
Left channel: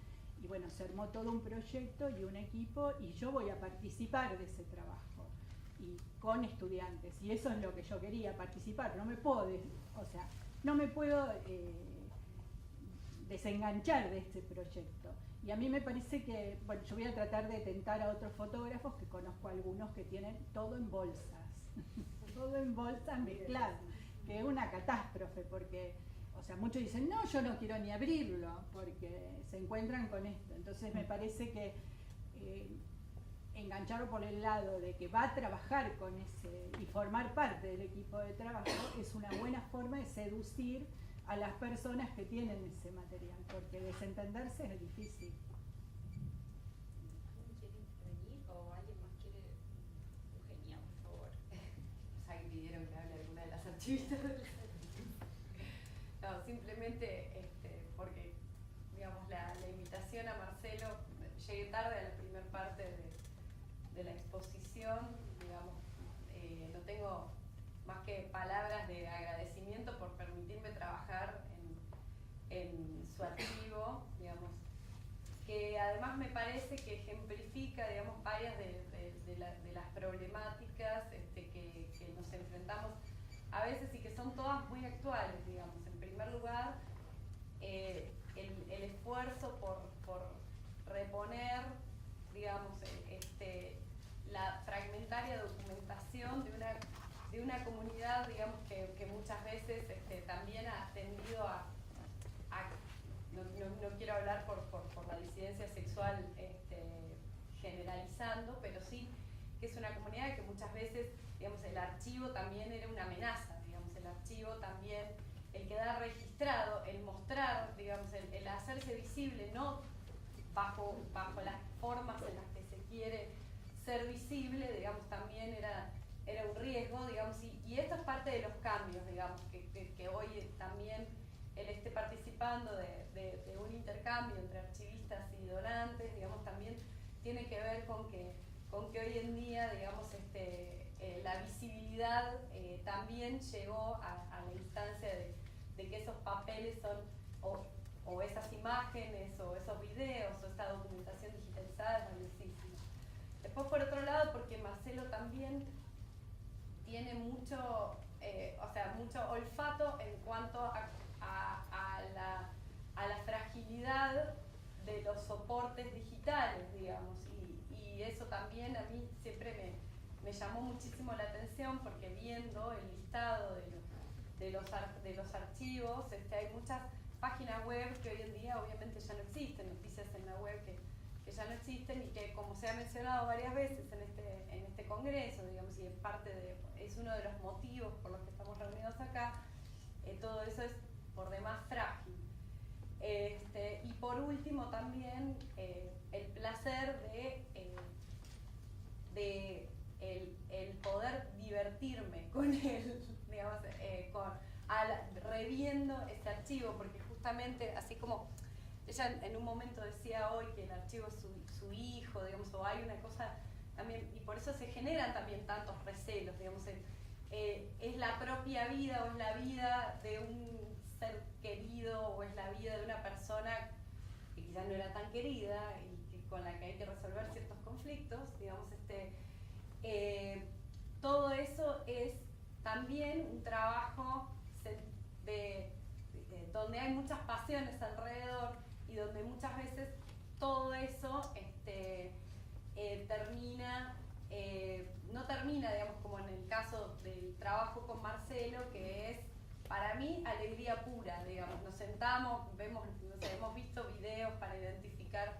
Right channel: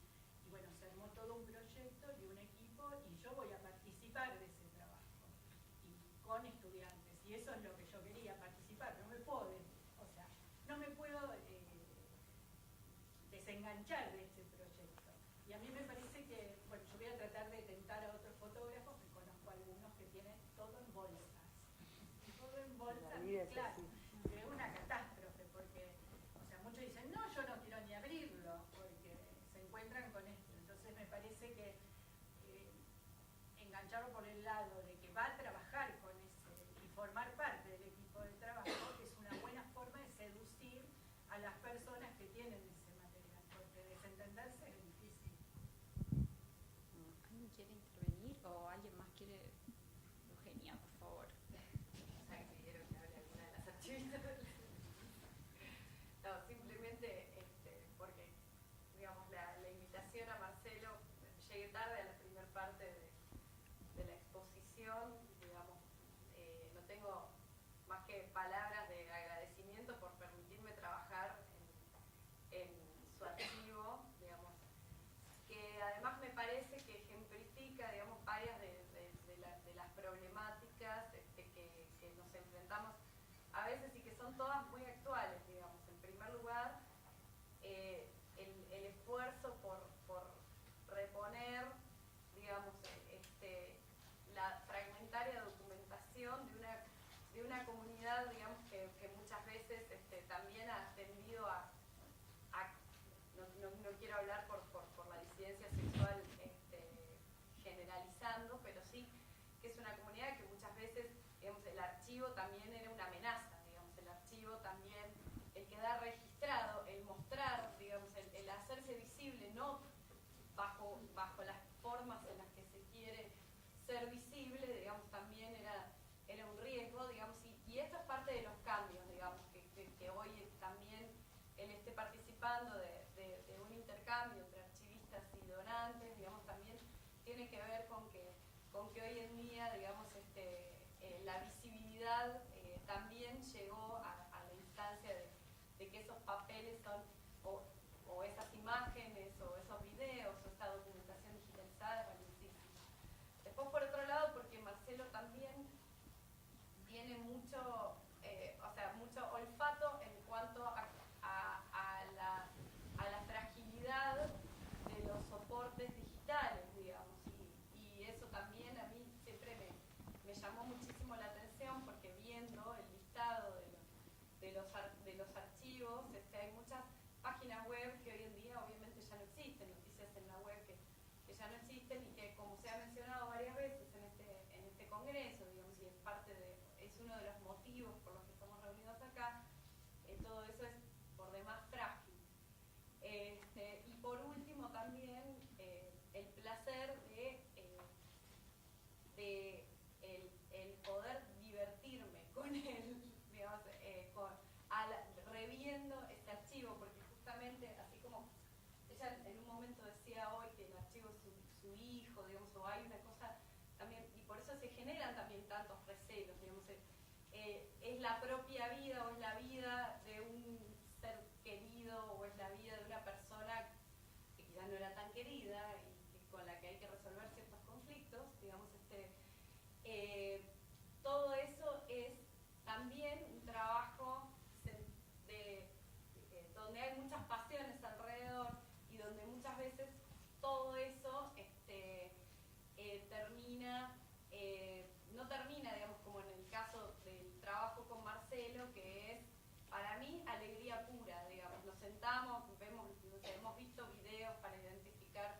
bueno, se armó todo un proyecto y un equipo, y yo voy a participar de ese trabajo, y con estudiantes, y eso es lo que yo quería, participar. No me puedo, desenganchar de este proyecto. Y a mí me parece que, bueno, yo voy a tratar de tentar a otros fotógrafos, que conozco algunos que tienen todo en bolsas, todo en bolsas mezclado, que es una catástrofe, porque, o sea, muchos dicen, no, yo no quiero ni abrirlo, porque se encuentran con esto. Entonces me parece que engancharlo por el lado de que va a trabajar con ese y formar parte del equipo de trabajo es una buena forma de seducir a las personas que tienen ese material, porque desentenderse es difícil. ¿Alguien quiere intervenir o alguien más quiere? Eugenia, por favor. Ya que pidieron que hable alguna de las actividades. No, simplemente porque, digamos, la invitación a Marcelo, llegué tarde a la primera parte de la exposición, digamos, no tengo más que palabras de agradecimiento por permitirme trabajar en su archivo, digamos, que además me parece que ejemplifica, digamos, varias de las problemáticas enfrentamos a veces y que son todas muy actuales, digamos. En primer lugar, el esfuerzo por reponer, digamos, la fragmentaria documentación de una comunidad, digamos, que muchas veces también ha tendido a no quiero hablar por la disidencia sexual generalizando, pero sí que es una comunidad que muchas veces, digamos, el archivo también era una amenaza, digamos, el archivo también, el quedar registrado, el mostrar, digamos, el hacerse visible, no bajo las formas en las que se quiere ser visible, digamos, también era un riesgo, digamos, y esto es parte de los cambios, digamos, que hoy también él esté participando de un intercambio entre archivistas y donantes, digamos, también tiene que ver con que hoy en día, digamos, la visibilidad también llegó a la instancia de que esos papeles son, o esas imágenes, o esos videos, o esta documentación digitalizada es valiosísima. Después, por otro lado, porque Marcelo también tiene mucho olfato en cuanto a la fragilidad de los soportes digitales, digamos, y eso también a mí siempre me llamó muchísimo la atención, porque viendo el listado de los archivos, hay muchas páginas web que hoy en día obviamente ya no existen, noticias en la web que ya no existen y que, como se ha mencionado varias veces en este congreso, digamos, y es uno de los motivos por los que estamos reunidos acá, todo eso es por demás frágil. Y por último también el placer de el poder divertirme con él, digamos, reviendo este archivo, porque justamente, así como ella en un momento decía hoy que el archivo es su hijo, digamos, o hay una cosa también, y por eso se generan también tantos recelos, digamos, es la propia vida o es la vida de un ser querido o es la vida de una persona que quizás no era tan querida y con la que hay que resolver ciertos conflictos, digamos, todo eso es también un trabajo donde hay muchas pasiones alrededor y donde muchas veces todo eso no termina, digamos, como en el caso del trabajo con Marcelo, que es, para mí, alegría pura, digamos. Nos sentamos, hemos visto videos para identificar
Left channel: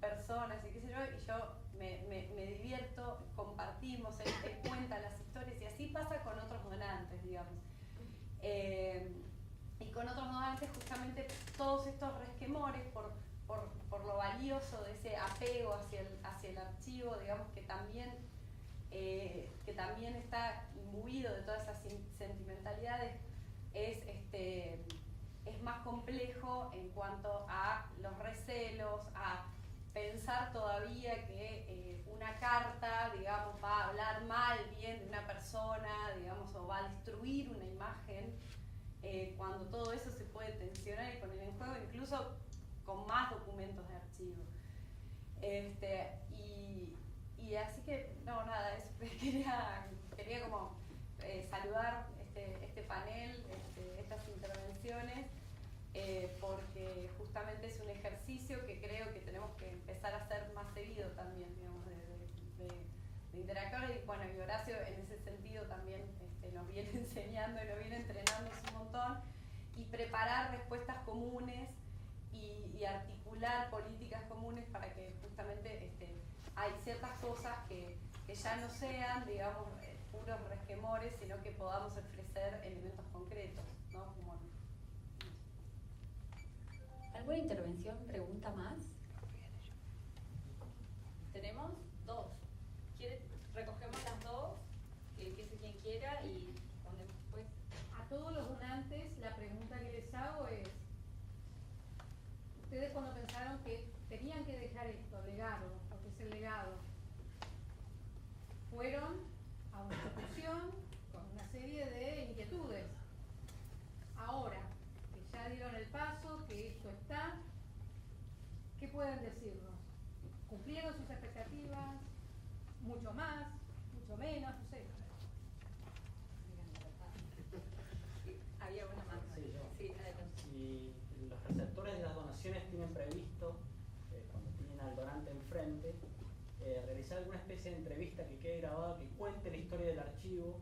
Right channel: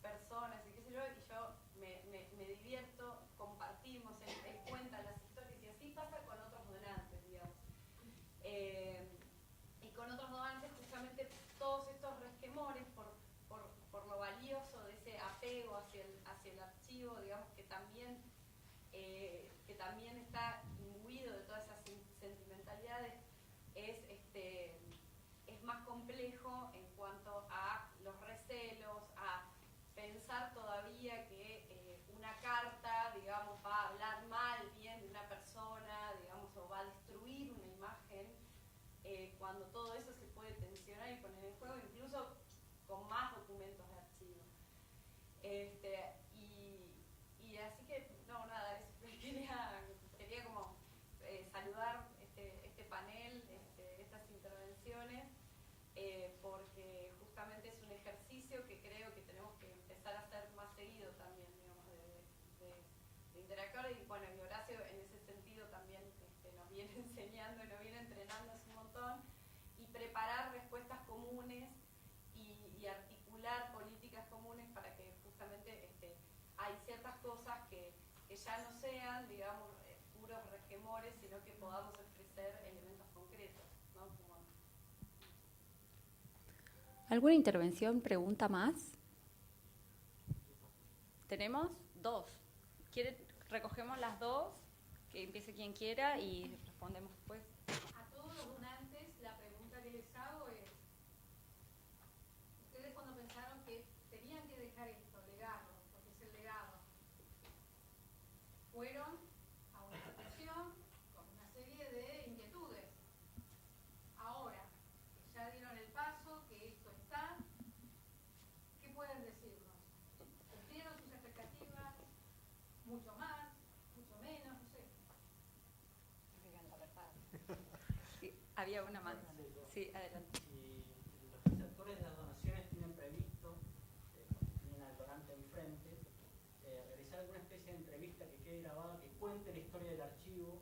personas y qué sé yo, y yo me divierto, compartimos, él cuenta las historias, y así pasa con otros donantes, digamos. Y con otros donantes, justamente, todos estos resquemores por lo valioso de ese apego hacia el archivo, digamos, que también está imbuido de todas esas sentimentalidades, es más complejo en cuanto a los recelos, a pensar todavía que una carta, digamos, va a hablar mal, bien de una persona, digamos, o va a destruir una imagen, cuando todo eso se puede tensionar y poner en juego, incluso con más documentos de archivo. Y así que, no, nada, eso, quería como saludar este panel, estas intervenciones, porque justamente es un ejercicio que creo que tenemos que empezar a hacer más seguido también, digamos, de interactuar, y bueno, y Horacio en ese sentido también nos viene enseñando, nos viene entrenando un montón, y preparar respuestas comunes y articular políticas comunes para que justamente hay ciertas cosas que ya no sean, digamos, puros resquemores, sino que podamos ofrecer elementos concretos, ¿no? ¿Alguna intervención, pregunta más? Tenemos dos. Recogemos las dos, que empiece quien quiera y respondemos después. A todos los donantes, la pregunta que les hago es: ustedes cuando pensaron que tenían que dejar esto, legado, lo que es el legado, fueron a una institución con una serie de inquietudes. Ahora que ya dieron el paso, que esto está, ¿qué pueden decirnos? ¿Cumplieron sus expectativas? ¿Mucho más? ¿Mucho menos? No sé. sea alguna especie de entrevista que quede grabada, que cuente la historia del archivo,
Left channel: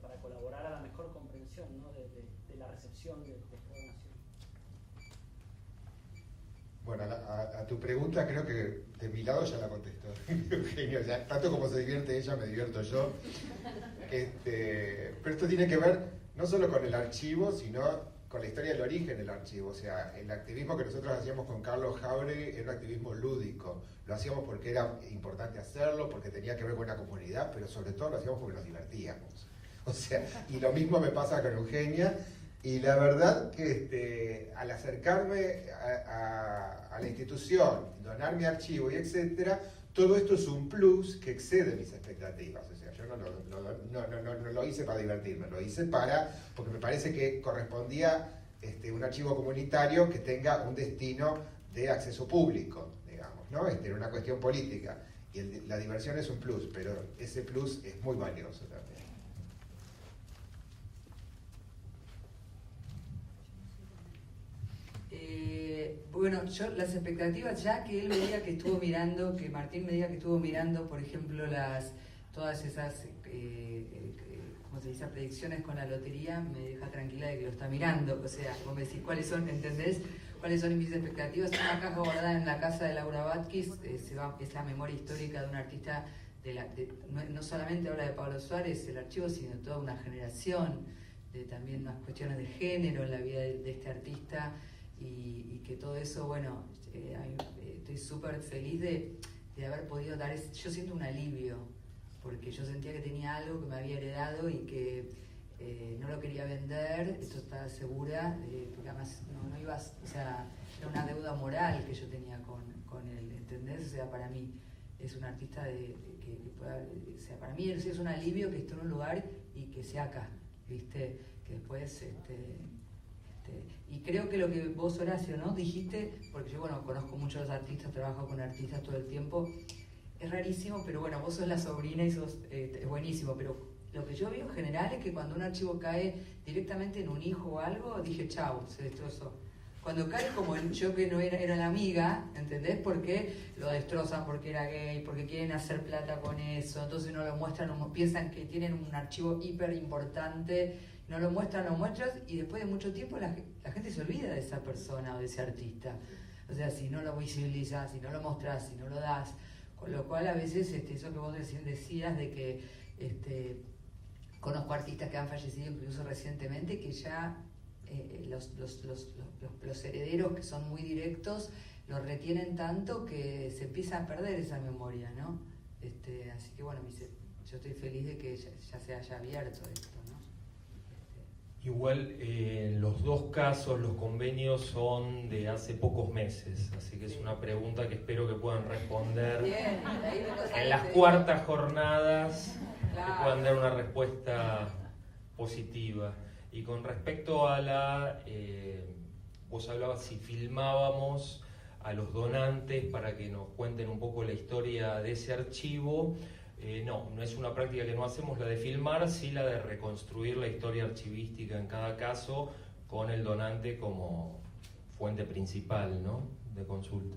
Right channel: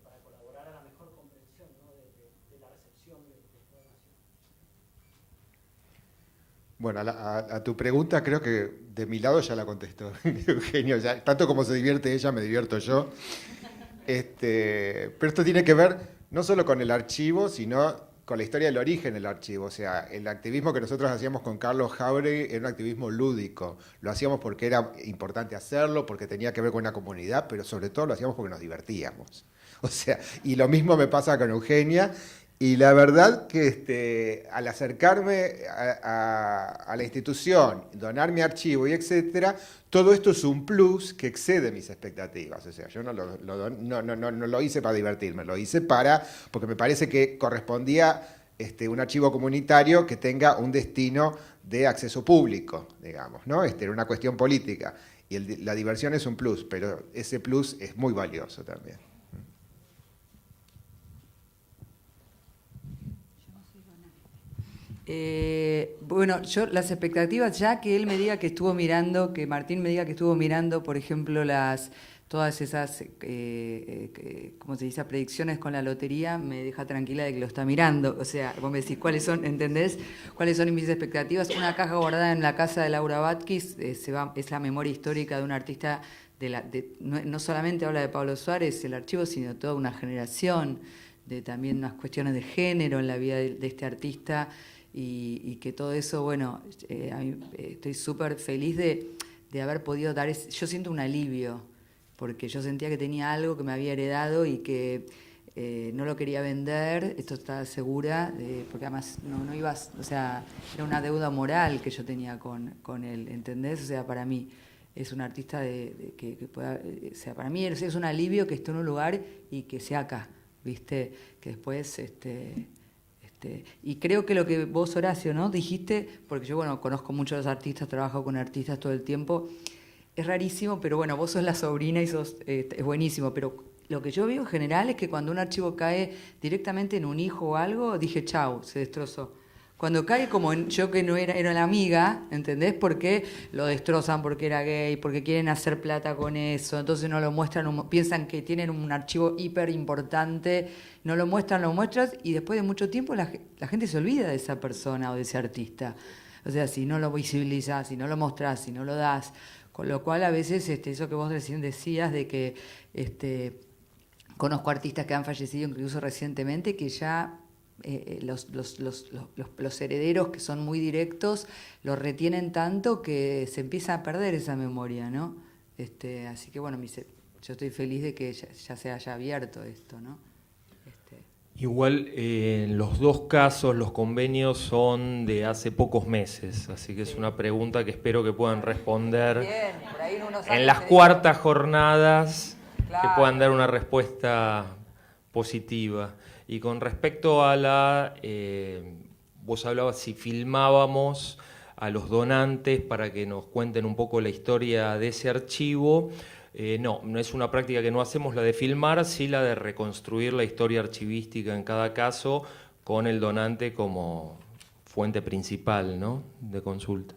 para colaborar a la mejor comprensión, ¿no?, de la recepción de esta donación. Bueno, a tu pregunta creo que de mi lado ya la contestó Eugenio, ya, tanto como se divierte ella, me divierto yo. Pero esto tiene que ver no solo con el archivo, sino con la historia del origen del archivo. O sea, el activismo que nosotros hacíamos con Carlos Jauregui era un activismo lúdico. Lo hacíamos porque era importante hacerlo, porque tenía que ver con una comunidad, pero sobre todo lo hacíamos porque nos divertíamos. O sea, y lo mismo me pasa con Eugenia. Y la verdad que al acercarme a la institución, donar mi archivo y etcétera, todo esto es un plus que excede mis expectativas. O sea, yo no lo hice para divertirme, lo hice porque me parece que correspondía un archivo comunitario que tenga un destino de acceso público, digamos, ¿no? Era una cuestión política. Y la diversión es un plus, pero ese plus es muy valioso también. Bueno, yo las expectativas, ya que él me diga que estuvo mirando, que Martín me diga que estuvo mirando, por ejemplo, todas esas, ¿cómo se dice?, predicciones con la lotería, me deja tranquila de que lo está mirando. O sea, vos me decís, ¿cuáles son, entendés? ¿Cuáles son mis expectativas? Una caja guardada en la casa de Laura Batkis, es la memoria histórica de un artista, no solamente habla de Pablo Suárez, el archivo, sino toda una generación, de también unas cuestiones de género en la vida de este artista. Y que todo eso, bueno, a mí, estoy súper feliz de haber podido dar yo siento un alivio, porque yo sentía que tenía algo que me había heredado y que no lo quería vender, esto estaba segura, porque además no ibas, o sea, era una deuda moral que yo tenía con él, ¿entendés? O sea, para mí es un artista que pueda, o sea, para mí es un alivio que esté en un lugar y que sea acá, ¿viste? Que después, y creo que lo que vos, Horacio, ¿no?, dijiste, porque yo, bueno, conozco muchos artistas, trabajo con artistas todo el tiempo, es rarísimo, pero bueno, vos sos la sobrina y es buenísimo, pero lo que yo veo en general es que cuando un archivo cae directamente en un hijo o algo, dije, chau, se destrozó. Cuando cae como yo que no era la amiga, ¿entendés? Porque lo destrozan porque era gay, porque quieren hacer plata con eso, entonces no lo muestran, piensan que tienen un archivo hiper importante, no lo muestran y después de mucho tiempo la gente se olvida de esa persona o de ese artista. O sea, si no lo visibilizás, si no lo mostrás, si no lo das, con lo cual a veces eso que vos recién decías de que conozco artistas que han fallecido incluso recientemente que ya los herederos, que son muy directos, los retienen tanto que se empieza a perder esa memoria, ¿no? Así que bueno, yo estoy feliz de que ya se haya abierto esto, ¿no? Igual en los dos casos los convenios son de hace pocos meses, así que es una pregunta que espero que puedan responder en las cuartas jornadas, que puedan dar una respuesta positiva. Y con respecto a vos hablabas si filmábamos a los donantes para que nos cuenten un poco la historia de ese archivo. No es una práctica que no hacemos la de filmar, sí la de reconstruir la historia archivística en cada caso con el donante como fuente principal, ¿no?, de consulta.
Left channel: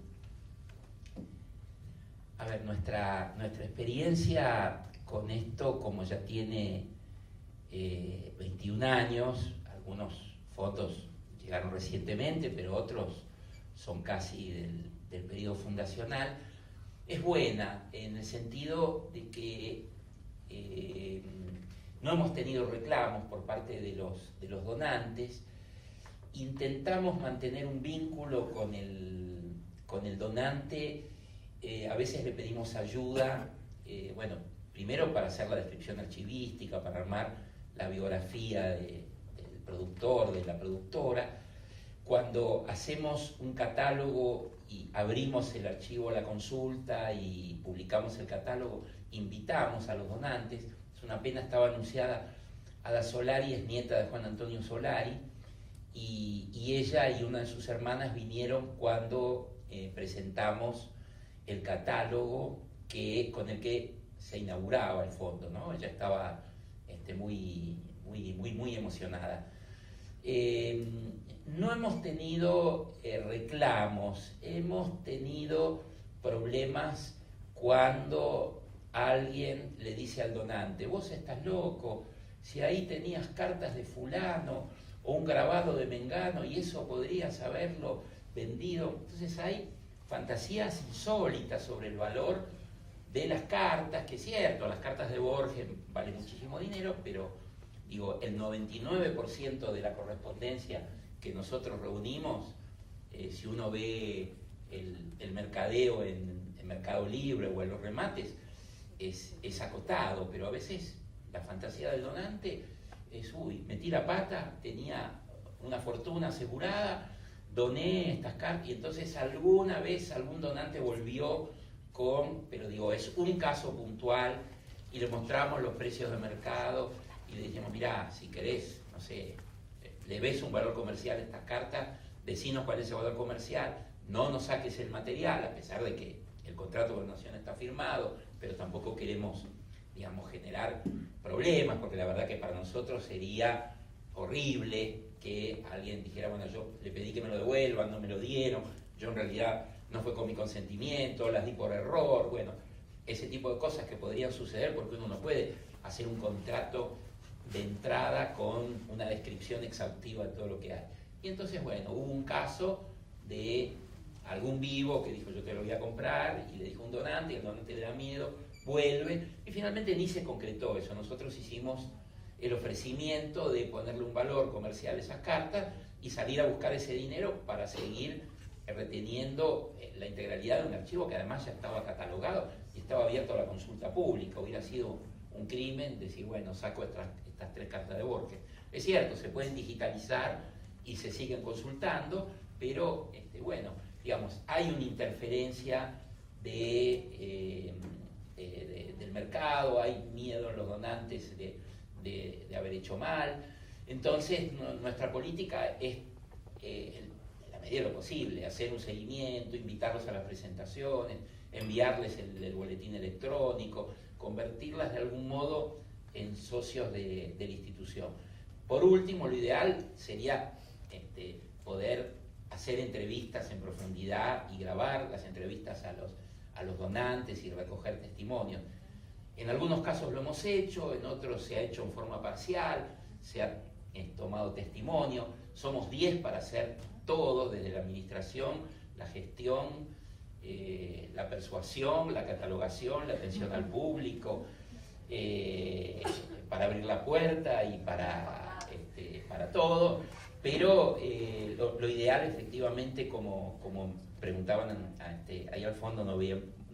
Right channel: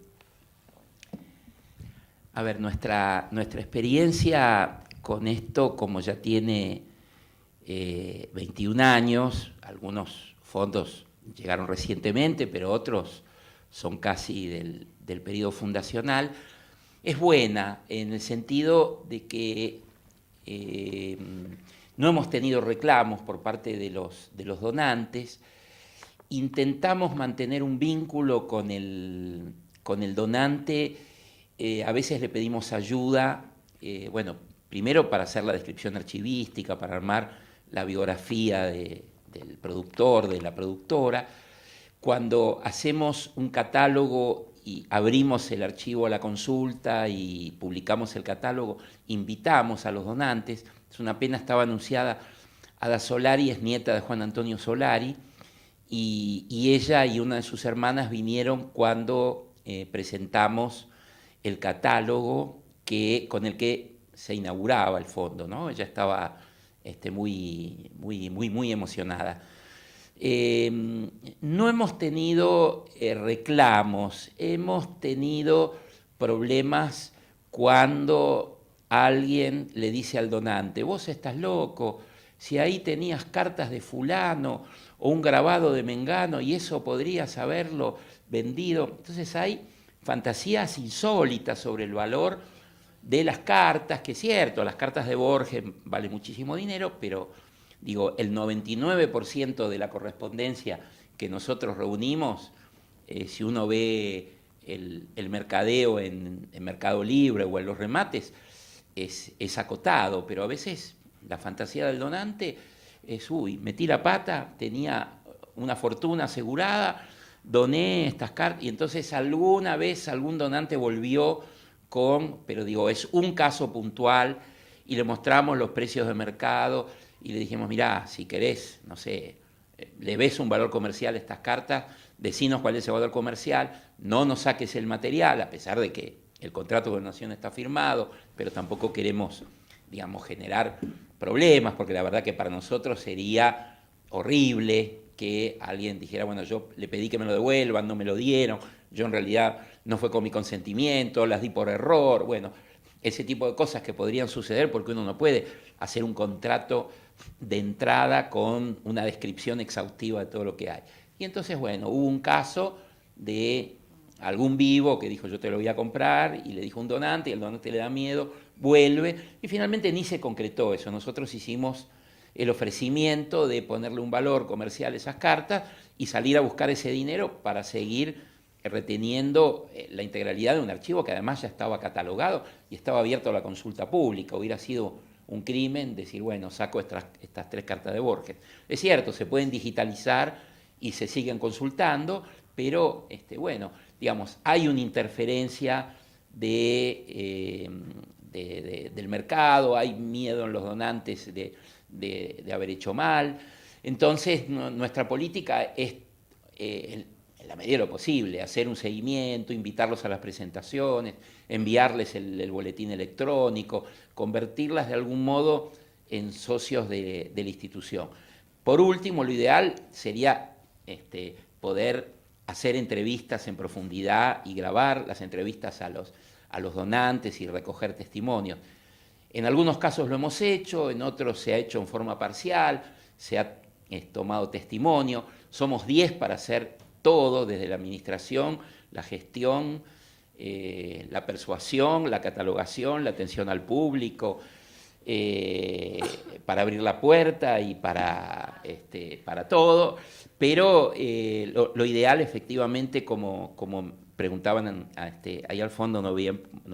A ver, nuestra experiencia con esto, como ya tiene 21 años, algunos fondos llegaron recientemente, pero otros son casi del periodo fundacional, es buena en el sentido de que no hemos tenido reclamos por parte de los donantes. Intentamos mantener un vínculo con el donante, a veces le pedimos ayuda, bueno, primero para hacer la descripción archivística, para armar la biografía del productor, de la productora. Cuando hacemos un catálogo y abrimos el archivo a la consulta y publicamos el catálogo, invitamos a los donantes. Es una pena, estaba anunciada Ada Solari, es nieta de Juan Antonio Solari, y ella y una de sus hermanas vinieron cuando presentamos el catálogo con el que se inauguraba el fondo, ¿no? Ella estaba muy emocionada. No hemos tenido reclamos, hemos tenido problemas cuando alguien le dice al donante, vos estás loco, si ahí tenías cartas de fulano o un grabado de mengano y eso podrías haberlo vendido. Entonces hay fantasías insólitas sobre el valor de las cartas, que es cierto, las cartas de Borges valen muchísimo dinero, pero digo, el 99% de la correspondencia que nosotros reunimos, si uno ve el mercadeo en Mercado Libre o en los remates, es acotado, pero a veces la fantasía del donante es, uy, metí la pata, tenía una fortuna asegurada, doné estas cartas, y entonces alguna vez algún donante volvió pero digo, es un caso puntual, y le mostramos los precios de mercado, y le dijimos, mirá, si querés, no sé, le ves un valor comercial a estas cartas, decinos cuál es el valor comercial, no nos saques el material, a pesar de que el contrato de donación está firmado, pero tampoco queremos, digamos, generar problemas, porque la verdad que para nosotros sería horrible que alguien dijera, bueno, yo le pedí que me lo devuelvan, no me lo dieron, yo en realidad no fue con mi consentimiento, las di por error, bueno, ese tipo de cosas que podrían suceder porque uno no puede hacer un contrato de entrada con una descripción exhaustiva de todo lo que hay. Y entonces, bueno, hubo un caso de algún vivo que dijo yo te lo voy a comprar, y le dijo un donante, y el donante le da miedo, vuelve, y finalmente ni se concretó eso. Nosotros hicimos el ofrecimiento de ponerle un valor comercial a esas cartas y salir a buscar ese dinero para seguir reteniendo la integralidad de un archivo que además ya estaba catalogado y estaba abierto a la consulta pública. Hubiera sido un crimen decir, bueno, saco estas 3 cartas de Borges. Es cierto, se pueden digitalizar y se siguen consultando, pero bueno, digamos, hay una interferencia del mercado, hay miedo en los donantes de haber hecho mal. Entonces, nuestra política es, en la medida de lo posible, hacer un seguimiento, invitarlos a las presentaciones, enviarles el boletín electrónico, convertirlas de algún modo en socios de la institución. Por último, lo ideal sería poder hacer entrevistas en profundidad y grabar las entrevistas a los donantes y recoger testimonios. En algunos casos lo hemos hecho, en otros se ha hecho en forma parcial, se ha tomado testimonio. Somos 10 para hacer todo, desde la administración, la gestión, la persuasión, la catalogación, la atención al público, para abrir la puerta y para todo. Pero lo ideal, efectivamente, como preguntaban ahí al fondo, no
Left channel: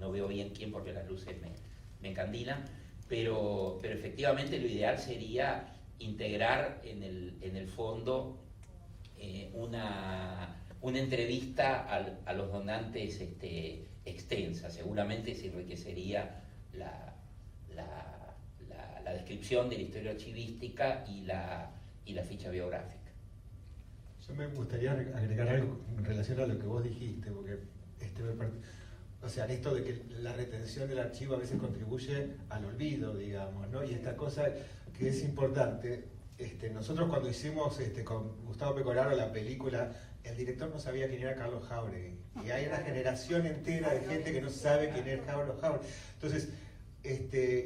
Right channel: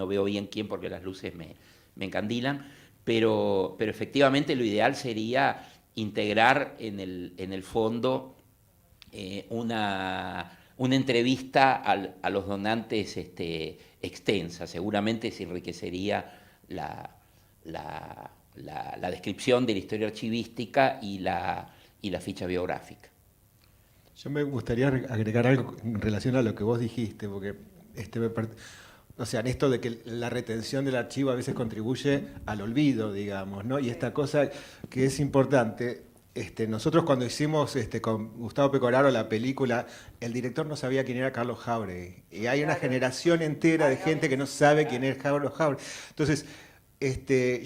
veo bien quién porque las luces me encandilan, pero efectivamente lo ideal sería integrar en el fondo una entrevista a los donantes extensa. Seguramente se enriquecería la descripción de la historia archivística y la ficha biográfica. Yo me gustaría agregar algo en relación a lo que vos dijiste, porque o sea, en esto de que la retención del archivo a veces contribuye al olvido, digamos, ¿no? Y esta cosa que es importante, nosotros cuando hicimos con Gustavo Pecoraro la película, el director no sabía quién era Carlos Jauregui, y hay una generación entera de gente que no sabe quién es Carlos Jauregui. Entonces,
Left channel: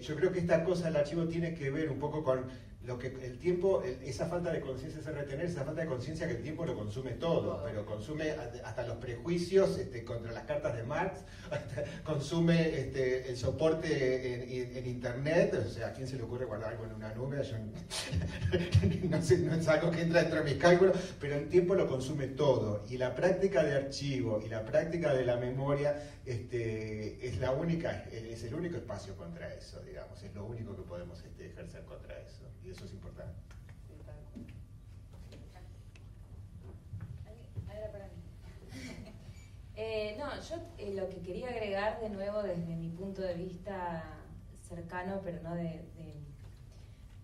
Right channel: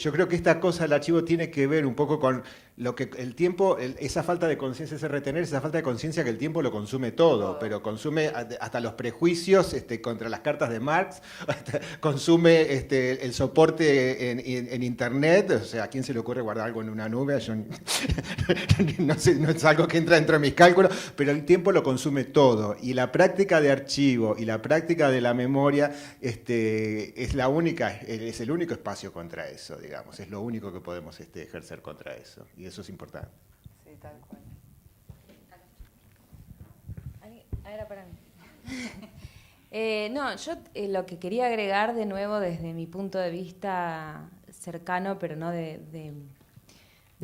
yo creo que esta cosa del archivo tiene que ver un poco con lo que el tiempo, esa falta de conciencia, ese retener, esa falta de conciencia que el tiempo lo consume todo, pero consume hasta los prejuicios contra las cartas de Marx, consume el soporte en internet. O sea, ¿a quién se le ocurre guardar algo en una nube? Yo no sé, no es algo que entra dentro de mis cálculos, pero el tiempo lo consume todo, y la práctica de archivo y la práctica de la memoria es el único espacio contra eso, digamos, es lo único que podemos ejercer contra eso. Y eso es importante. Sí, tal cual. Era para mí. No, yo lo que quería agregar de nuevo desde mi punto de vista cercano, pero no de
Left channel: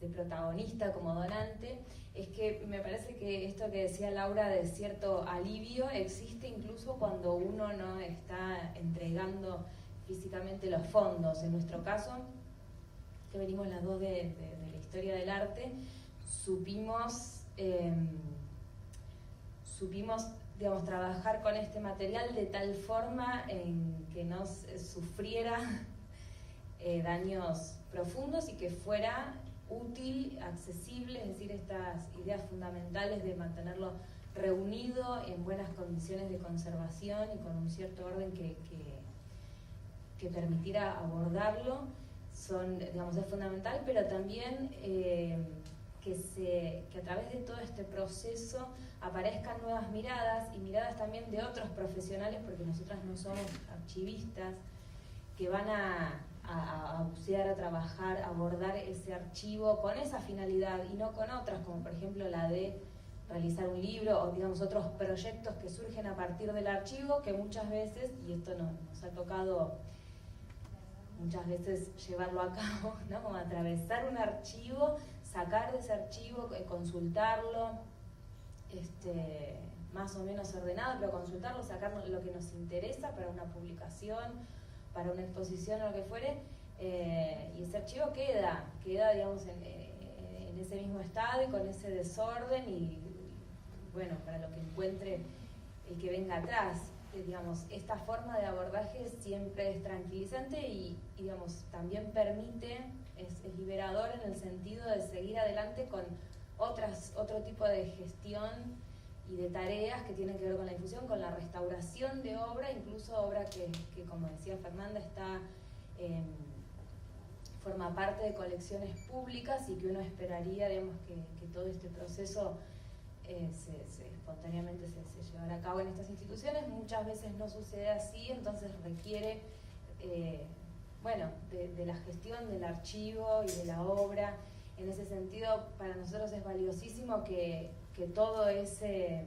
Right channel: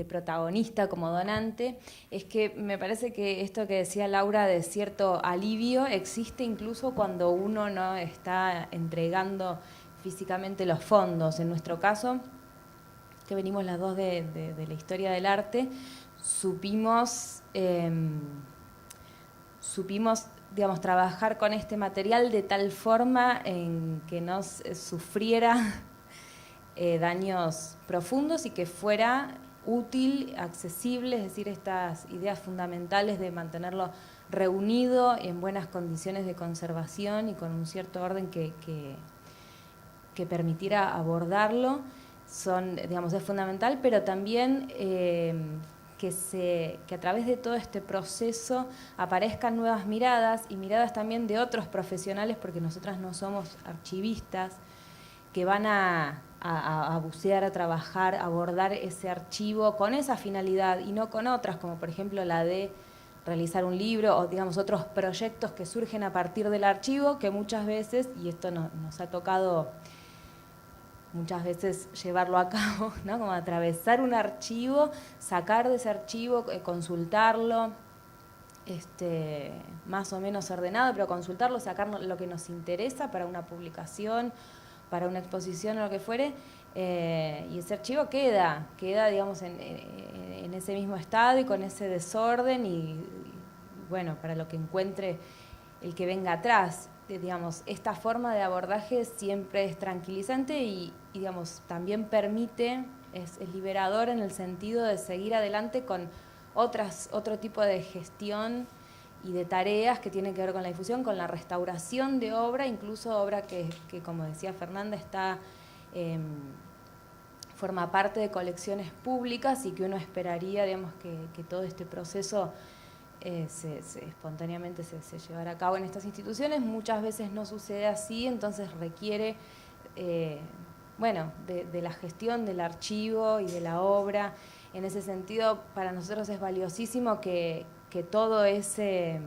protagonista como donante, es que me parece que esto que decía Laura de cierto alivio existe incluso cuando uno no está entregando físicamente los fondos. En nuestro caso, que venimos las dos de la historia del arte, supimos digamos, trabajar con este material de tal forma en que no sufriera daños profundos y que fuera útil, accesible, es decir, estas ideas fundamentales de mantenerlo reunido en buenas condiciones de conservación y con un cierto orden que permitiera abordarlo, digamos, es fundamental, pero también que a través de todo este proceso aparezcan nuevas miradas y miradas también de otros profesionales, porque nosotras no somos archivistas, que van a bucear, a trabajar, a abordar ese archivo con esa finalidad y no con otras, como por ejemplo la de realizar un libro o digamos otros proyectos que surgen a partir del archivo, que muchas veces, y esto nos ha tocado muchas veces llevarlo a cabo, ¿no? Como atravesar un archivo, sacar de ese archivo, consultarlo, más o menos ordenado, pero consultarlo, sacar lo que nos interesa para una publicación, para una exposición o lo que fuere, y ese archivo queda digamos en ese mismo estado y con ese desorden y bueno, para lo que encuentre el que venga atrás. Digamos, esta forma de abordaje siempre es tranquilizante y digamos, también permite, es liberador en el sentido de seguir adelante con otro tipo de gestión y de tareas que tienen que ver con la difusión, con la restauración de obra, incluso obra que como decía Fernanda, forma parte de colecciones públicas y que uno esperaría, digamos, que todo este proceso espontáneamente se llevará a cabo en estas instituciones. Muchas veces no sucede así, entonces requiere de la gestión del archivo y de la obra. En ese sentido, para nosotros es valiosísimo que todo ese,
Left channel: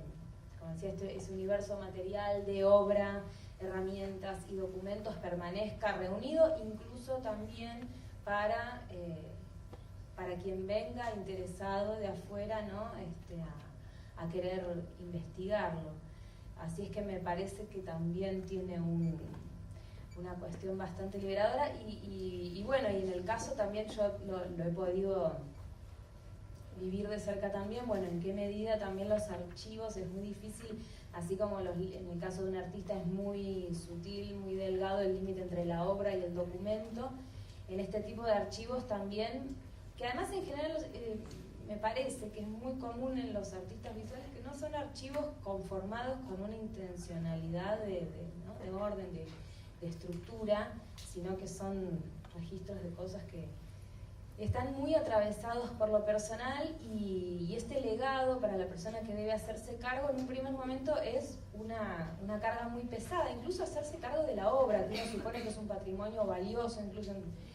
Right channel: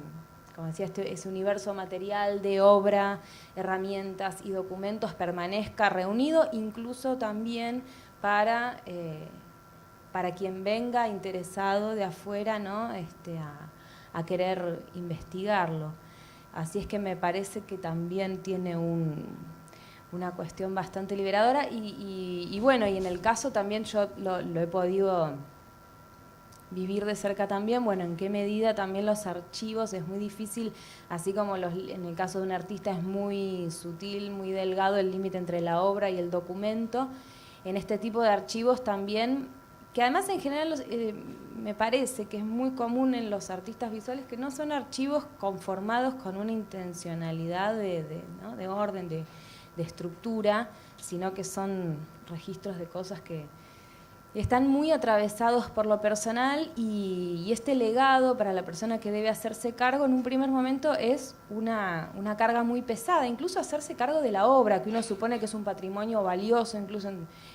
como decía, ese universo material de obra, herramientas y documentos permanezca reunido, incluso también para quien venga interesado de afuera, ¿no? A querer investigarlo. Así es que me parece que también tiene una cuestión bastante liberadora y bueno, y en el caso también yo lo he podido vivir de cerca también, bueno, en qué medida también los archivos es muy difícil, así como en el caso de un artista es muy sutil, muy delgado el límite entre la obra y el documento, en este tipo de archivos también, que además en general me parece que es muy común en los artistas visuales que no son archivos conformados con una intencionalidad ¿no? de orden, de estructura, sino que son registros de cosas que están muy atravesados por lo personal y este legado para la persona que debe hacerse cargo en un primer momento es una carga muy pesada, incluso hacerse cargo de la obra, que uno supone que es un patrimonio valioso, incluso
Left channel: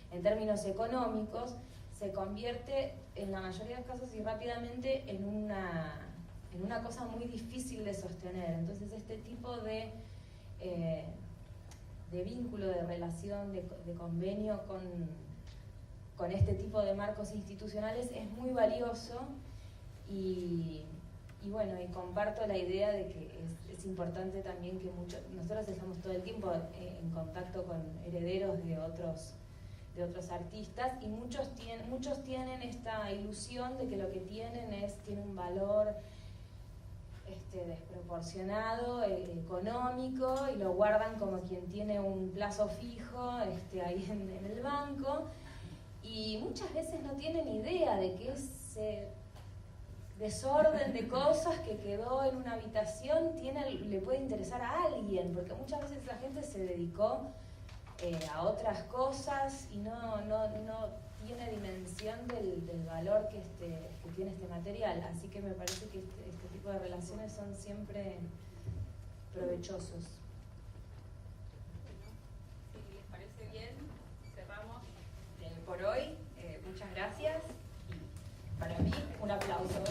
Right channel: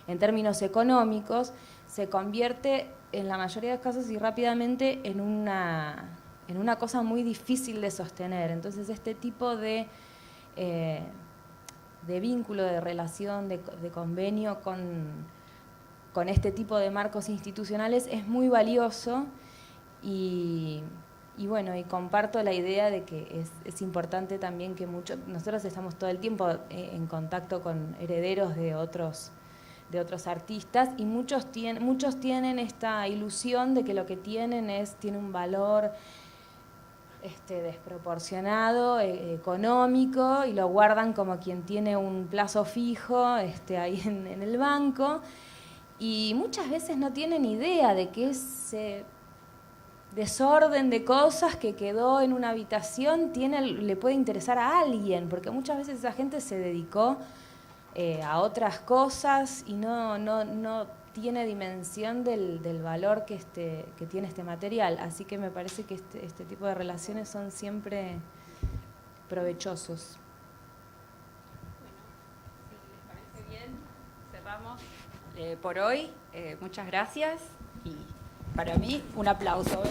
en términos económicos, se convierte en la mayoría de los casos y rápidamente en una cosa muy difícil de sostener. Entonces este tipo de vínculo, de relación, de convenio con este tipo de marcos institucionales es muy valioso y bueno, y comparto la idea de que es importante también que nosotros estamos todo el tiempo en contacto con herederos de otros artistas y muchos tienen esta ilusión de que lo que tiene un valor desproporcionado, económico, y lo guardan como quien tiene un plazo fijo ahí en el banco, y muchas veces no tienen idea de que ese desorden de cosas que quedó en una habitación le puede interesar a alguien, porque muchas veces esa gente se dedicó a otras cosas y no tiene dimensión del valor que tiene este material. Así que me parece que este tipo de relaciones son siempre provechosos. Si les parece bien, cerramos por hoy. Muchas gracias y para mí un aplauso.